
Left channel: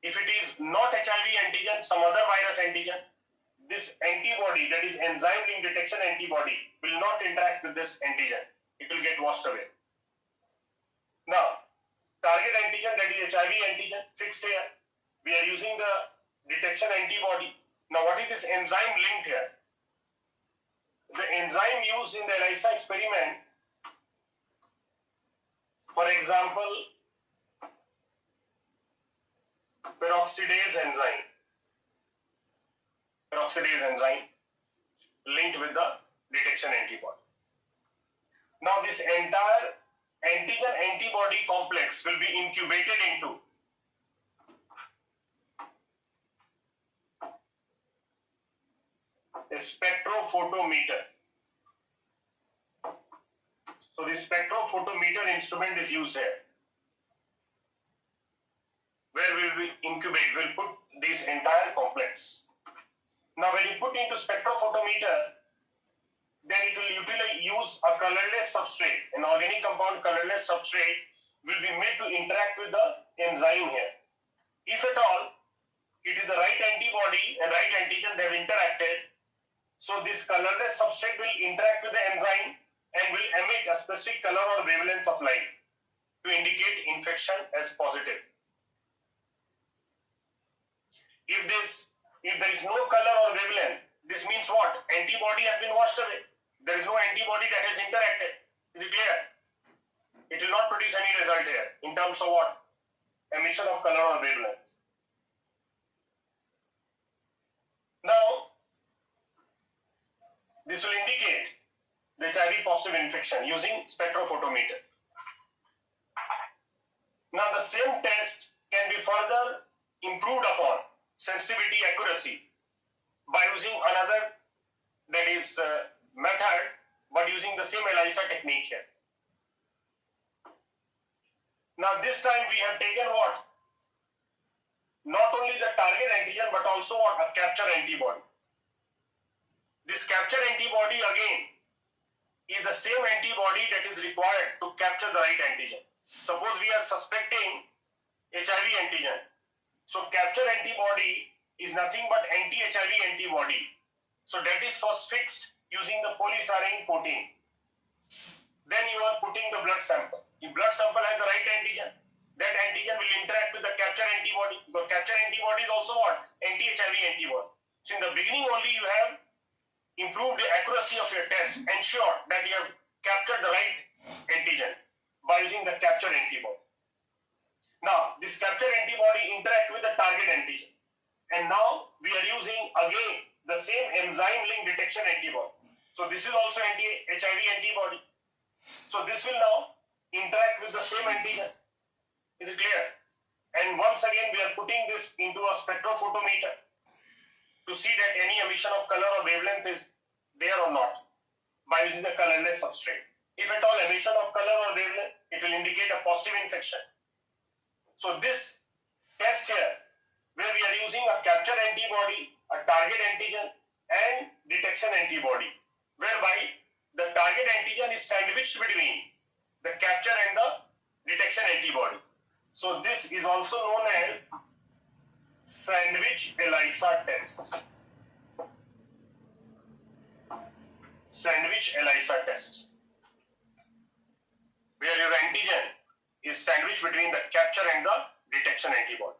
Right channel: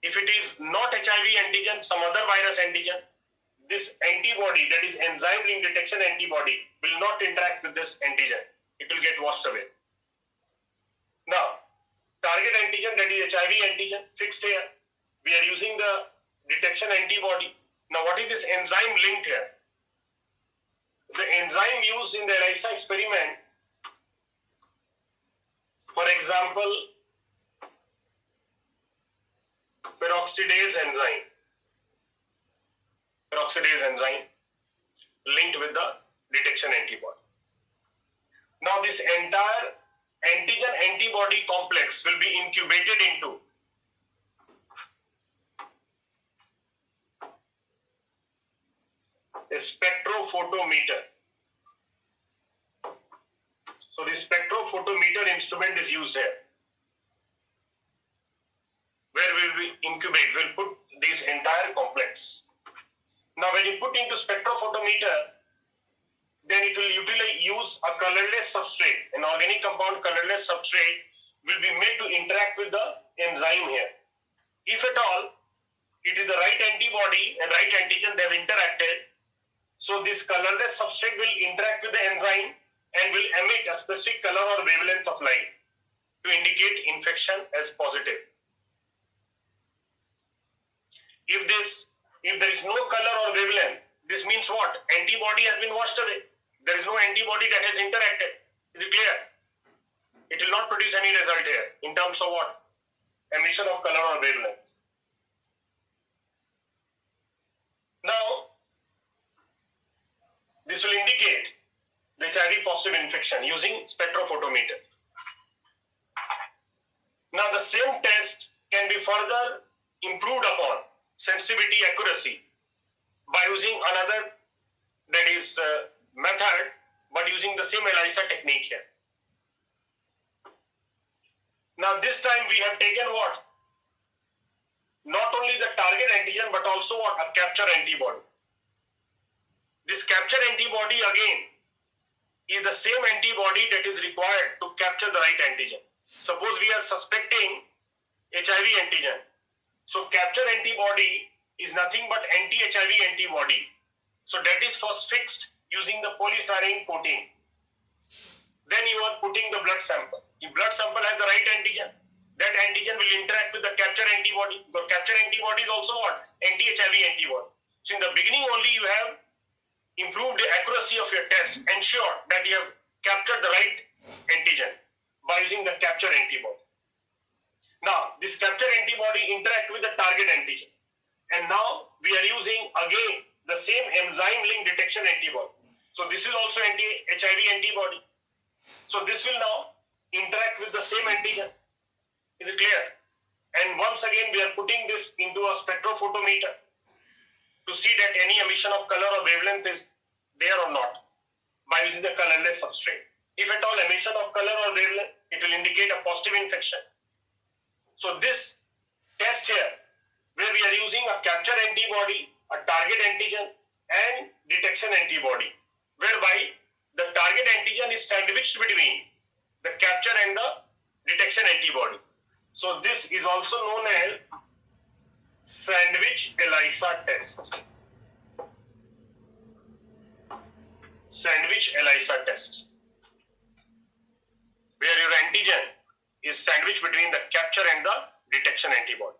If it is not HIV antigen, some other virus antigen, this antibody, that is enzyme linked detection antibody, will not interact with this antigen. It will get washed away. Now, target antigen, that is HIV antigen, fixed here. We are using the detection antibody. Now, what is this enzyme linked here? The enzyme used in the ELISA experiment, for example, peroxidase enzyme. Peroxidase enzyme linked with the detection antibody. Now, this entire antigen-antibody complex will be incubated into a spectrophotometer. So the spectrophotometer instrument is used here, where we will incubate, we'll put this entire complex. Now when you put into spectrophotometer, then it will use a colorless substrate. An organic compound colorless substrate will be made to interact with the enzyme here. If at all it is the right antibody and right antigen, they have interacted, so this colorless substrate will interact with the enzyme and will emit a specific color or wavelength of light to indicate infection as positive. If there is no color or wavelength, this means what? Antibody has been washed away. There is no antibody that has interacted. Is it clear? It will not produce any result here in terms of what? Emission of color or wavelength. Now, this will indicate the HIV positive infection using spectrophotometer. Now, the same test can be further improved upon, sensitivity, accuracy, by using another, that is method, but using the same ELISA technique here. Now this time we have taken what? Not only the target antigen, but also what? A capture antibody. This capture antibody again is the same antibody that is required to capture the right antigen. Suppose we are suspecting HIV antigen. So capture antibody is nothing but anti-HIV antibody. So that is first fixed using the polystyrene coating. Then you are putting the blood sample. If blood sample has the right antigen, that antigen will interact with the capture antibody. The capture antibody is also what? Anti-HIV antibody. So in the beginning only you have improved the accuracy of your test, ensure that you have captured the right antigen by using the capture antibody. Now, this captured antibody interact with the target antigen. And now we are using again the same enzyme link detection antibody. So this is also anti-HIV antibody. So this will now interact with the same antigen. Is it clear? And once again, we are putting this into a spectrophotometer to see that any emission of color or wavelength is there or not by using the colorless substrate. If at all emission of color or wavelength, it will indicate a positive infection. So this test here, where we are using a capture antibody, a target antigen, and detection antibody, whereby the target antigen is sandwiched between the capture and the detection antibody. So this is also known as sandwich ELISA test. Sandwich ELISA test, where your antigen is sandwiched between the capture and the detection antibody.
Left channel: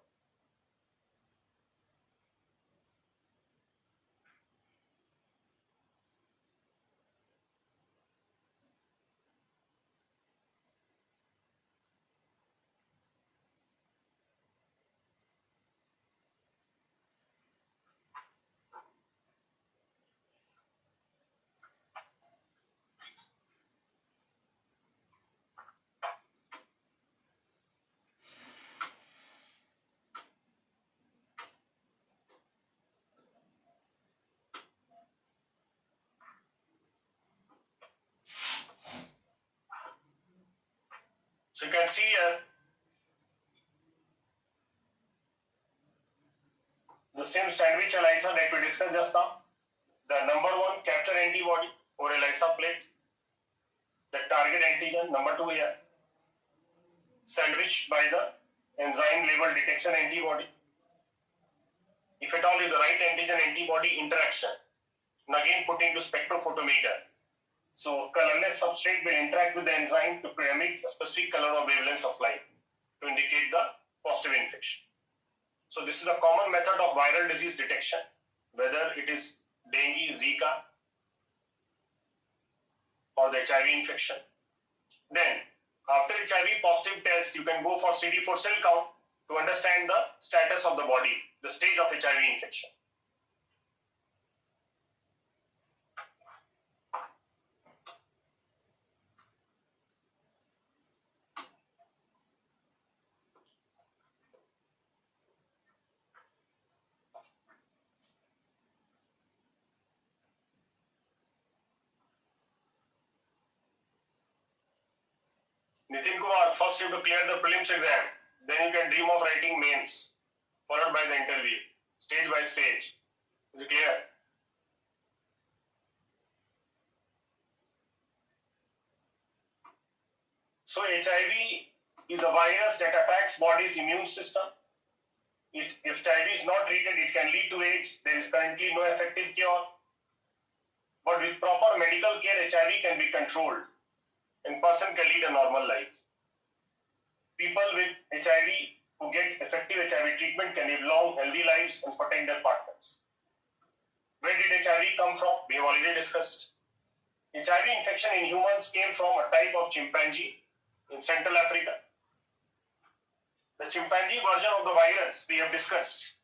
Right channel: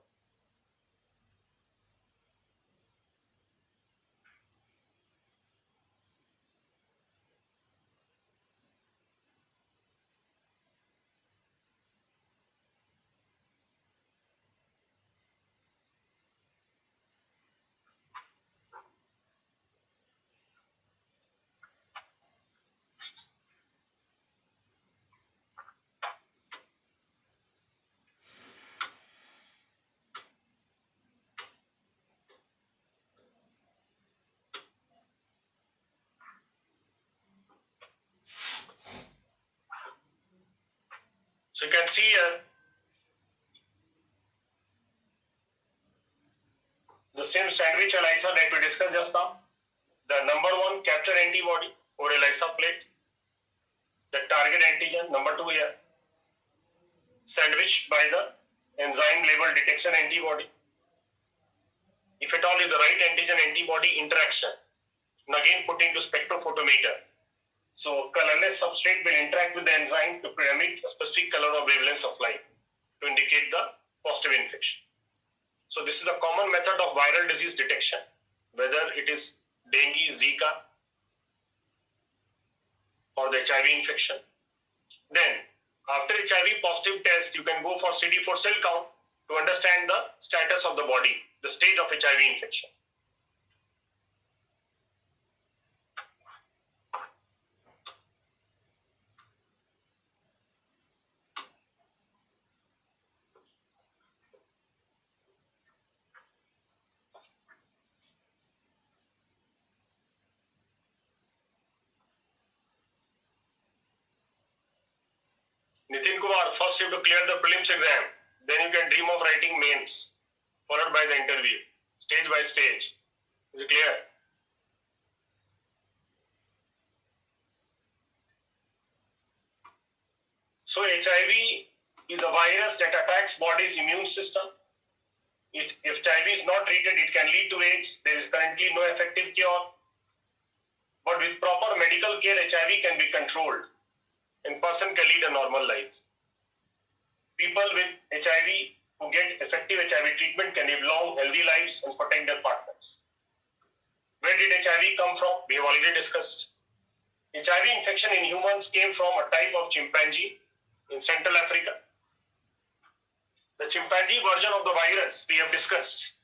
So you can see here the same sandwich ELISA that we discussed just now. The number 1 capture antibody or ELISA plate, the target antigen, number 2 here, sandwiched by the enzyme labeled detection antibody. If at all is the right antigen antibody interaction, and again put into spectrophotometer. So colorless substrate will interact with the enzyme to emit a specific color or wavelength of light to indicate the positive infection. So this is a common method of viral disease detection, whether it is dengue, Zika, or the HIV infection. Then after HIV positive test, you can go for CD4 cell count to understand the status of the body, the stage of HIV infection. Nitin Kumar, first you have to clear the prelims exam, then you can dream of writing mains, followed by the interview, stage by stage. Is it clear? So HIV is a virus that attacks body's immune system. If HIV is not treated, it can lead to AIDS. There is currently no effective cure. But with proper medical care, HIV can be controlled and person can lead a normal life. People with HIV who get effective HIV treatment can live long, healthy lives and protect their partners. Where did HIV come from? We have already discussed. HIV infection in humans came from a type of chimpanzee in Central Africa. The chimpanzee version of the virus we have discussed,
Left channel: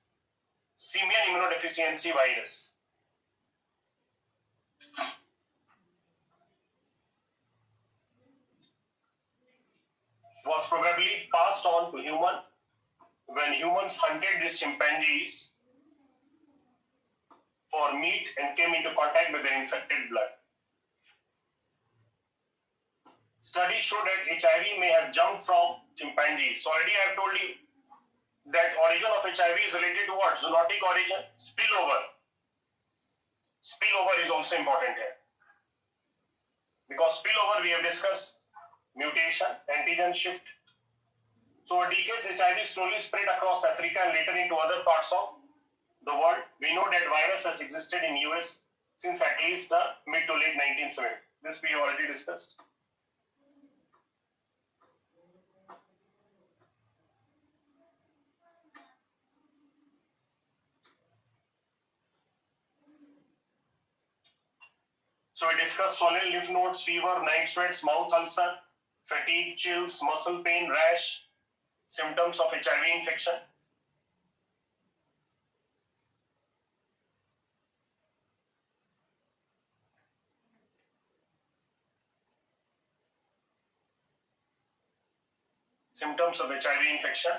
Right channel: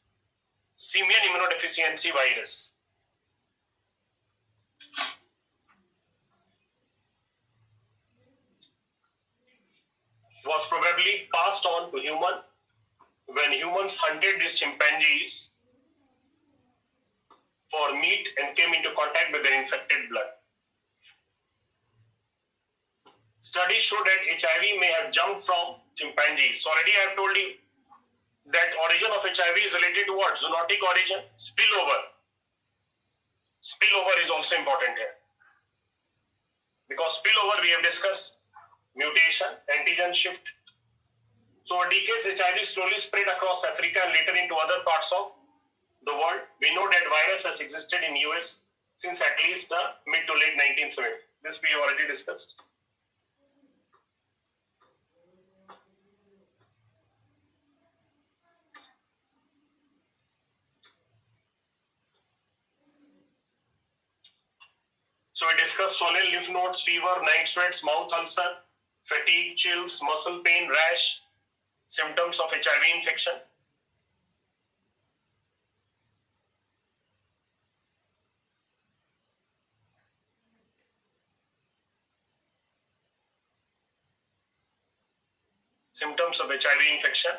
simian immunodeficiency virus. Was probably passed on to human when humans hunted these chimpanzees for meat and came into contact with their infected blood. Studies show that HIV may have jumped from chimpanzees. So already I have told you that origin of HIV is related to what? Zoonotic origin, spillover. Spillover is also important here. Because spillover we have discussed, mutation, antigen shift. So over decades, HIV slowly spread across Africa and later into other parts of the world. We know that virus has existed in US since at least the mid to late 1970s. This we have already discussed. So we discussed swollen lymph nodes, fever, night sweats, mouth ulcer, fatigue, chills, muscle pain, rash, symptoms of HIV infection. Symptoms of HIV infection.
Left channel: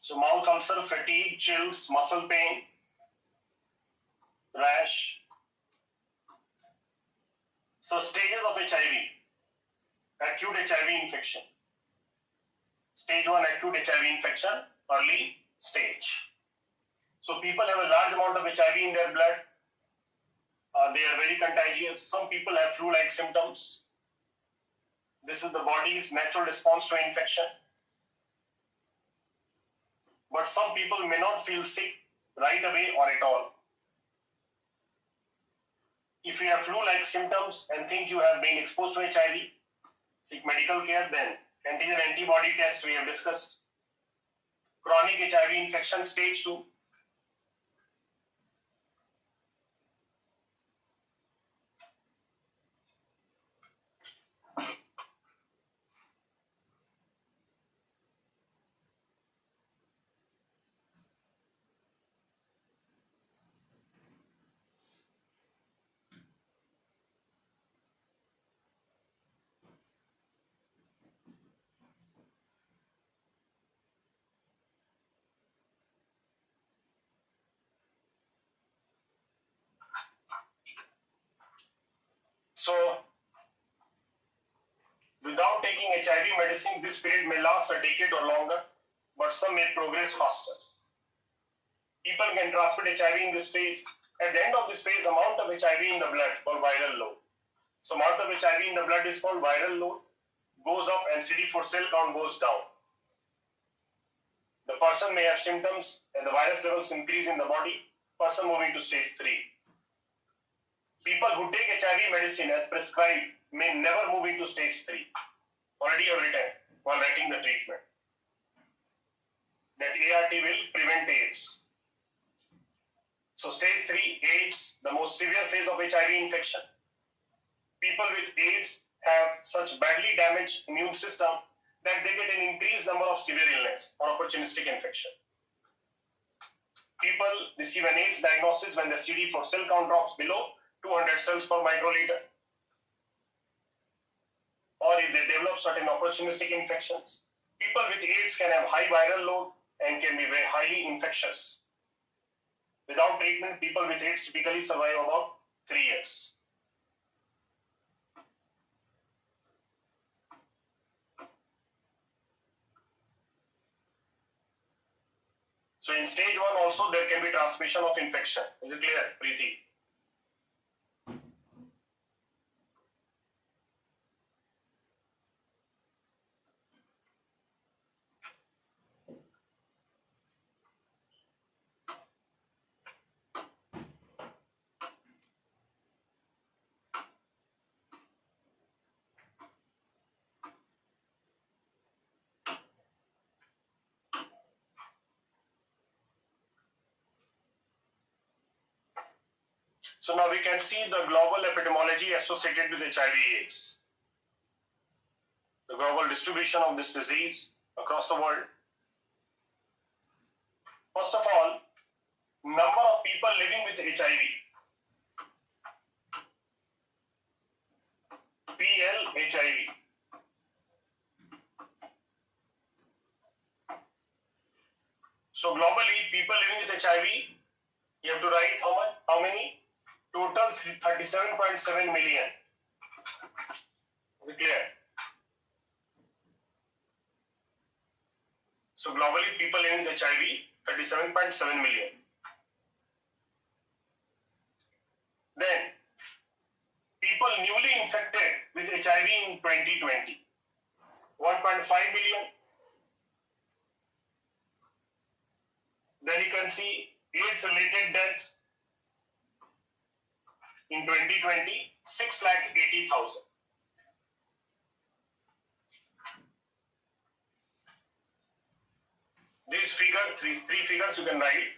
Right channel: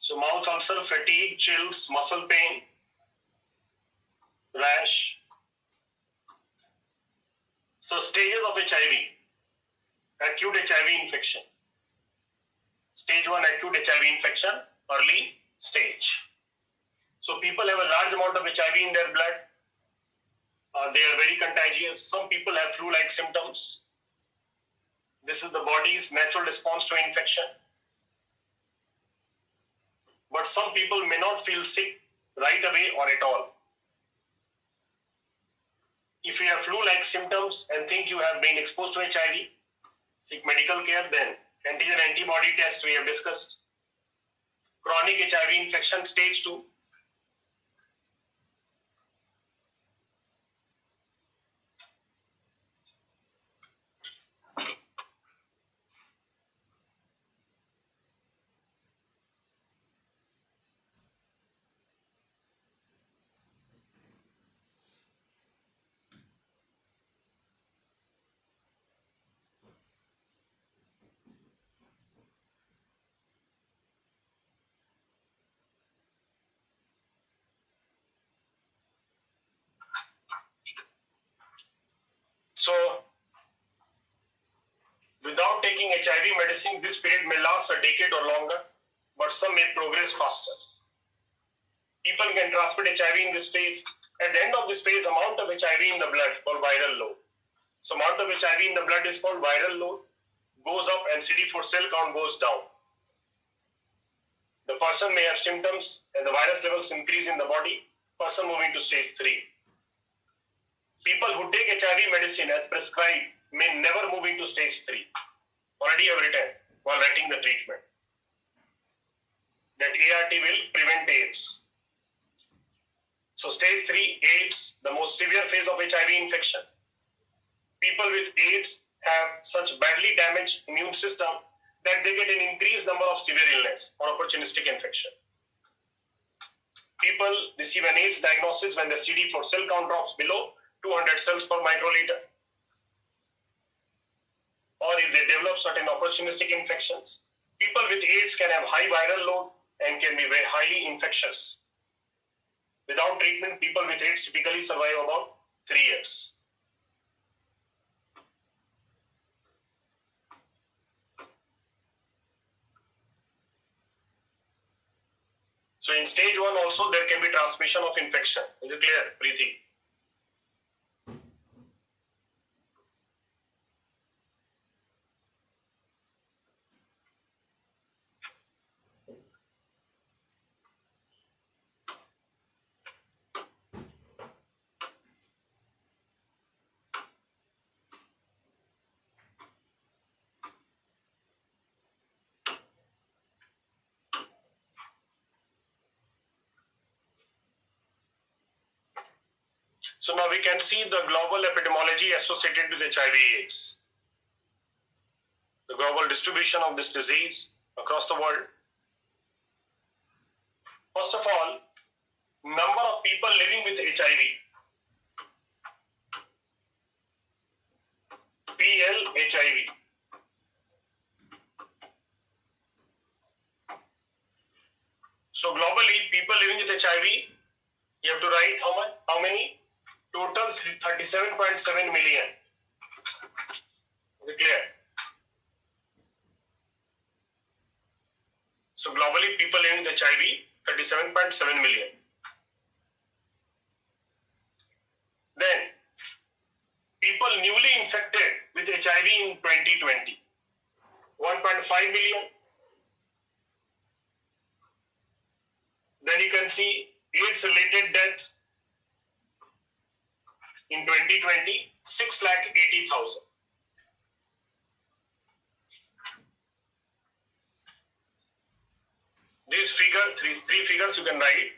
So mouth ulcer, fatigue, chills, muscle pain, rash. So stages of HIV. Acute HIV infection. Stage 1 acute HIV infection, early stage. So people have a large amount of HIV in their blood. They are very contagious. Some people have flu-like symptoms. This is the body's natural response to infection. But some people may not feel sick right away or at all. If you have flu-like symptoms and think you have been exposed to HIV, seek medical care then. Antigen antibody test we have discussed. Chronic HIV infection stage 2. So, without taking HIV medicine, this period may last a decade or longer, but some may progress faster. People can transmit HIV in this phase. At the end of this phase, amount of HIV in the blood called viral load. So amount of HIV in the blood is called viral load, goes up and CD4 cell count goes down. The person may have symptoms and the virus levels increase in the body, person moving to stage 3. People who take HIV medicine as prescribed may never move into stage 3. Already have written while writing the treatment that ART will prevent AIDS. So stage 3, AIDS, the most severe phase of HIV infection. People with AIDS have such badly damaged immune system that they get an increased number of severe illness or opportunistic infection. People receive an AIDS diagnosis when the CD4 cell count drops below 200 cells per microliter, or if they develop certain opportunistic infections. People with AIDS can have high viral load and can be very highly infectious. Without treatment, people with AIDS typically survive about 3 years. So in stage 1 also there can be transmission of infection. Is it clear, Preeti? So now we can see the global epidemiology associated with HIV/AIDS. The global distribution of this disease across the world. First of all, number of people living with HIV. PL-HIV. So globally, people living with HIV, you have to write how much? How many? Total 37.7 million. Is it clear? So globally, people living with HIV, 37.7 million. Then, people newly infected with HIV in 2020, 1.5 million. Then you can see AIDS-related deaths in 2020, 680,000. These figures, three figures you can write.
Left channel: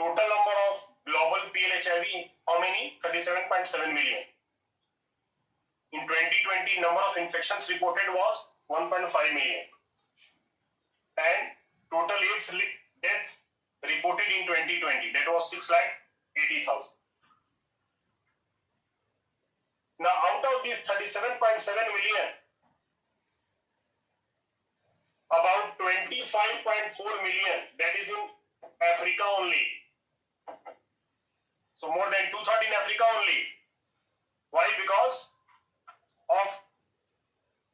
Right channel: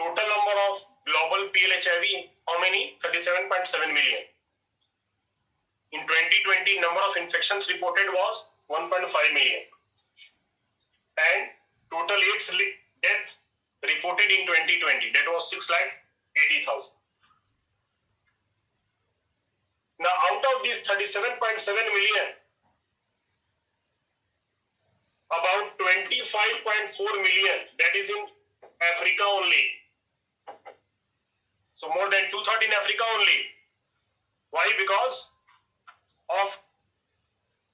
Total number of global PL-HIV, how many? 37.7 million. In 2020, number of infections reported was 1.5 million. And total AIDS death reported in 2020, that was 6,80,000. Now, out of these 37.7 million, about 25.4 million, that is in Africa only. So more than 2/3 in Africa only. Why? Because of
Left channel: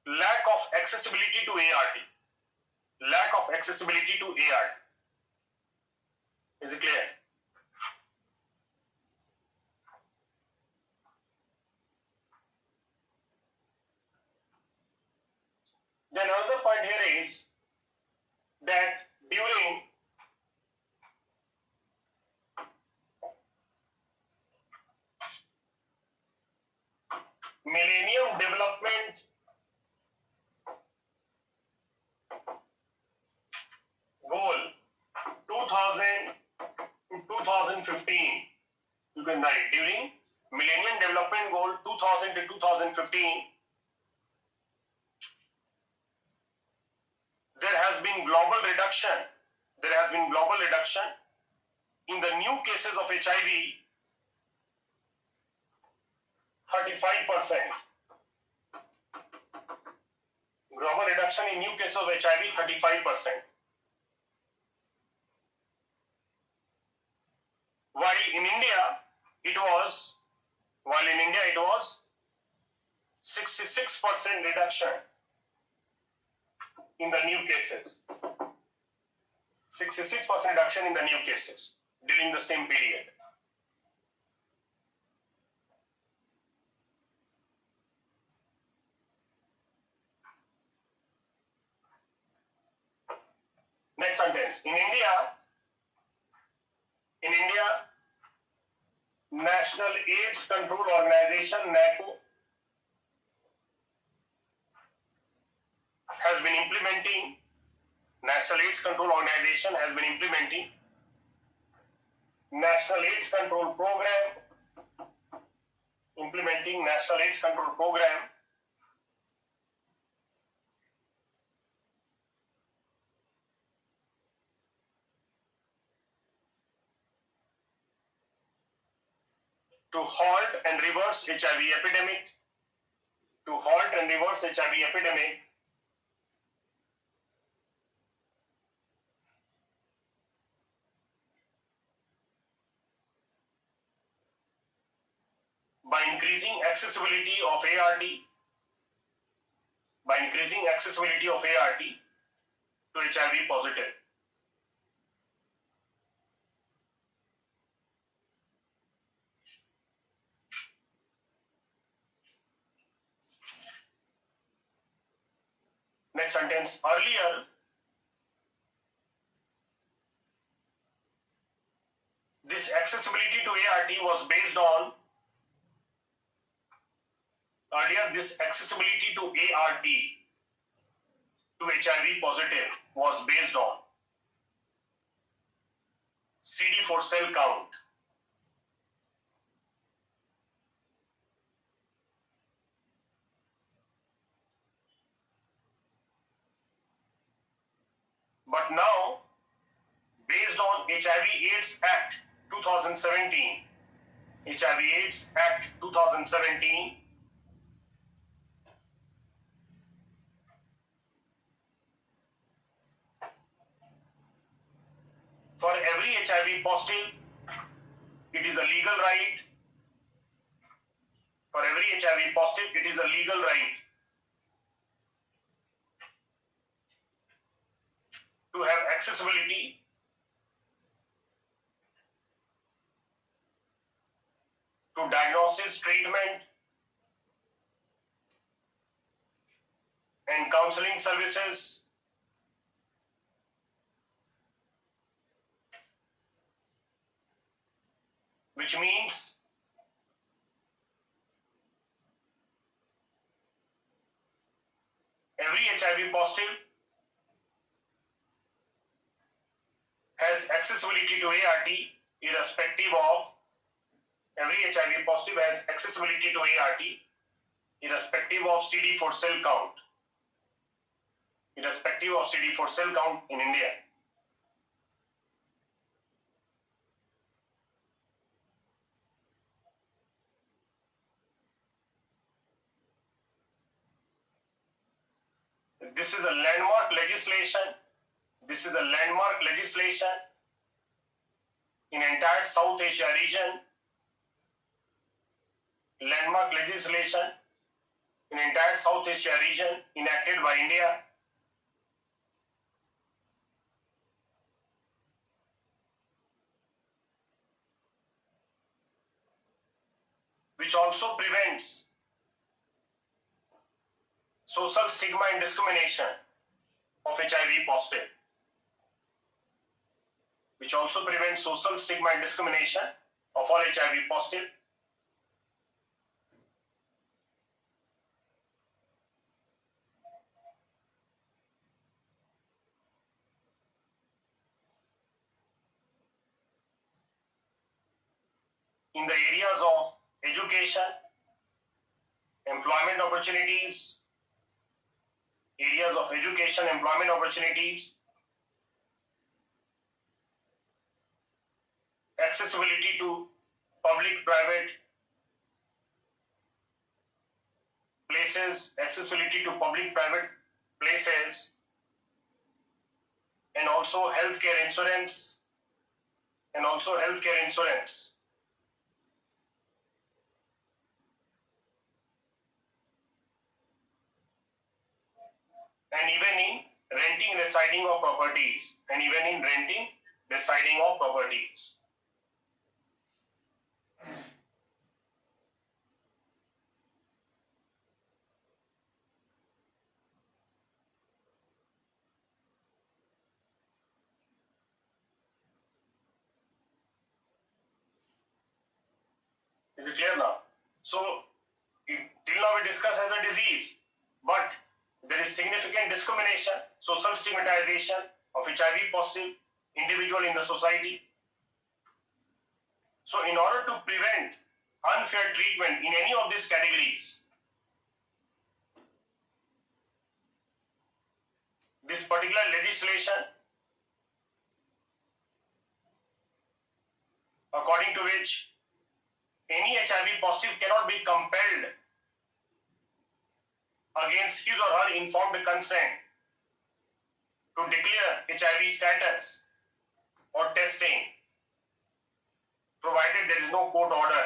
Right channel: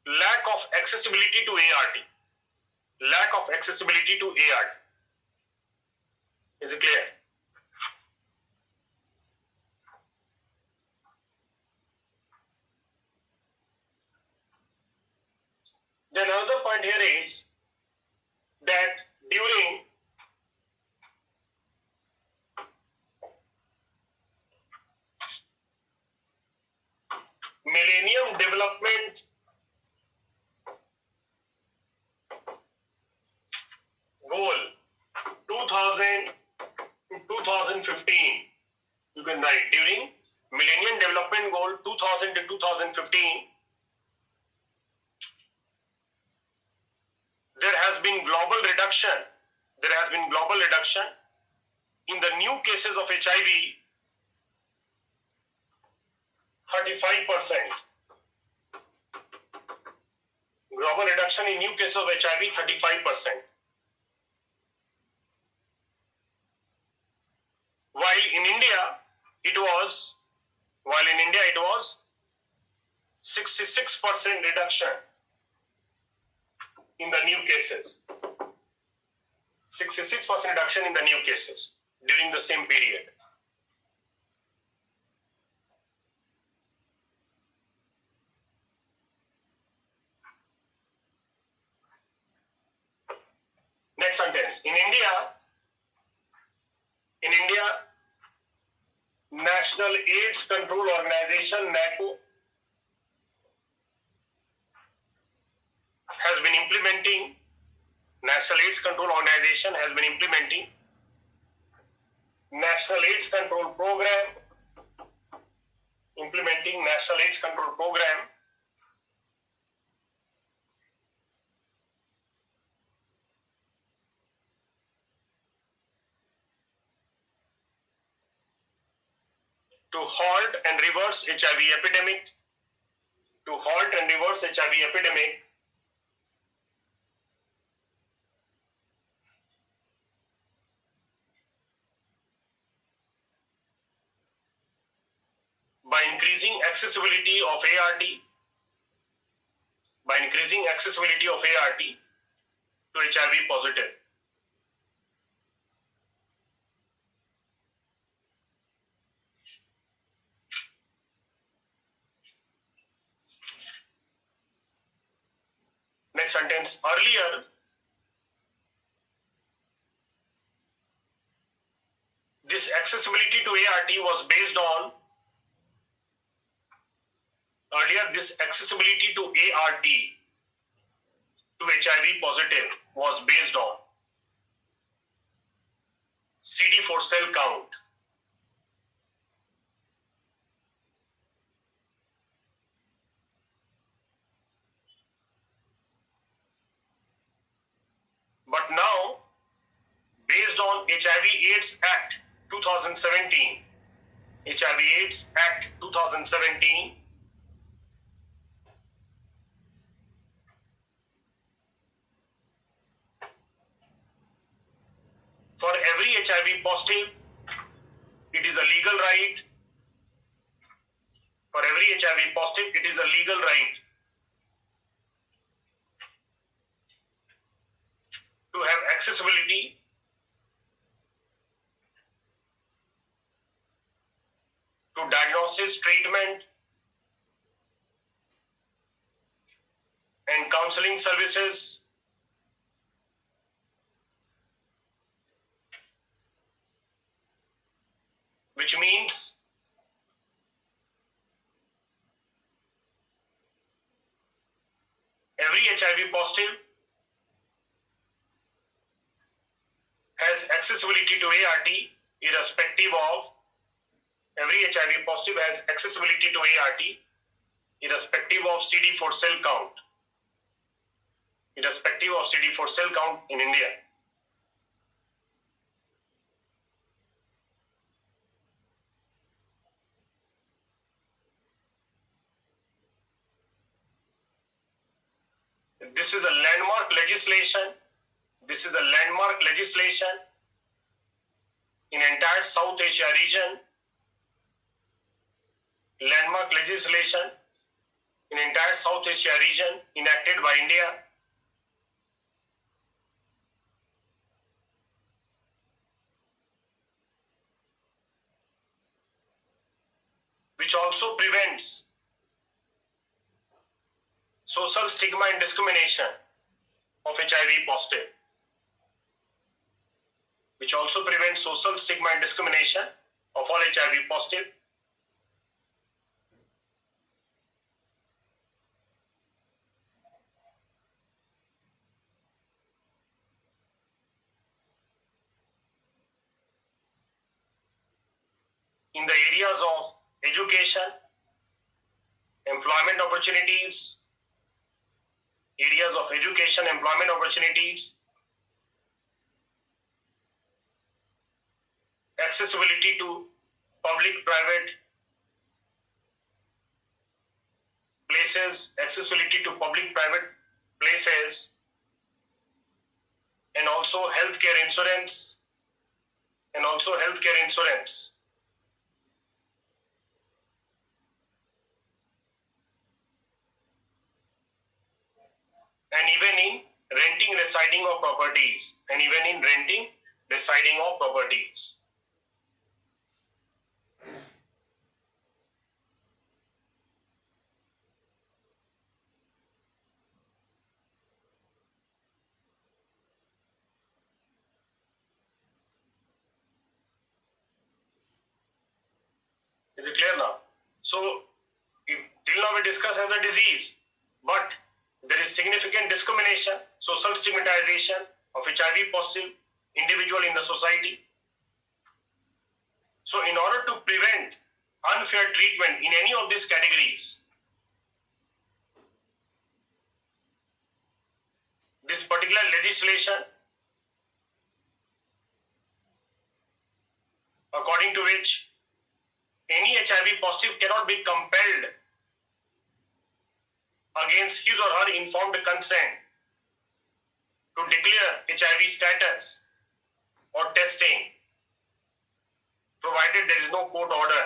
lack of accessibility to ART. Lack of accessibility to ART. Is it clear? Then another point here is that during Millennium Development Goal 2000 to 2015, you can write during Millennium Development Goal 2000 to 2015, there has been global reduction. There has been global reduction in the new cases of HIV, 35%. Global reduction in new cases of HIV, 35%. While in India it was 66% reduction in the new cases. 66% reduction in the new cases during the same period. Next sentence. In India, National AIDS Control Organization, NACO, has been implementing, National AIDS Control Organization has been implementing National AIDS Control Program, to halt and reverse HIV epidemic, by increasing accessibility of ART, to HIV positive. Next sentence. Earlier, this accessibility to ART was based on to HIV positive was based on CD4 cell count. But now, based on HIV/AIDS Act 2017, for every HIV positive, it is a legal right. For every HIV positive, it is a legal right to have accessibility to diagnosis, treatment, and counseling services, which means every HIV positive has accessibility to ART irrespective of every HIV positive has accessibility to ART, irrespective of CD4 cell count, irrespective of CD4 cell count in India. This is a landmark legislation. This is a landmark legislation in entire South Asia region. Landmark legislation in entire South Asia region enacted by India. Which also prevents social stigma and discrimination of HIV positive. Which also prevents social stigma and discrimination of all HIV positive. In the areas of education, employment opportunities, areas of education, employment opportunities, accessibility to public-private places, accessibility to public-private places, and also healthcare insurance, and even in renting, residing of properties, Is it clear now? So, till now we discussed as a disease, but there is significant discrimination, social stigmatization of HIV positive individual in the society. So in order to prevent unfair treatment in any of these categories, this particular legislation, according to which any HIV positive cannot be compelled against his or her informed consent to declare HIV status or testing, provided there is no court order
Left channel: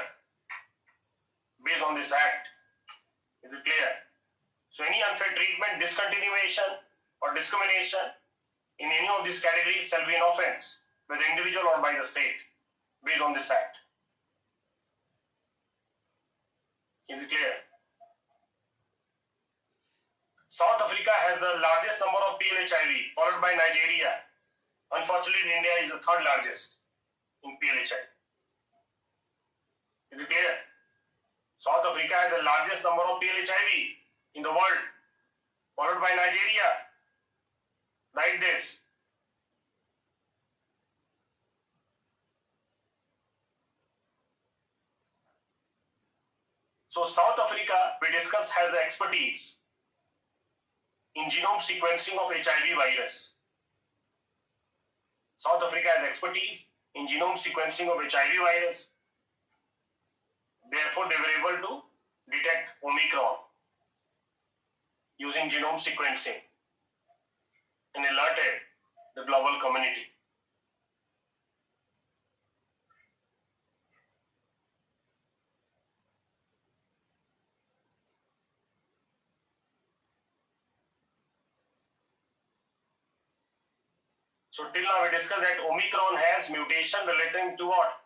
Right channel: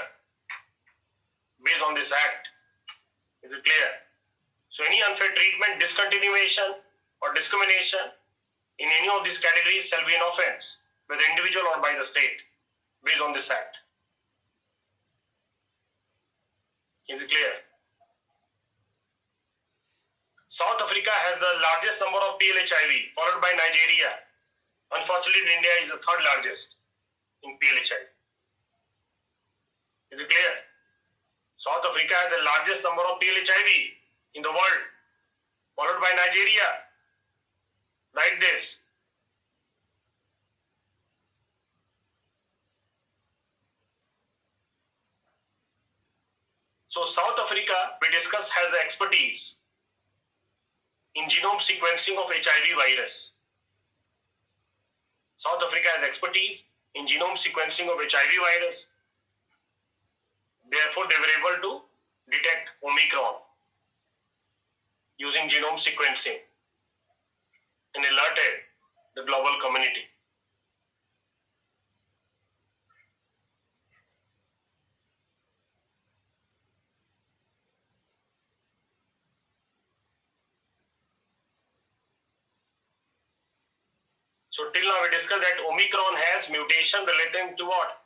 based on this act. Is it clear? So any unfair treatment, discontinuation or discrimination in any of these categories shall be an offense by the individual or by the state based on this act. Is it clear? South Africa has the largest number of PLHIV, followed by Nigeria. Unfortunately, India is the third largest in PLHIV. Is it clear? South Africa has the largest number of PLHIV in the world, followed by Nigeria. Write this. So South Africa, we discussed, has the expertise in genome sequencing of HIV virus. South Africa has expertise in genome sequencing of HIV virus. Therefore, they were able to detect Omicron using genome sequencing and alerted the global community. So till now we discussed that Omicron has mutation relating to what?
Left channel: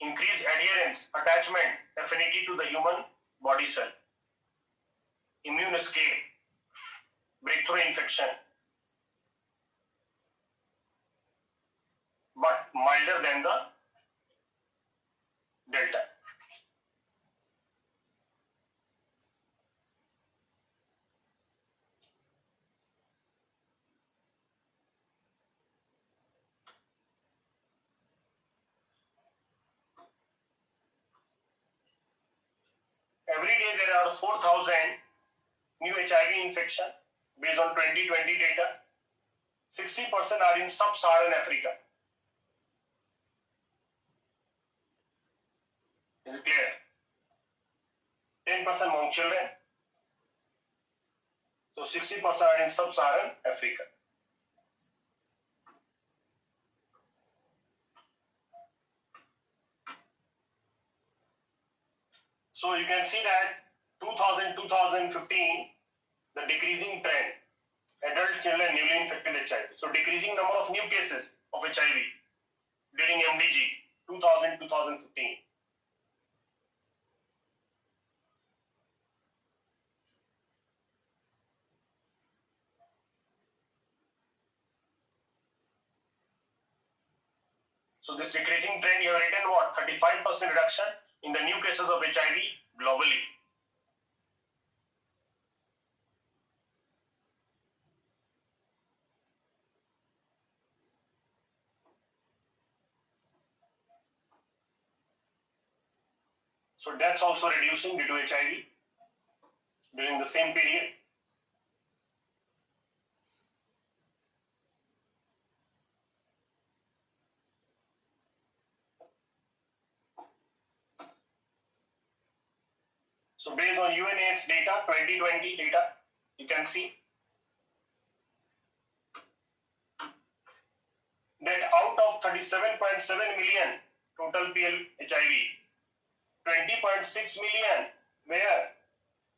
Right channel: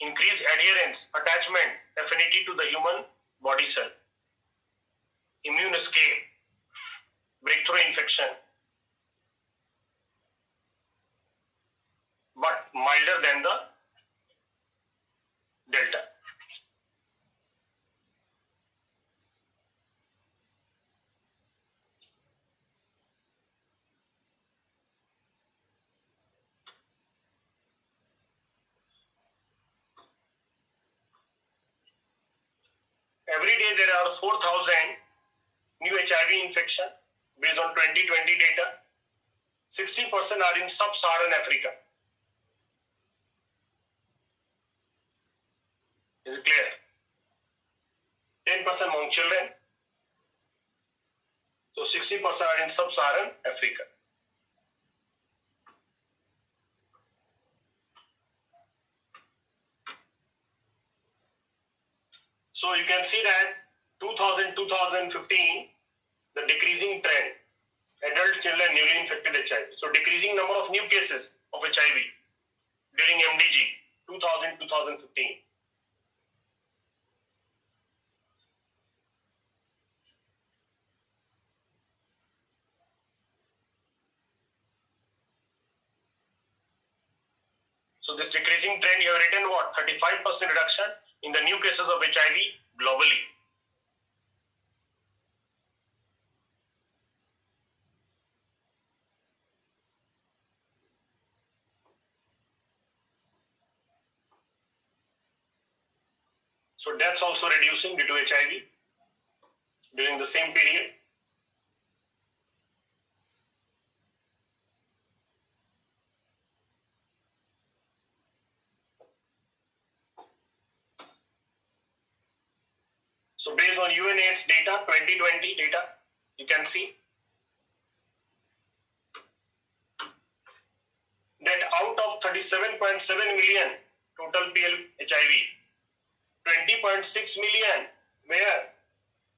Increased adherence, attachment, affinity to the human body cell, immune escape, breakthrough infection, but milder than the Delta. every day there are 4,000 new HIV infection based on 2020 data. 60% are in sub-Saharan Africa. Is it clear? 10% among children. So 60% are in sub-Saharan Africa. So you can see that 2000-2015, the decreasing trend, adult children newly infected HIV. So decreasing number of new cases of HIV during MDG 2000-2015. So this decreasing trend, you have written what? 35% reduction in the new cases of HIV globally. So deaths also reducing due to HIV during the same period. So based on UNAIDS data, 2020 data, you can see that out of 37.7 million total PL HIV, 20.6 million where?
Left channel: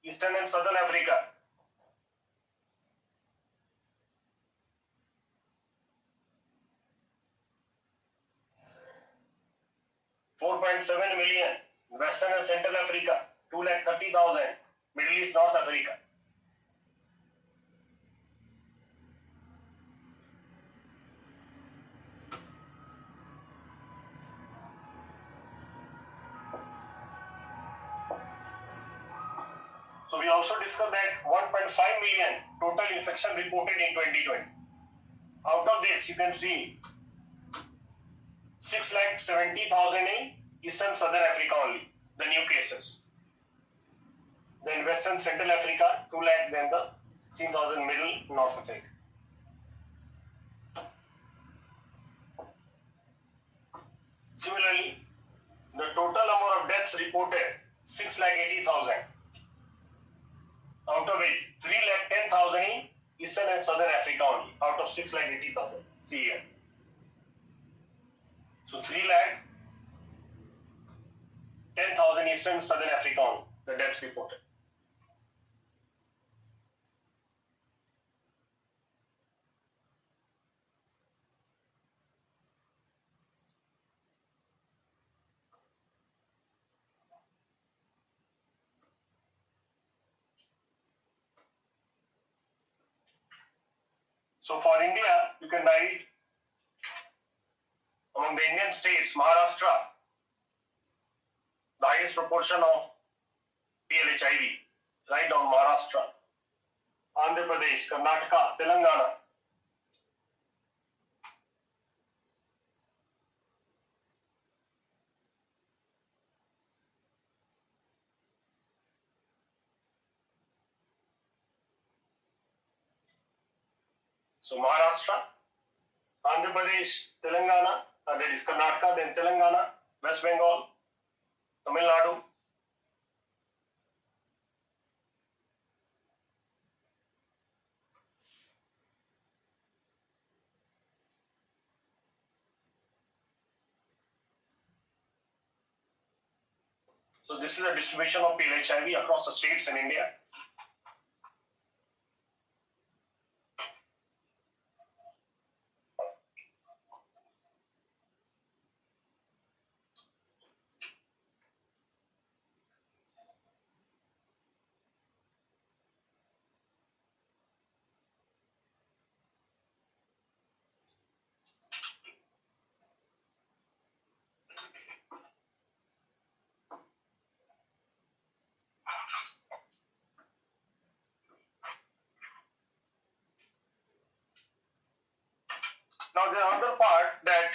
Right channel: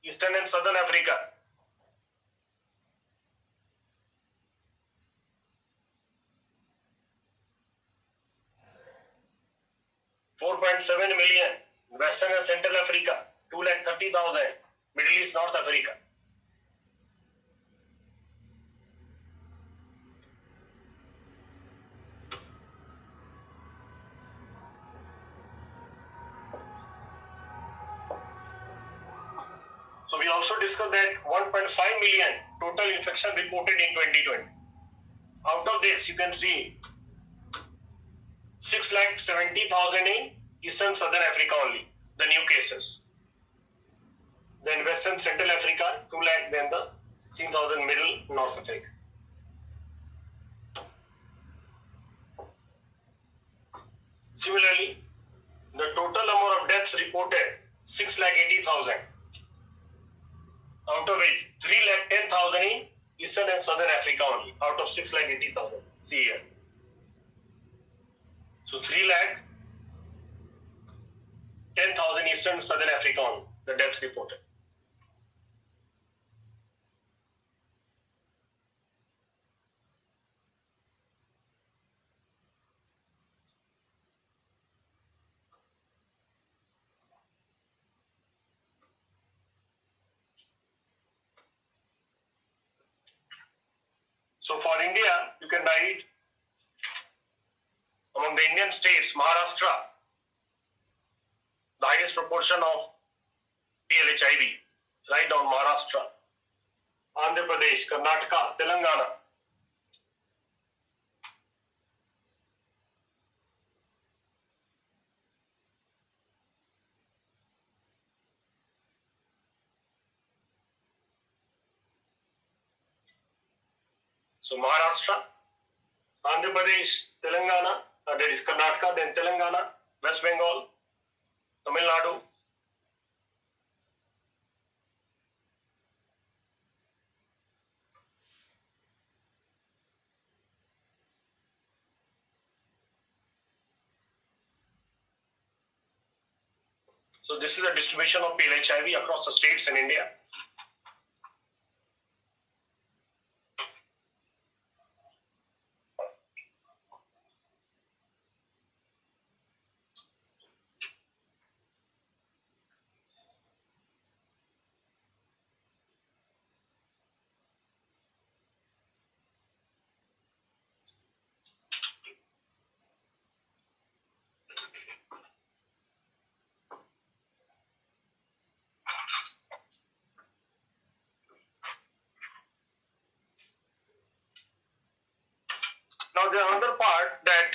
Eastern and Southern Africa. $4.7 million, Western and Central Africa, 230,000, Middle East, North Africa. So we also discussed that 1.5 million total infection reported in 2020. Out of this, you can see 6,70,000 in Eastern Southern Africa only, the new cases. Then Western Central Africa, 2 lakh, then the 16,000 Middle North Africa. Similarly, the total number of deaths reported 6,80,000. Out of which 3,10,000 in Eastern and Southern Africa only, out of 6,80,000. See here. So 3,10,000 Eastern and Southern Africa only, the deaths reported. So for India, you can write among the Indian states, Maharashtra, the highest proportion of PLHIV, write down Maharashtra, Andhra Pradesh, Karnataka, Telangana. So Maharashtra, Andhra Pradesh, Telangana, that is Karnataka, then Telangana, West Bengal, Tamil Nadu. So this is the distribution of PLHIV across the states in India. Now the other part that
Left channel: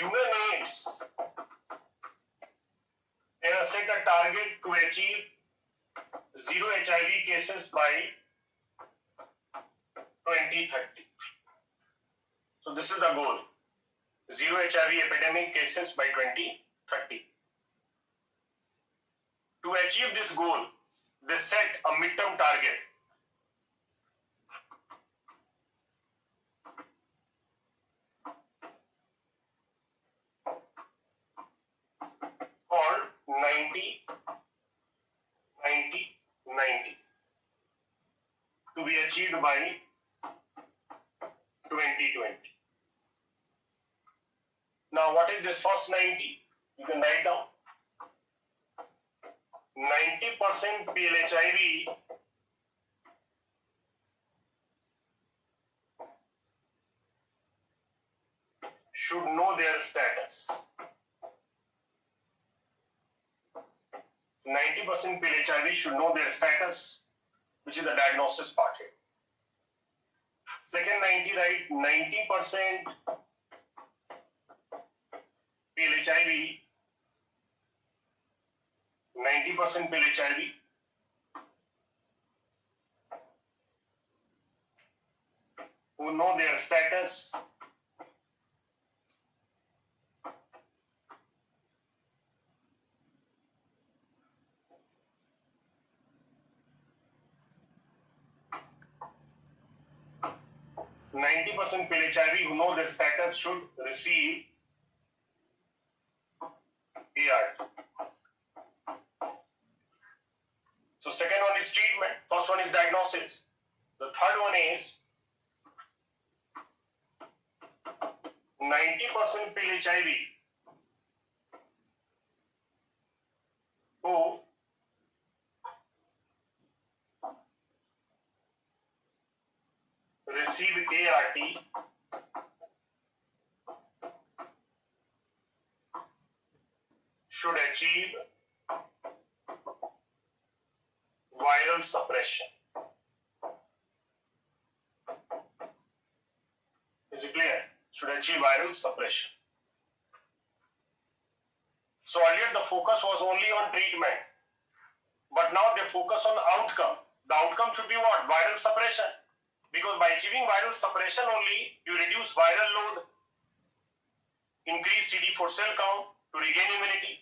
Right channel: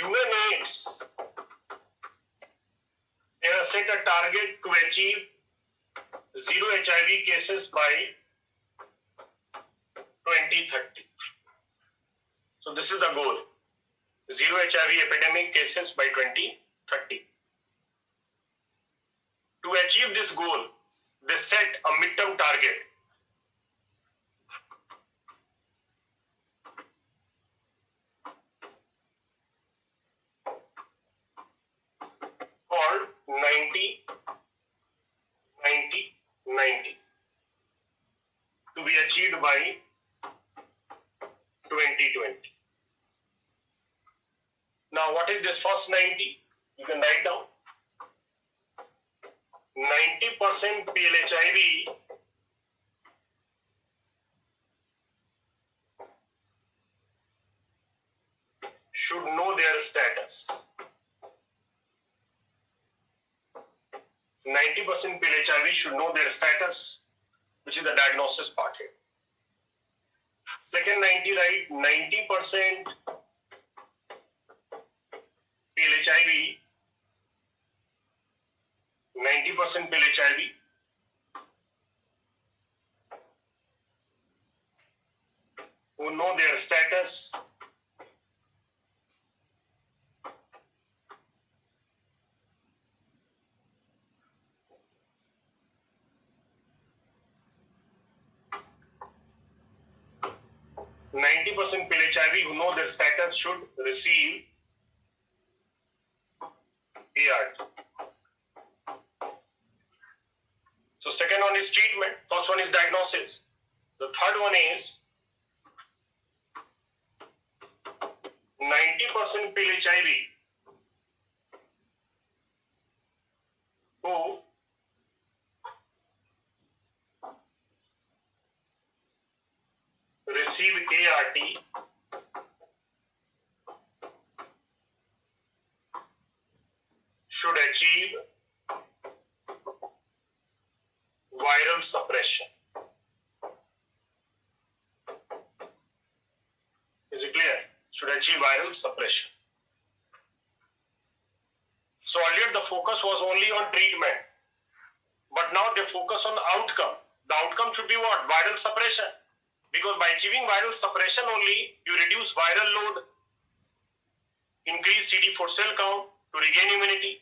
UNAIDS has set a target to achieve zero HIV cases by 2030. So this is the goal. Zero HIV epidemic cases by 2030. To achieve this goal, they set a midterm target. Called 90, 90, 90 to be achieved by 2020. Now, what is this first 90? You can write down. 90% PLHIV should know their status. 90% PLHIV should know their status, which is the diagnosis part here. Second 90, right? 90% PLHIV, 90% PLHIV who know their status, should receive ART. So second one is treatment, first one is diagnosis. The third one is 90% PLHIV who receive ART should achieve viral suppression. Is it clear? Should achieve viral suppression. So earlier the focus was only on treatment, but now they focus on outcome. The outcome should be what? Viral suppression. Because by achieving viral suppression only, you reduce viral load, increase CD4 cell count to regain immunity,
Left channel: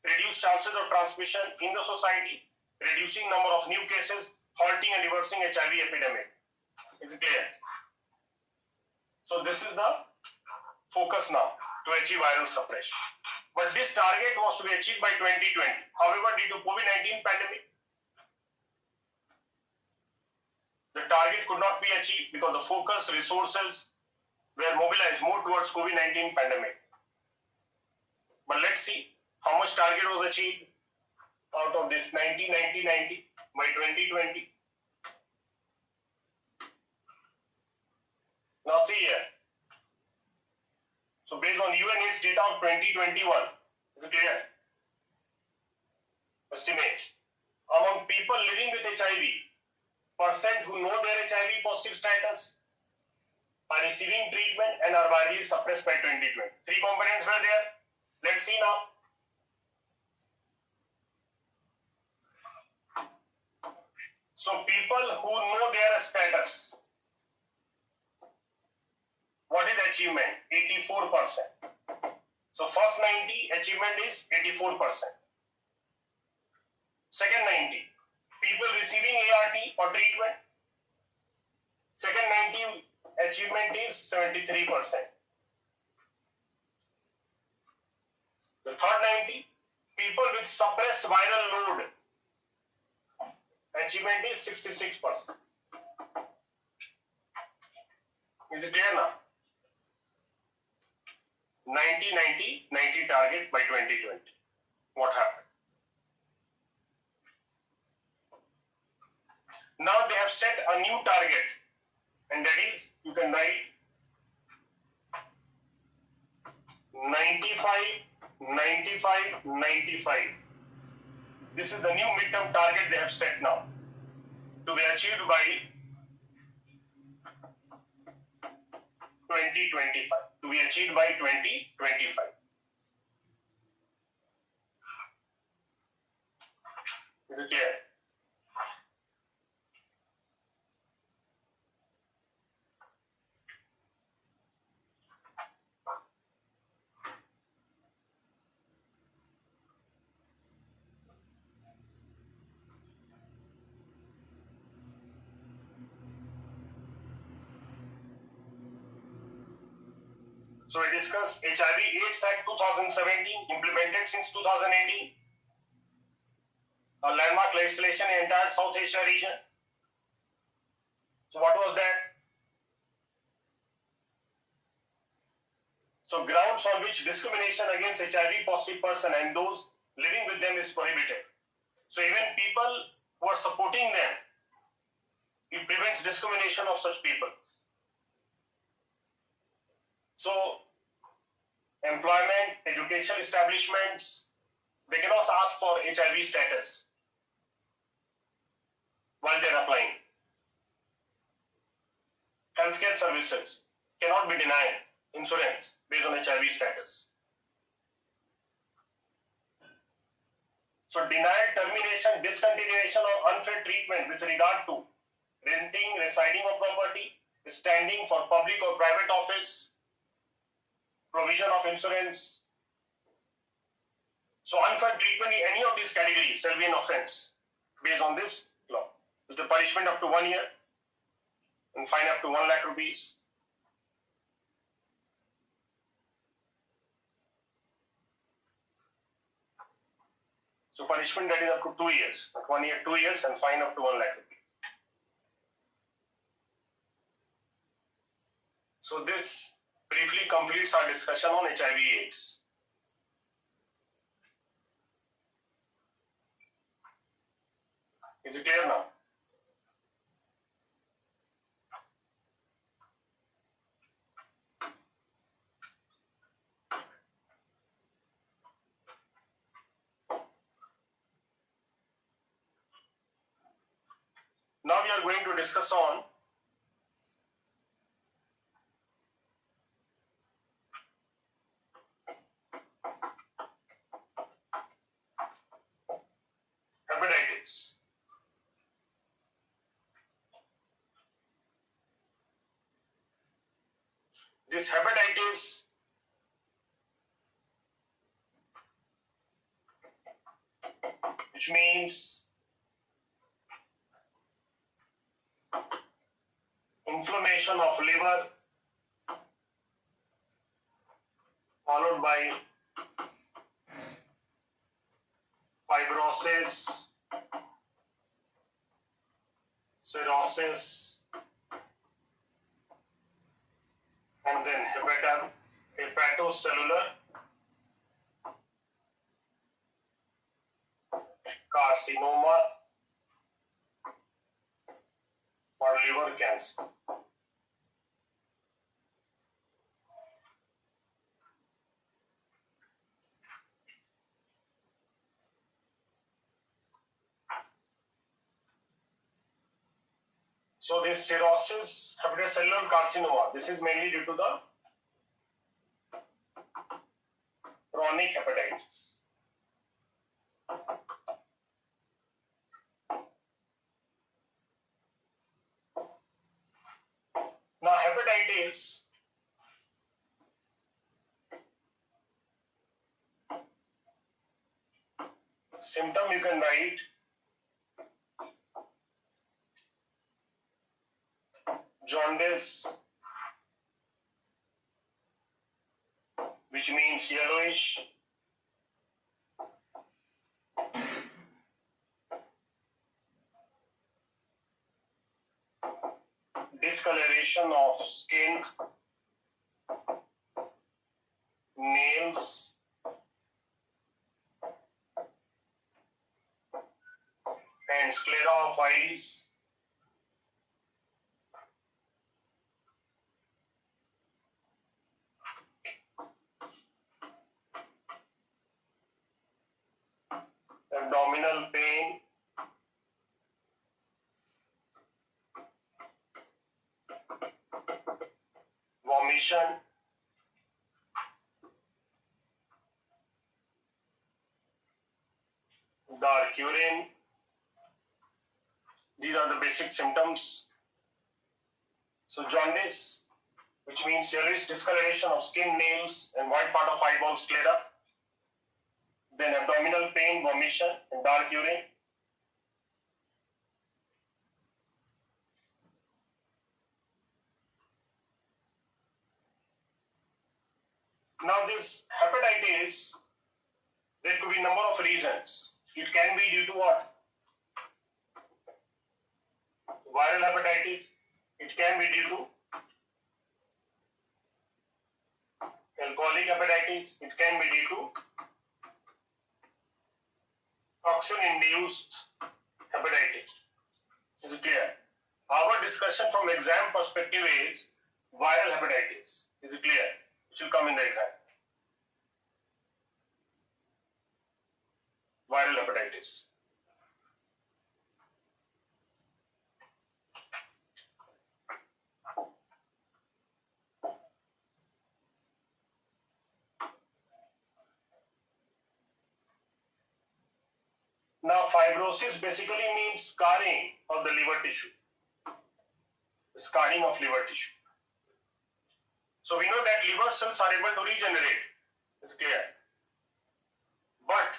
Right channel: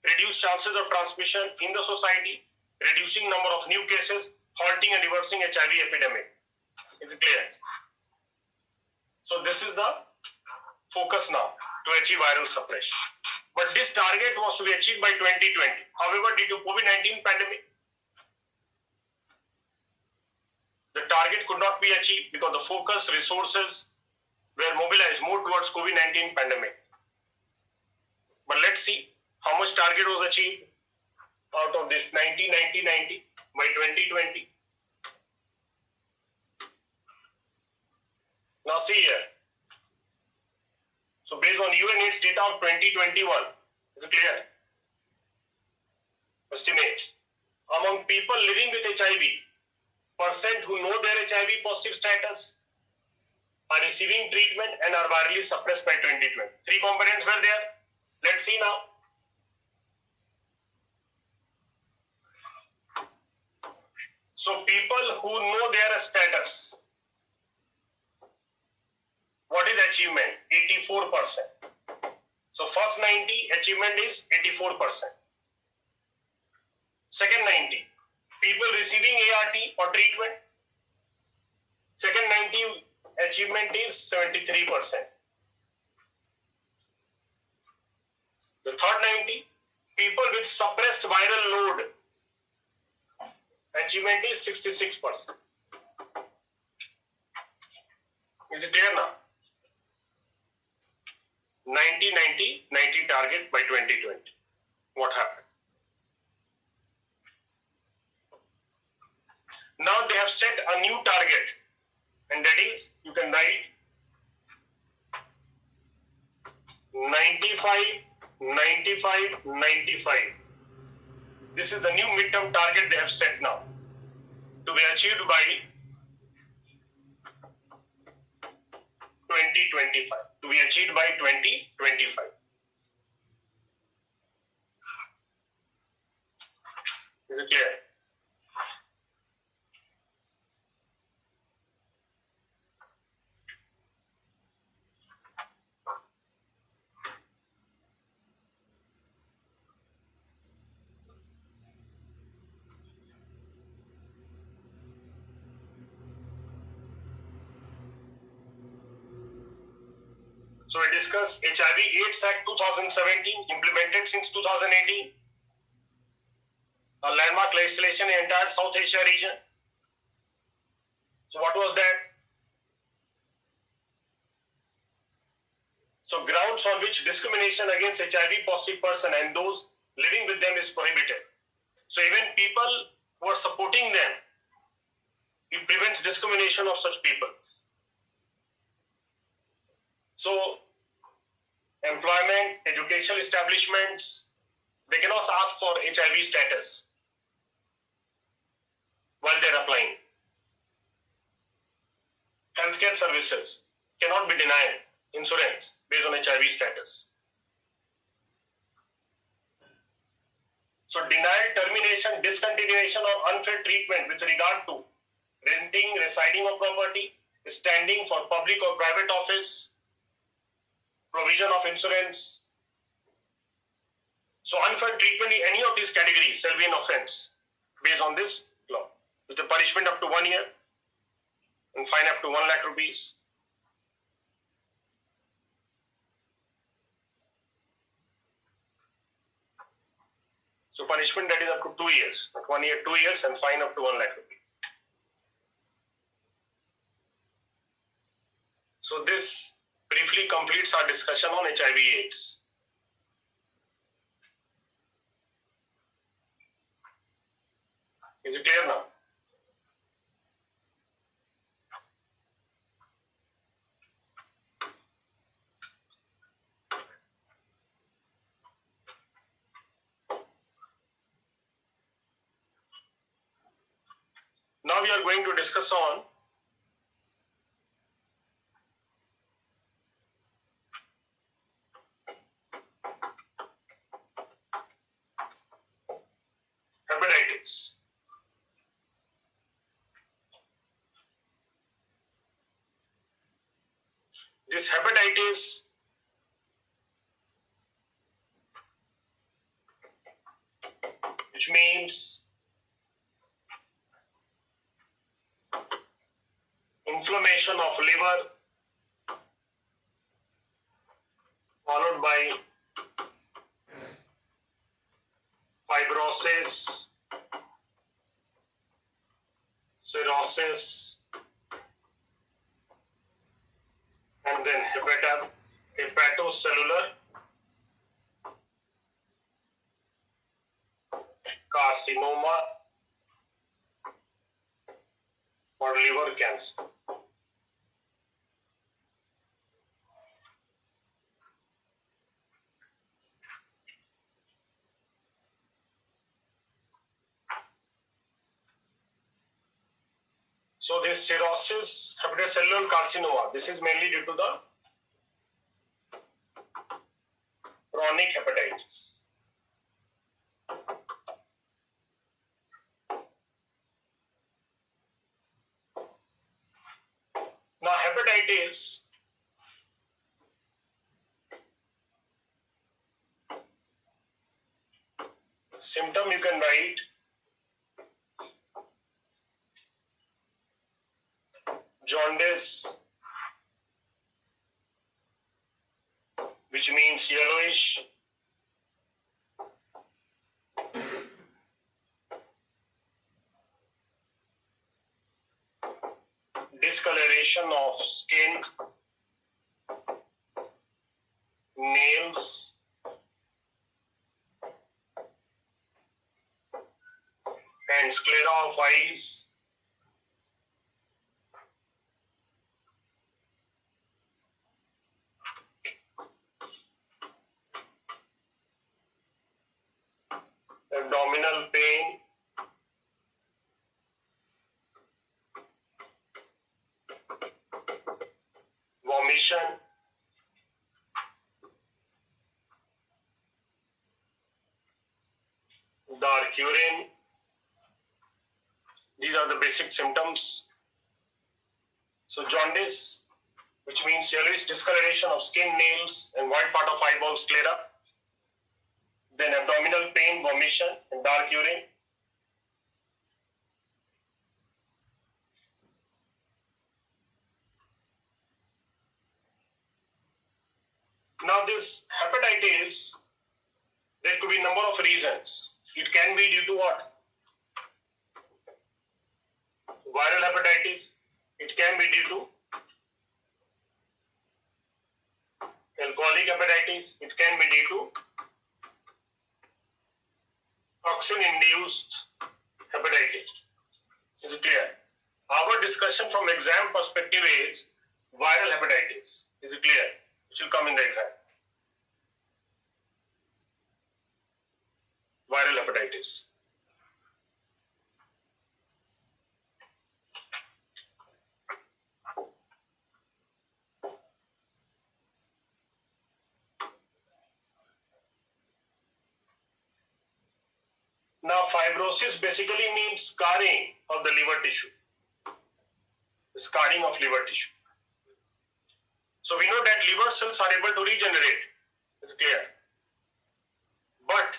reduce chances of transmission in the society, reducing number of new cases, halting and reversing HIV epidemic. Is it clear? So this is the focus now to achieve viral suppression. But this target was to be achieved by 2020. However, due to COVID-19 pandemic, the target could not be achieved because the focus resources were mobilized more towards COVID-19 pandemic. But let's see how much target was achieved out of this 90, 90, 90 by 2020. Now see here. So based on UNAIDS data of 2021, is it clear? Estimates. Among people living with HIV, percent who know their HIV positive status are receiving treatment and are virally suppressed by 2020. Three components were there. Let's see now. So people who know their status, what is achievement? 84%. So first 90 achievement is 84%. Second 90, people receiving ART or treatment. Second 90 achievement is 73%. The third 90, people with suppressed viral load, achievement is 66%. Is it clear now? 90, 90, 90 target by 2020. What happened? Now they have set a new target, and that is, you can write 95, 95, 95. This is the new midterm target they have set now to be achieved by 2025. to be achieved by 2025. Is it clear? So we discussed HIV/AIDS Act 2017, implemented since 2018. A landmark legislation in the entire South Asia region. So what was that? So grounds on which discrimination against HIV positive person and those living with them is prohibited. So even people who are supporting them, it prevents discrimination of such people. So employment, educational establishments, they cannot ask for HIV status while they're applying. Healthcare services cannot be denied insurance based on HIV status. So denial, termination, discontinuation or unfair treatment with regard to renting, residing of property, standing for public or private office, provision of insurance. So unfair treatment in any of these categories shall be an offense based on this law, with a punishment up to 1 year and fine up to 1 lakh rupees. So punishment that is up to 2 years, 1 year, 2 years, and fine up to 1 lakh rupees. So this briefly completes our discussion on HIV/AIDS. Is it clear now? Now we are going to discuss on hepatitis. This hepatitis which means inflammation of liver followed by fibrosis, cirrhosis, and then hepatocellular carcinoma or liver cancer. So this cirrhosis, hepatocellular carcinoma, this is mainly due to the chronic hepatitis. Now hepatitis symptom you can write jaundice, which means yellowish, discoloration of skin, nails, and sclera of eyes, abdominal pain, vomition, dark urine. These are the basic symptoms. So jaundice, which means yellowish discoloration of skin, nails, and white part of eyeballs clear up. Then abdominal pain, vomition, and dark urine. Now this hepatitis, there could be a number of reasons. It can be due to what? Viral hepatitis. It can be due to alcoholic hepatitis. It can be due to toxin-induced hepatitis. Is it clear? Our discussion from exam perspective is viral hepatitis. Is it clear? It will come in the exam. Viral hepatitis. Now, fibrosis basically means scarring of the liver tissue. Scarring of liver tissue. So we know that liver cells are able to regenerate. It's clear. But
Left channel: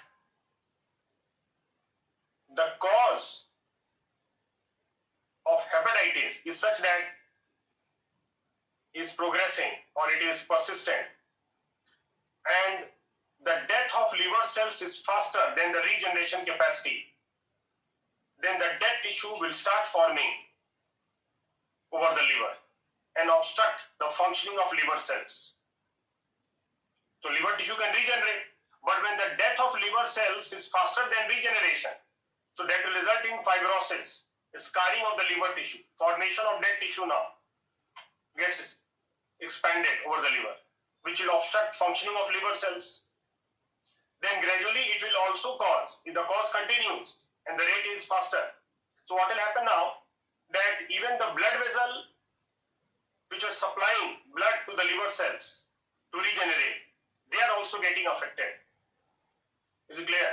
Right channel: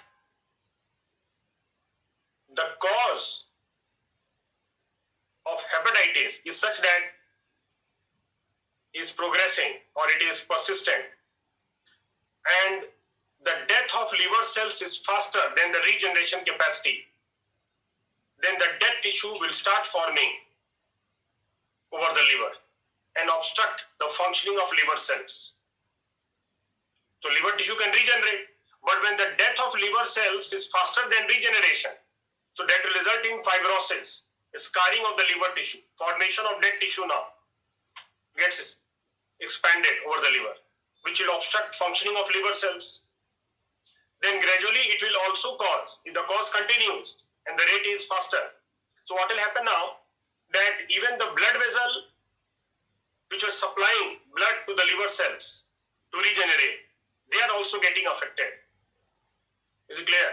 the cause of hepatitis is such that is progressing or it is persistent, and the death of liver cells is faster than the regeneration capacity, then the dead tissue will start forming over the liver and obstruct the functioning of liver cells. So liver tissue can regenerate, but when the death of liver cells is faster than regeneration, so that will result in fibrosis, scarring of the liver tissue, formation of dead tissue now gets expanded over the liver, which will obstruct functioning of liver cells. Then gradually it will also cause, if the cause continues and the rate is faster. So what will happen now, that even the blood vessel which are supplying blood to the liver cells to regenerate, they are also getting affected. Is it clear?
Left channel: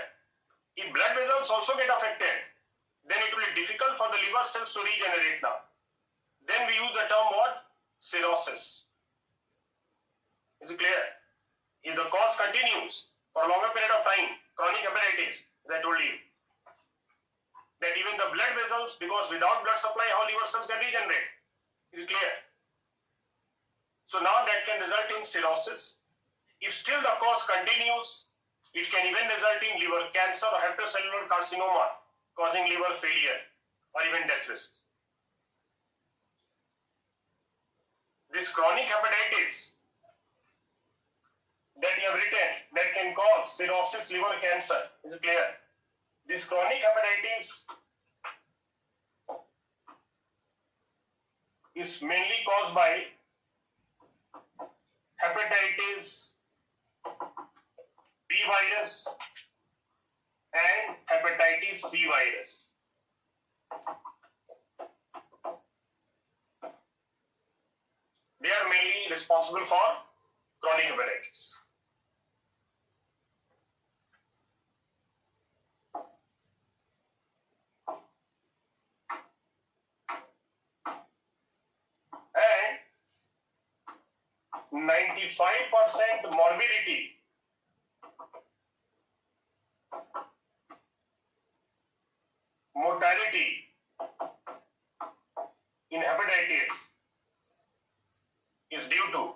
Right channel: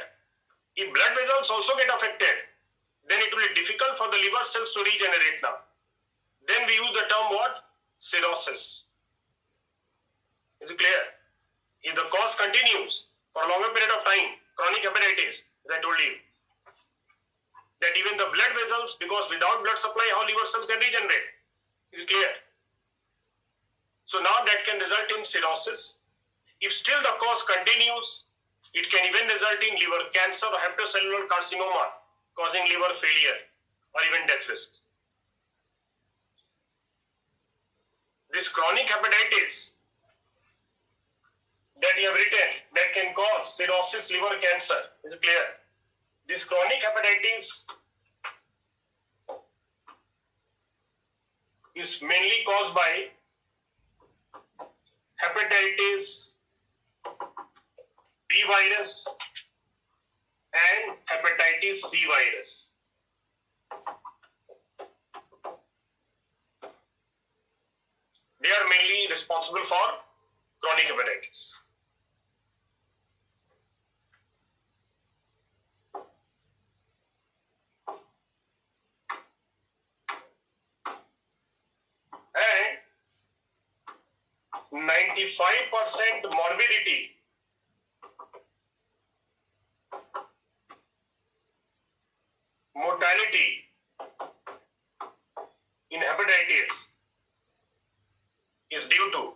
If blood vessels also get affected, then it will be difficult for the liver cells to regenerate now. Then we use the term what? Cirrhosis. Is it clear? If the cause continues for a longer period of time, chronic hepatitis, as I told you, that even the blood vessels, because without blood supply, how liver cells can regenerate? Is it clear? So now that can result in cirrhosis. If still the cause continues, it can even result in liver cancer or hepatocellular carcinoma, causing liver failure or even death risk. This chronic hepatitis that you have written, that can cause cirrhosis, liver cancer, is it clear? This chronic hepatitis is mainly caused by hepatitis B virus and hepatitis C virus. They are mainly responsible for chronic hepatitis. And 95% morbidity mortality in hepatitis is due to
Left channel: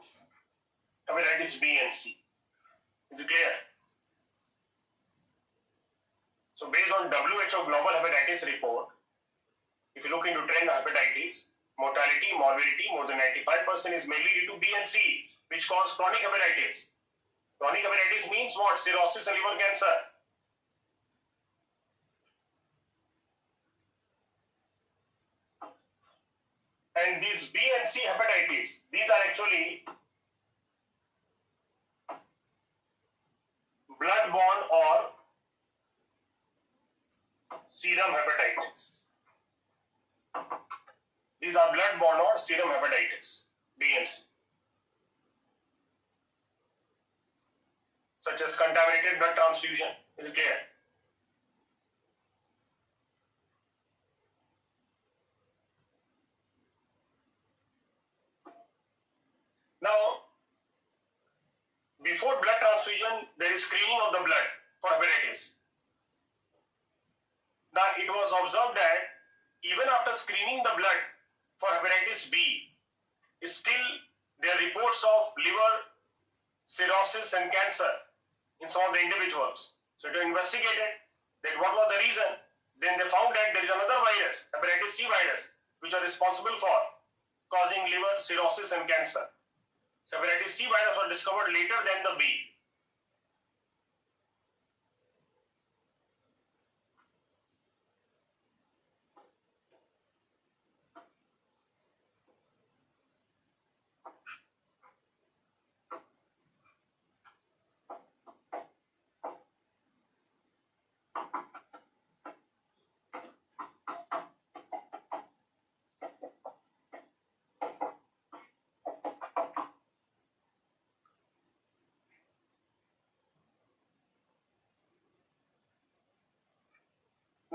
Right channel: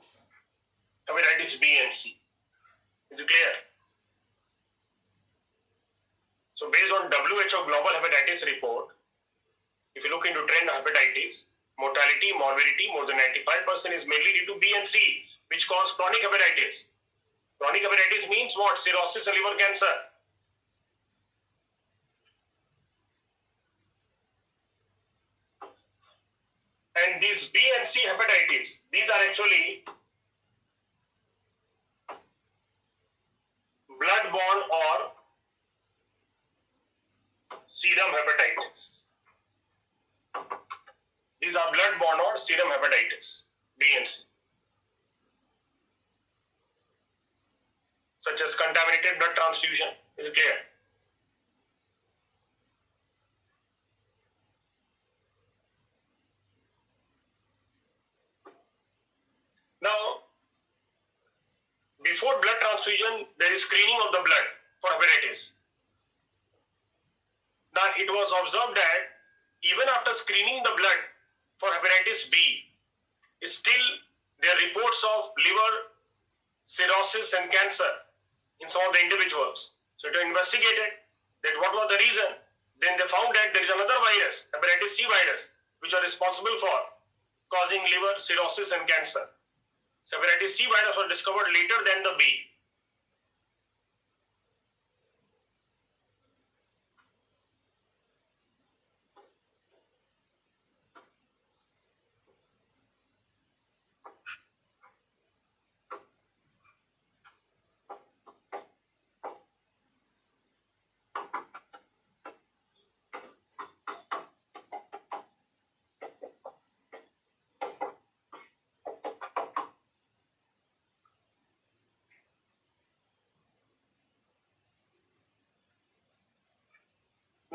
hepatitis B and C. Is it clear? So based on WHO Global Hepatitis Report, if you look into trend of hepatitis, mortality, morbidity, more than 95% is mainly due to B and C, which cause chronic hepatitis. Chronic hepatitis means what? Cirrhosis and liver cancer. And these B and C hepatitis, these are actually blood-borne or serum hepatitis. These are blood-borne or serum hepatitis, B and C. Such as contaminated blood transfusion. Is it clear? before blood transfusion, there is screening of the blood for hepatitis. Now, it was observed that even after screening the blood for hepatitis B, still there are reports of liver cirrhosis and cancer in some of the individuals. So, it was investigated that what was the reason. Then they found that there is another virus, hepatitis C virus, which are responsible for causing liver cirrhosis and cancer. So, hepatitis C virus was discovered later than the B.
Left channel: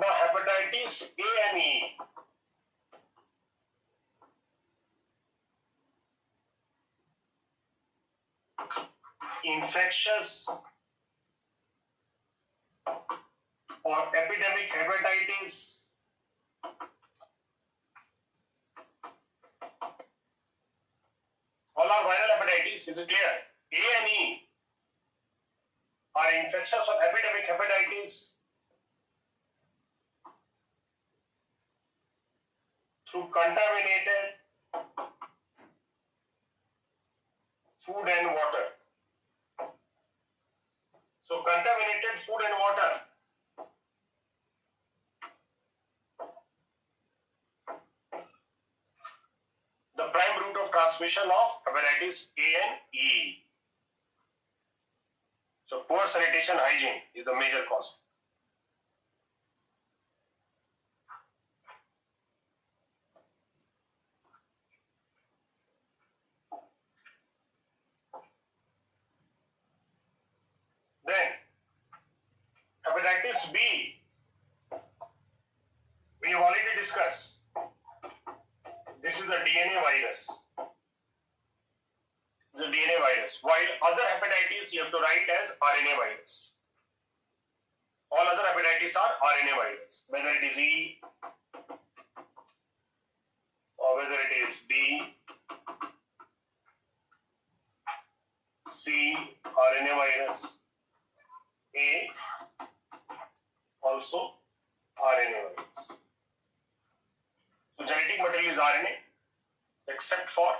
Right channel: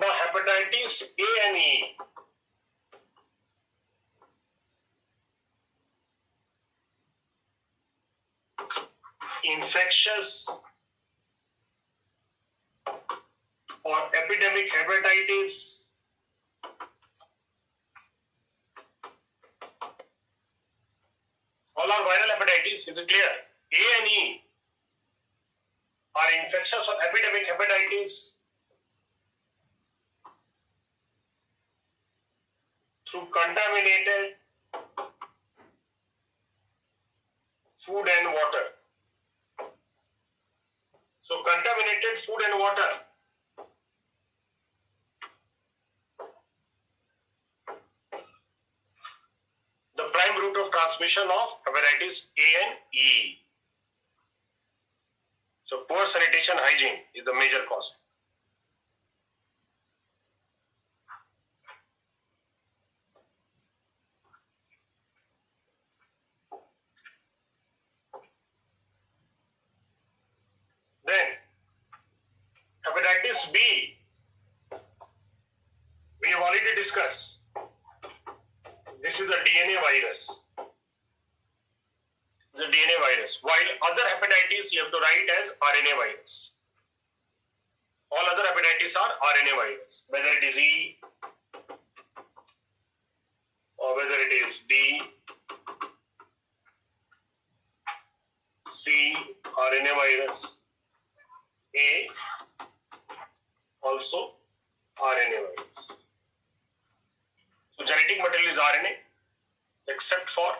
Now, hepatitis A and E. Infectious or epidemic hepatitis all are viral hepatitis. Is it clear? A and E are infectious or epidemic hepatitis through contaminated food and water. So, contaminated food and water. The prime route of transmission of hepatitis A and E. So, poor sanitation hygiene is the major cause. Then, hepatitis B, we have already discussed. This is a DNA virus. The DNA virus. While other hepatitis you have to write as RNA virus. All other hepatitis are RNA virus. Whether it is E or whether it is D, C, RNA virus. A, also RNA virus. So genetic material is RNA except for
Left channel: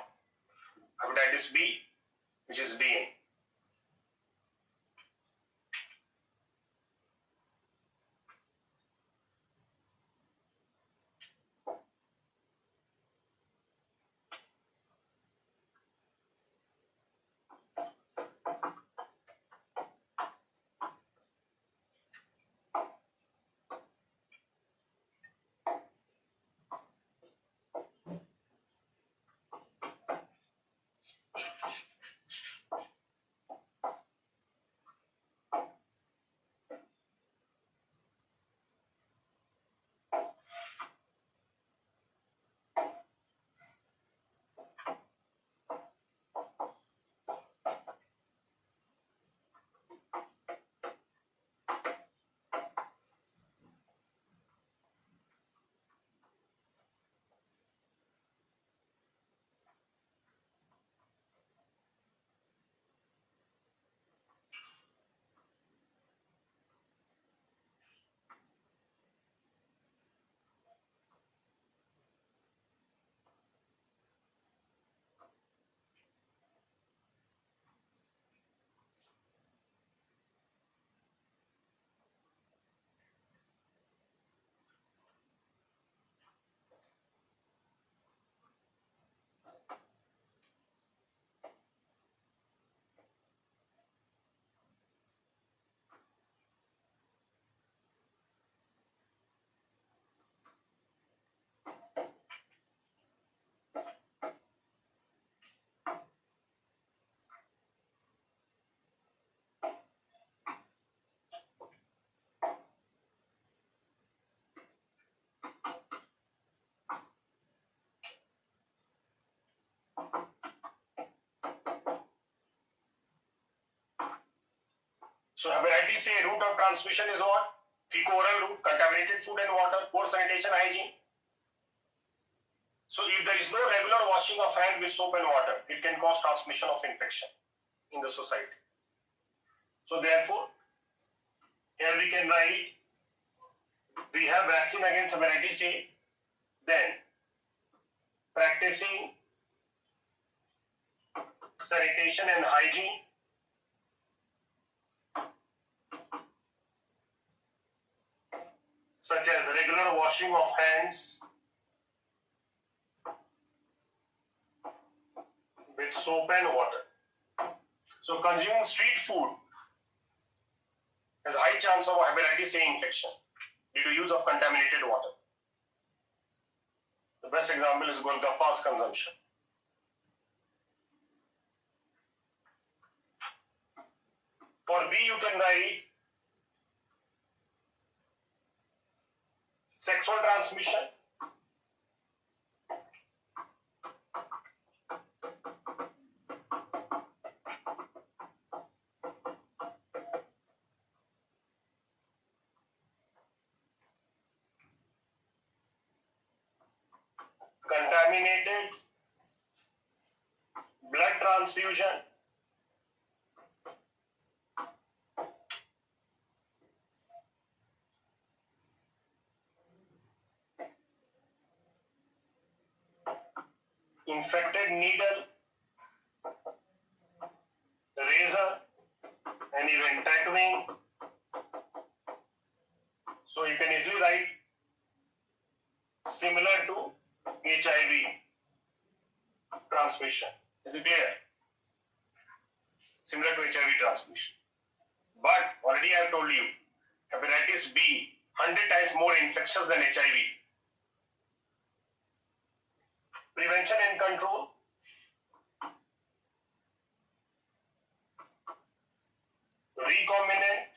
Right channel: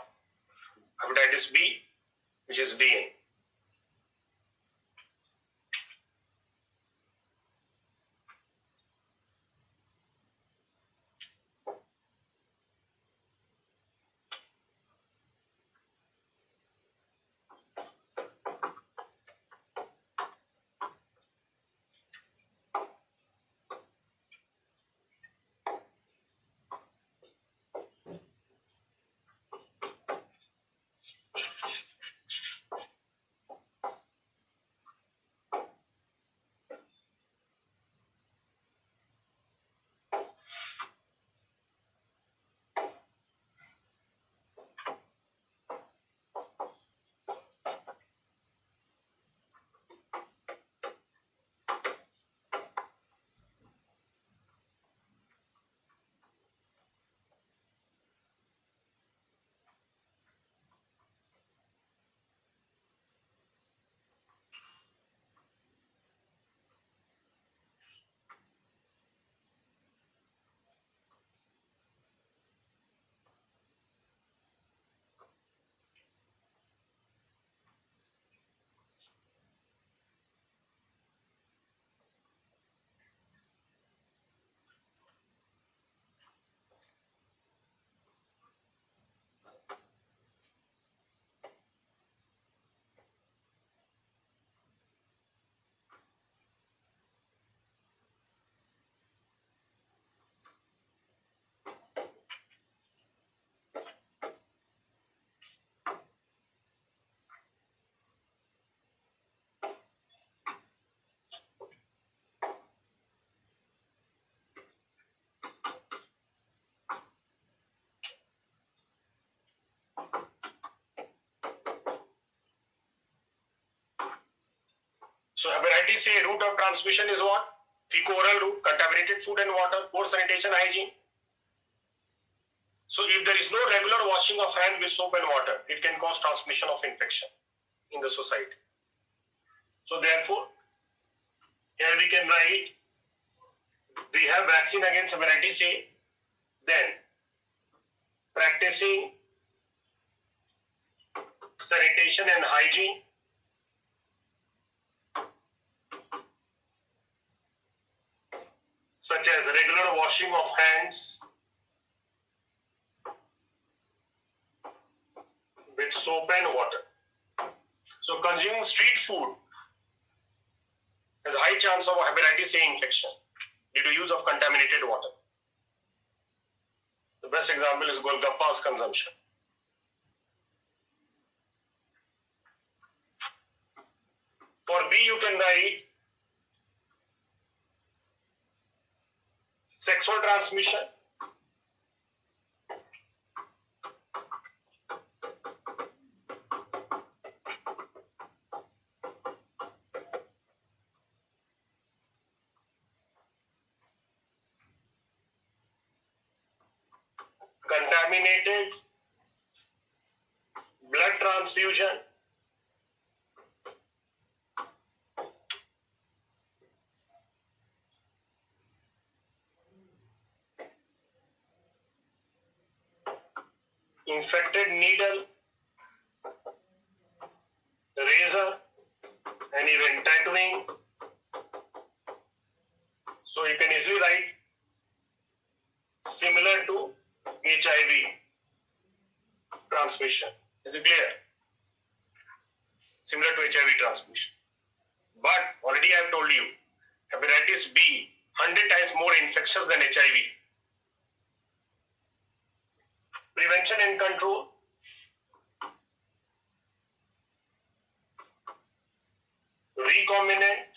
hepatitis B, which is DNA. So hepatitis A route of transmission is what? Fecal-oral route, contaminated food and water, poor sanitation hygiene. So if there is no regular washing of hands with soap and water, it can cause transmission of infection in the society. So therefore, here we can write, we have vaccine against hepatitis A, then practicing sanitation and hygiene, such as regular washing of hands with soap and water. So consuming street food has a high chance of hepatitis A infection due to use of contaminated water. The best example is Golgappa's consumption. For B, you can write sexual transmission, contaminated blood transfusion, infected needle, razor, and even tattooing. So you can easily write similar to HIV transmission. Is it clear? Similar to HIV transmission. But already I have told you, hepatitis B 100 times more infectious than HIV. Prevention and control. Recombinant,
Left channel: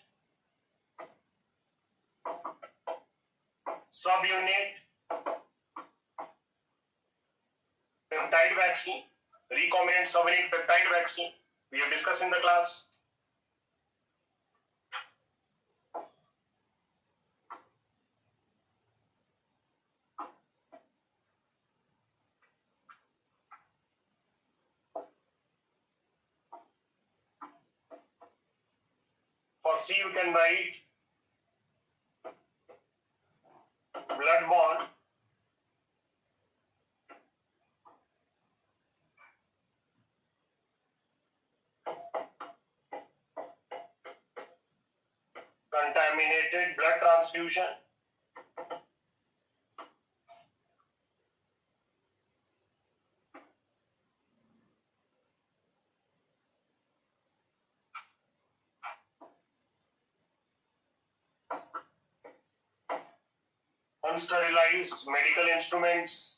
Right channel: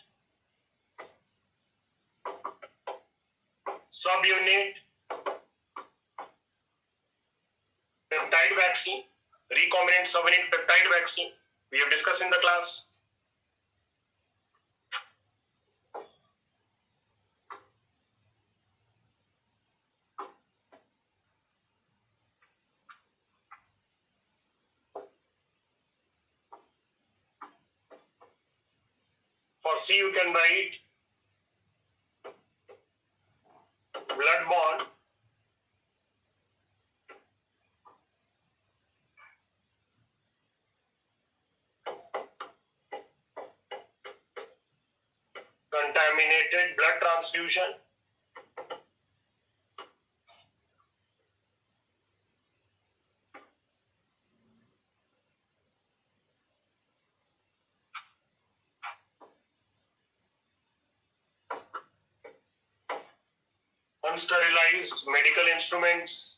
subunit, peptide vaccine, recombinant subunit peptide vaccine. We have discussed in the class. For C, you can write blood-borne, contaminated blood transfusion, unsterilized medical instruments,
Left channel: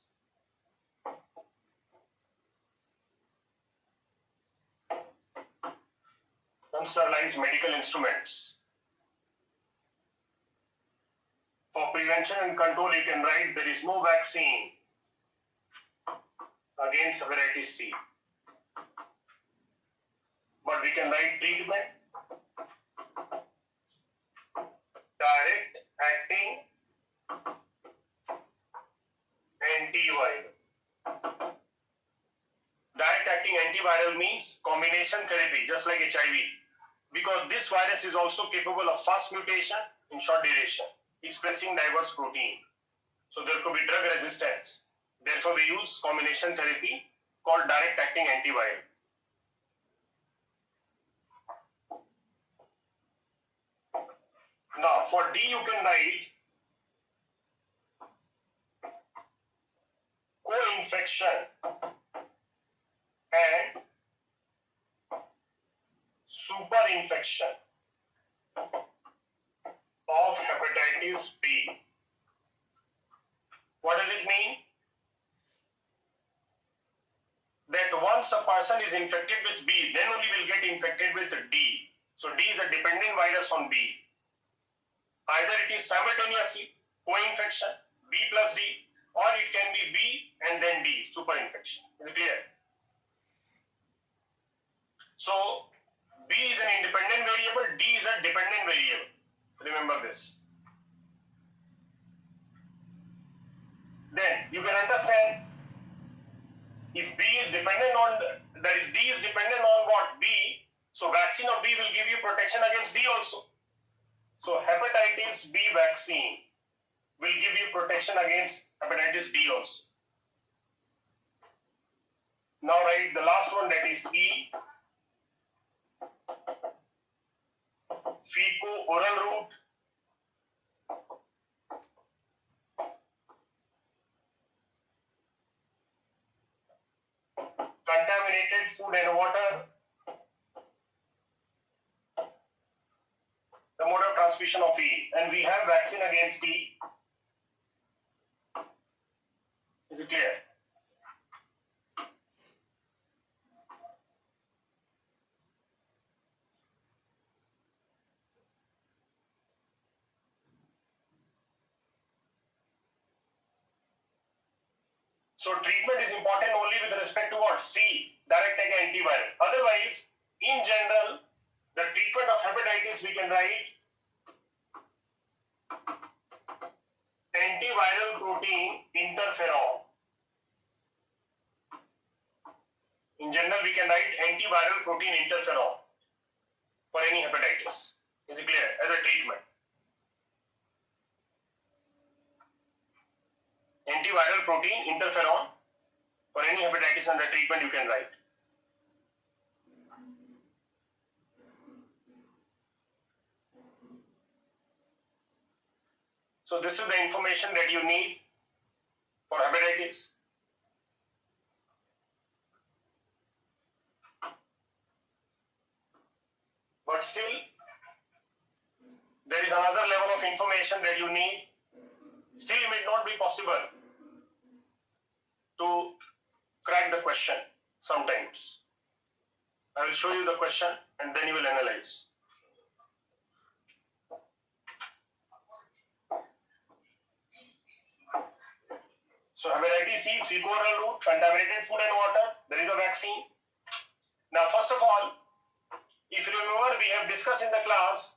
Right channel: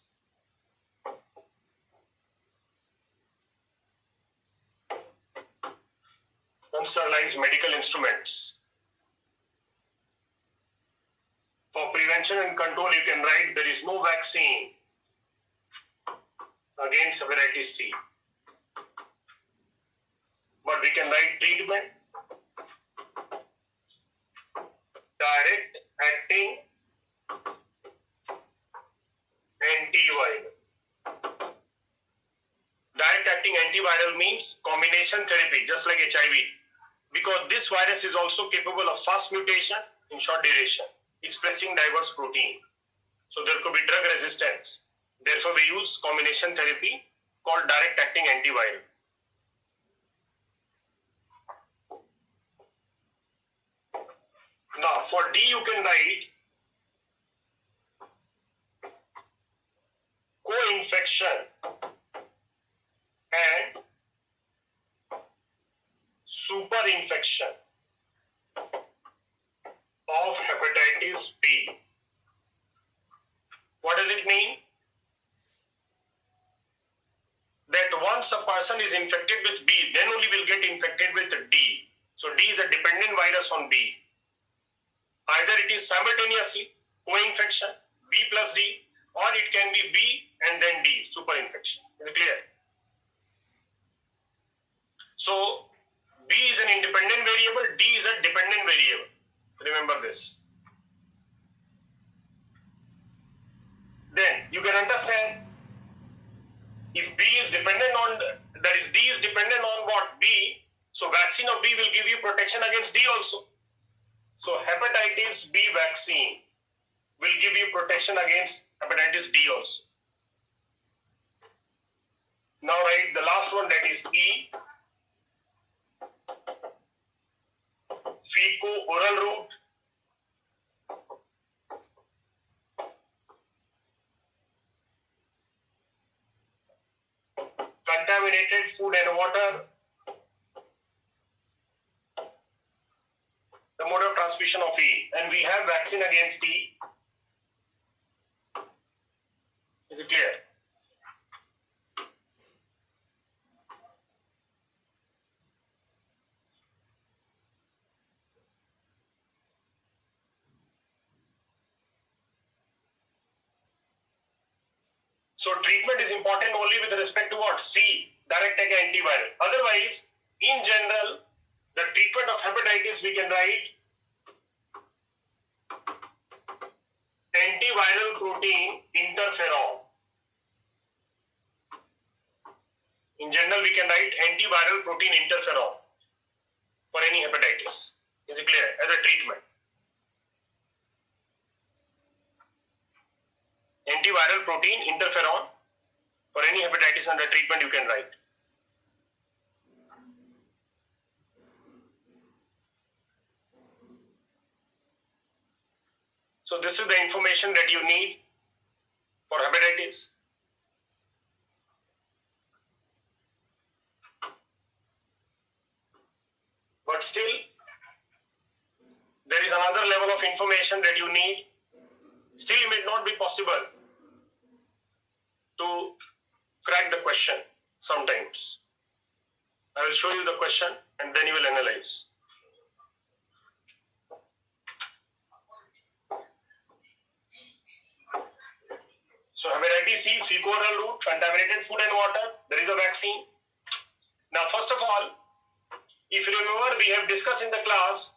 unsterilized medical instruments. For prevention and control, you can write there is no vaccine against hepatitis C. But we can write treatment, direct acting antiviral. Direct acting antiviral means combination therapy, just like HIV. Because this virus is also capable of fast mutation in short duration, expressing diverse protein. So there could be drug resistance. Therefore, we use combination therapy called direct acting antiviral. Now, for D, you can write co-infection and superinfection of hepatitis B. What does it mean? That once a person is infected with B, then only will get infected with D. So D is a dependent virus on B. Either it is simultaneously co-infection, B plus D, or it can be B and then D, superinfection. Is it clear? So B is an independent variable, D is a dependent variable. Remember this. Then you can understand if B is dependent on, that is D is dependent on what? B. So vaccine of B will give you protection against D also. So hepatitis B vaccine will give you protection against hepatitis B also. Now write the last one, that is E. Fecal oral route. Contaminated food and water. The mode of transmission of E. And we have vaccine against E. Is it clear? So treatment is important only with respect to what? C, direct take antiviral. Otherwise, in general, the treatment of hepatitis we can write antiviral protein interferon. In general, we can write antiviral protein interferon for any hepatitis. Is it clear? As a treatment. Antiviral protein interferon for any hepatitis under treatment you can write. So this is the information that you need for hepatitis. But still, there is another level of information that you need. Still, it may not be possible to crack the question sometimes. I will show you the question and then you will analyze. So hepatitis C, fecal oral route, contaminated food and water, there is a vaccine. Now first of all, if you remember, we have discussed in the class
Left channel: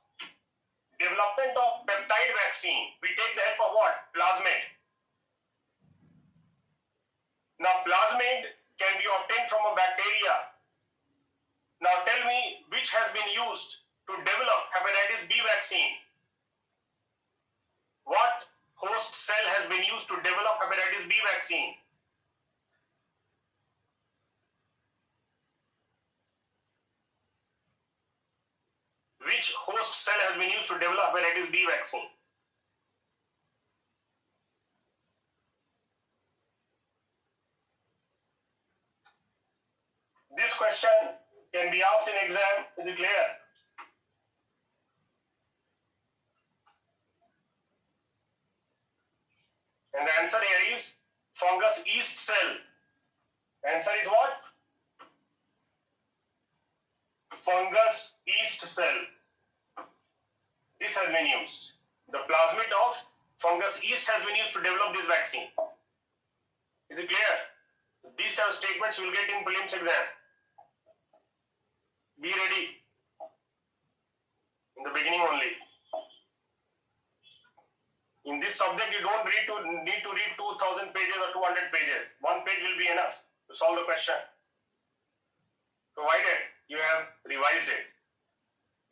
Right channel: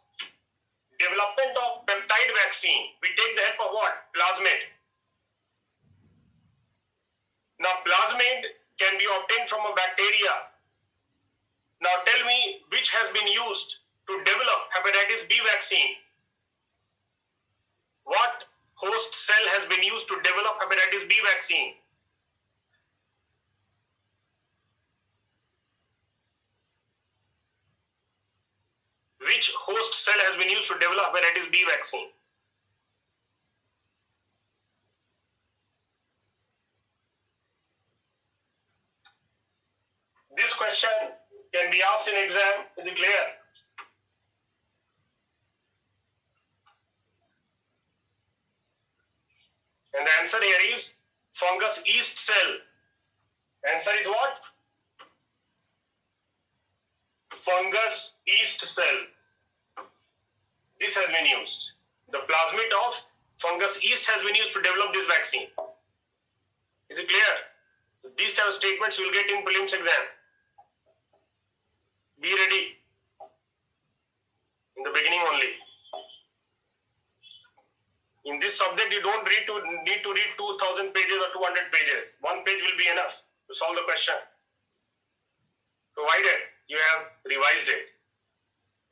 development of peptide vaccine. We take the help of what? Plasmid. Now plasmid can be obtained from a bacteria. Now tell me which has been used to develop hepatitis B vaccine. What host cell has been used to develop hepatitis B vaccine? Which host cell has been used to develop hepatitis B vaccine? This question can be asked in exam. Is it clear? And the answer here is fungus yeast cell. Answer is what? Fungus yeast cell. This has been used. The plasmid of fungus yeast has been used to develop this vaccine. Is it clear? These type of statements you will get in prelims exam. Be ready. In the beginning only. In this subject, you don't need to read 2000 pages or 200 pages. One page will be enough to solve the question. Provided you have revised it,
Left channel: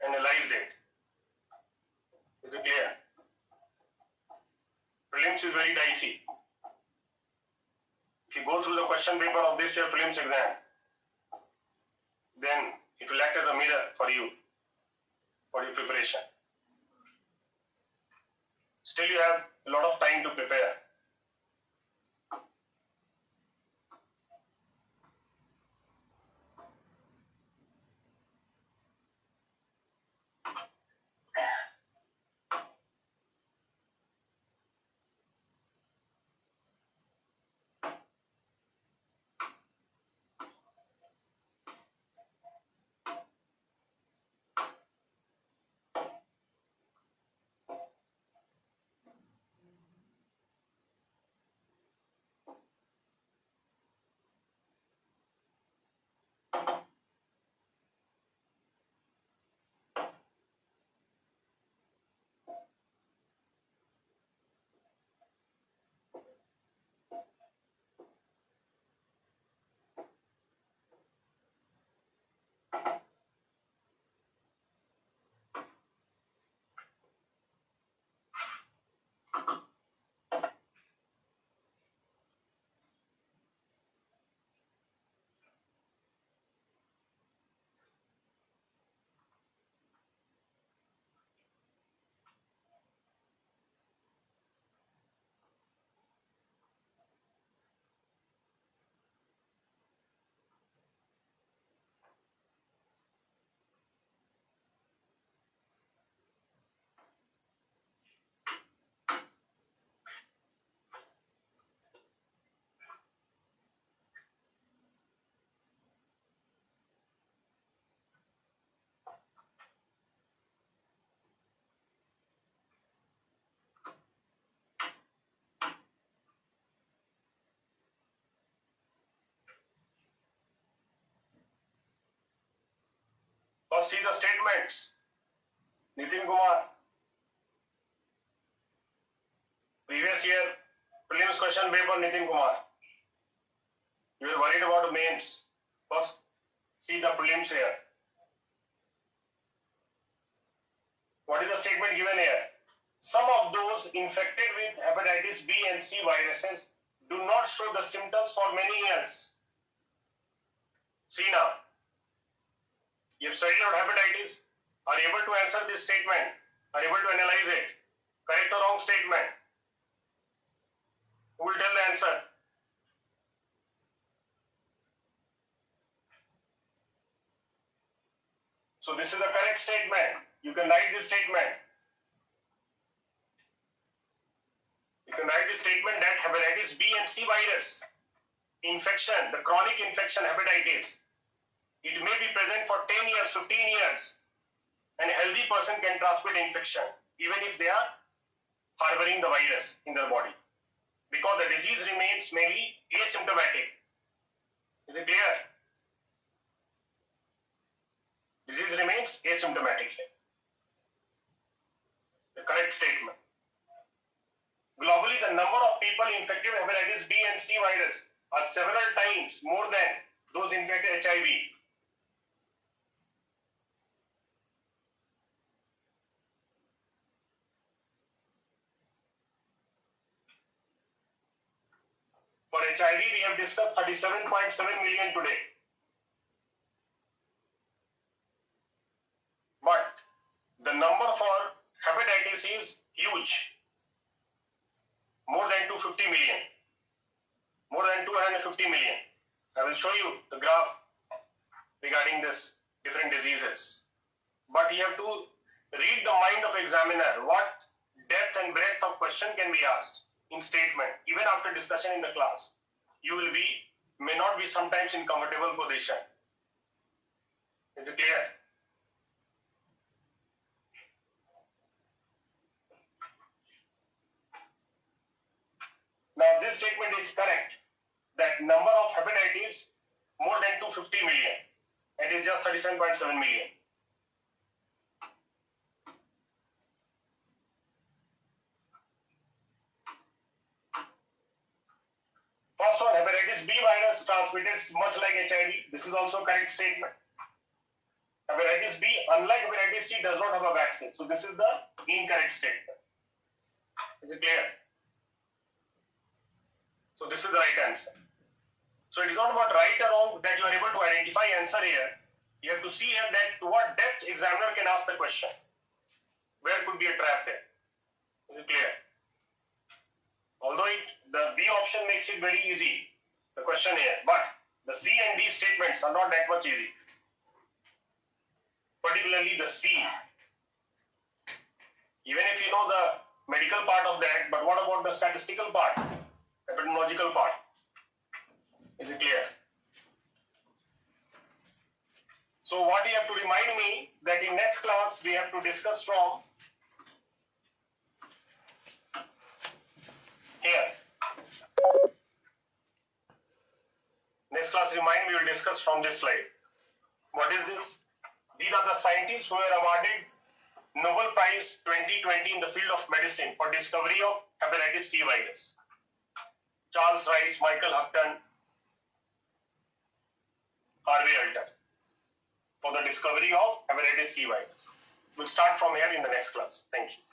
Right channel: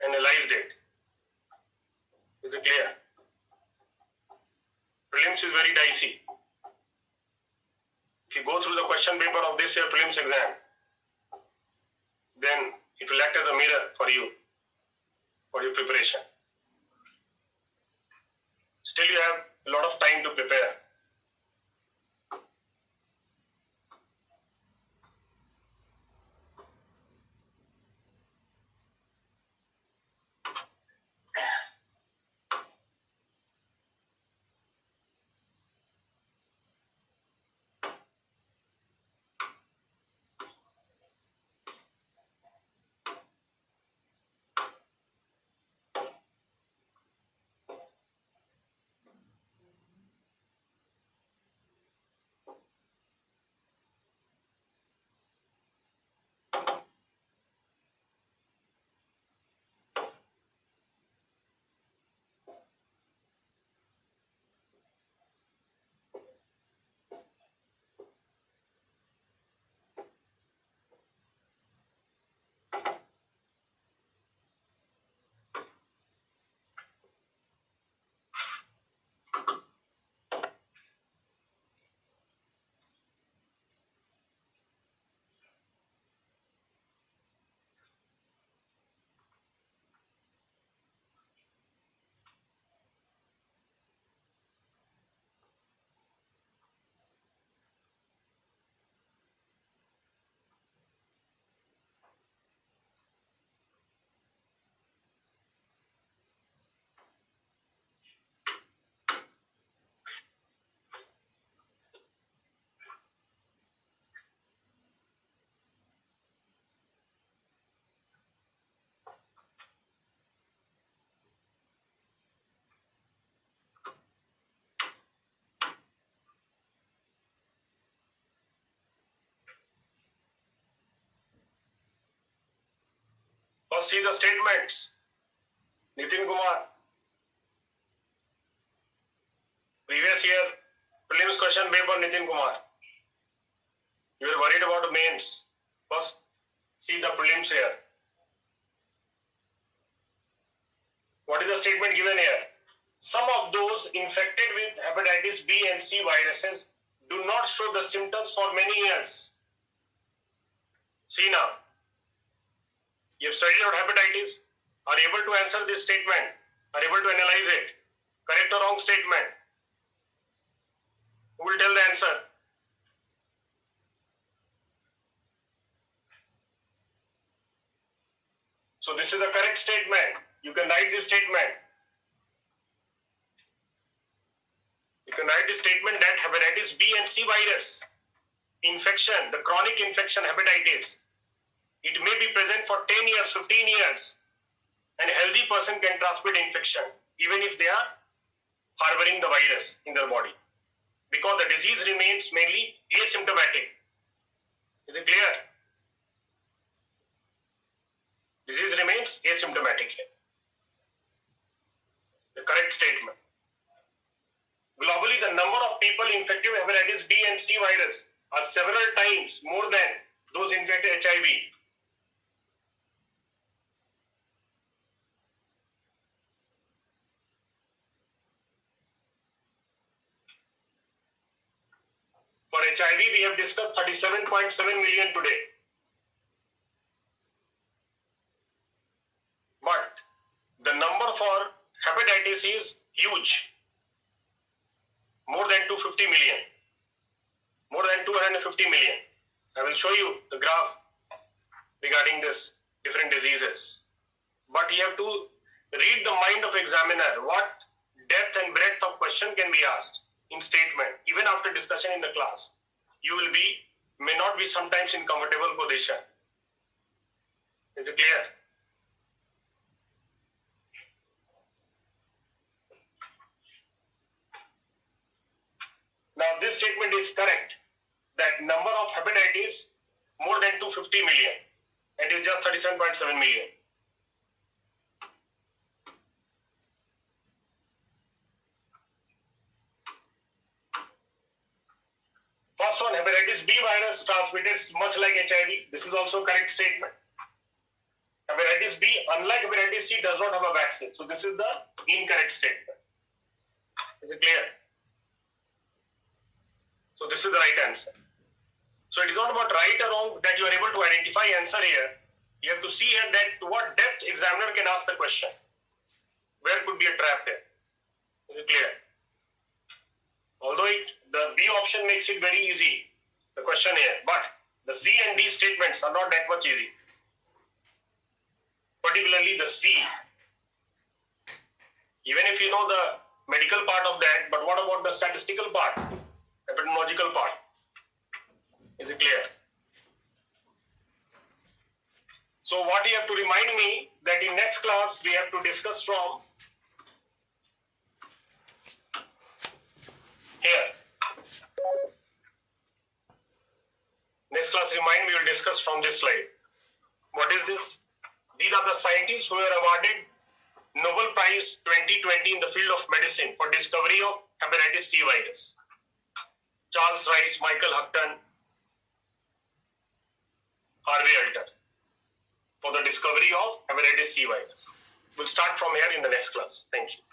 analyzed it. Is it clear? Prelims is very dicey. If you go through the question paper of this year prelims exam, then it will act as a mirror for you, for your preparation. Still you have a lot of time to prepare. First, see the statements. Nitin Kumar. Previous year, prelims question paper, Nitin Kumar. You are worried about mains. First, see the prelims here. What is the statement given here? Some of those infected with hepatitis B and C viruses do not show the symptoms for many years. See now. You have studied out hepatitis, are able to answer this statement, are able to analyze it. Correct or wrong statement? Who will tell the answer? So this is the correct statement. You can write this statement. You can write this statement that hepatitis B and C virus infection, the chronic infection hepatitis, it may be present for 10 years, 15 years, and a healthy person can transmit infection even if they are harboring the virus in their body, because the disease remains mainly asymptomatic. Is it clear? Disease remains asymptomatic here. The correct statement. Globally, the number of people infected with hepatitis B and C virus are several times more than those infected with HIV. For HIV, we have discussed 37.7 million today. But the number for hepatitis is huge. More than 250 million. More than 250 million. I will show you the graph regarding this different diseases. But you have to read the mind of examiner. What depth and breadth of question can be asked in statement, even after discussion in the class. You may not be sometimes in comfortable position. Is it clear? Now this statement is correct, that number of hepatitis more than 250 million, and it is just 37.7 million. First one, hepatitis B virus transmitted much like HIV. This is also correct statement. Hepatitis B, unlike hepatitis C, does not have a vaccine. So this is the incorrect statement. Is it clear? So this is the right answer. So it is not about right or wrong that you are able to identify answer here. You have to see here that to what depth examiner can ask the question. Where could be a trap here? Is it clear? Although the B option makes it very easy, the question here, but the C and D statements are not that much easy. Particularly the C. Even if you know the medical part of that, but what about the statistical part, epidemiological part? Is it clear? So what you have to remind me that in next class we have to discuss from here. Next class, remind me, we will discuss from this slide. What is this? These are the scientists who were awarded Nobel Prize 2020 in the field of medicine for discovery of hepatitis C virus. Charles Rice, Michael Houghton, Harvey Alter, for the discovery of hepatitis C virus. We'll start from here in the next class. Thank you.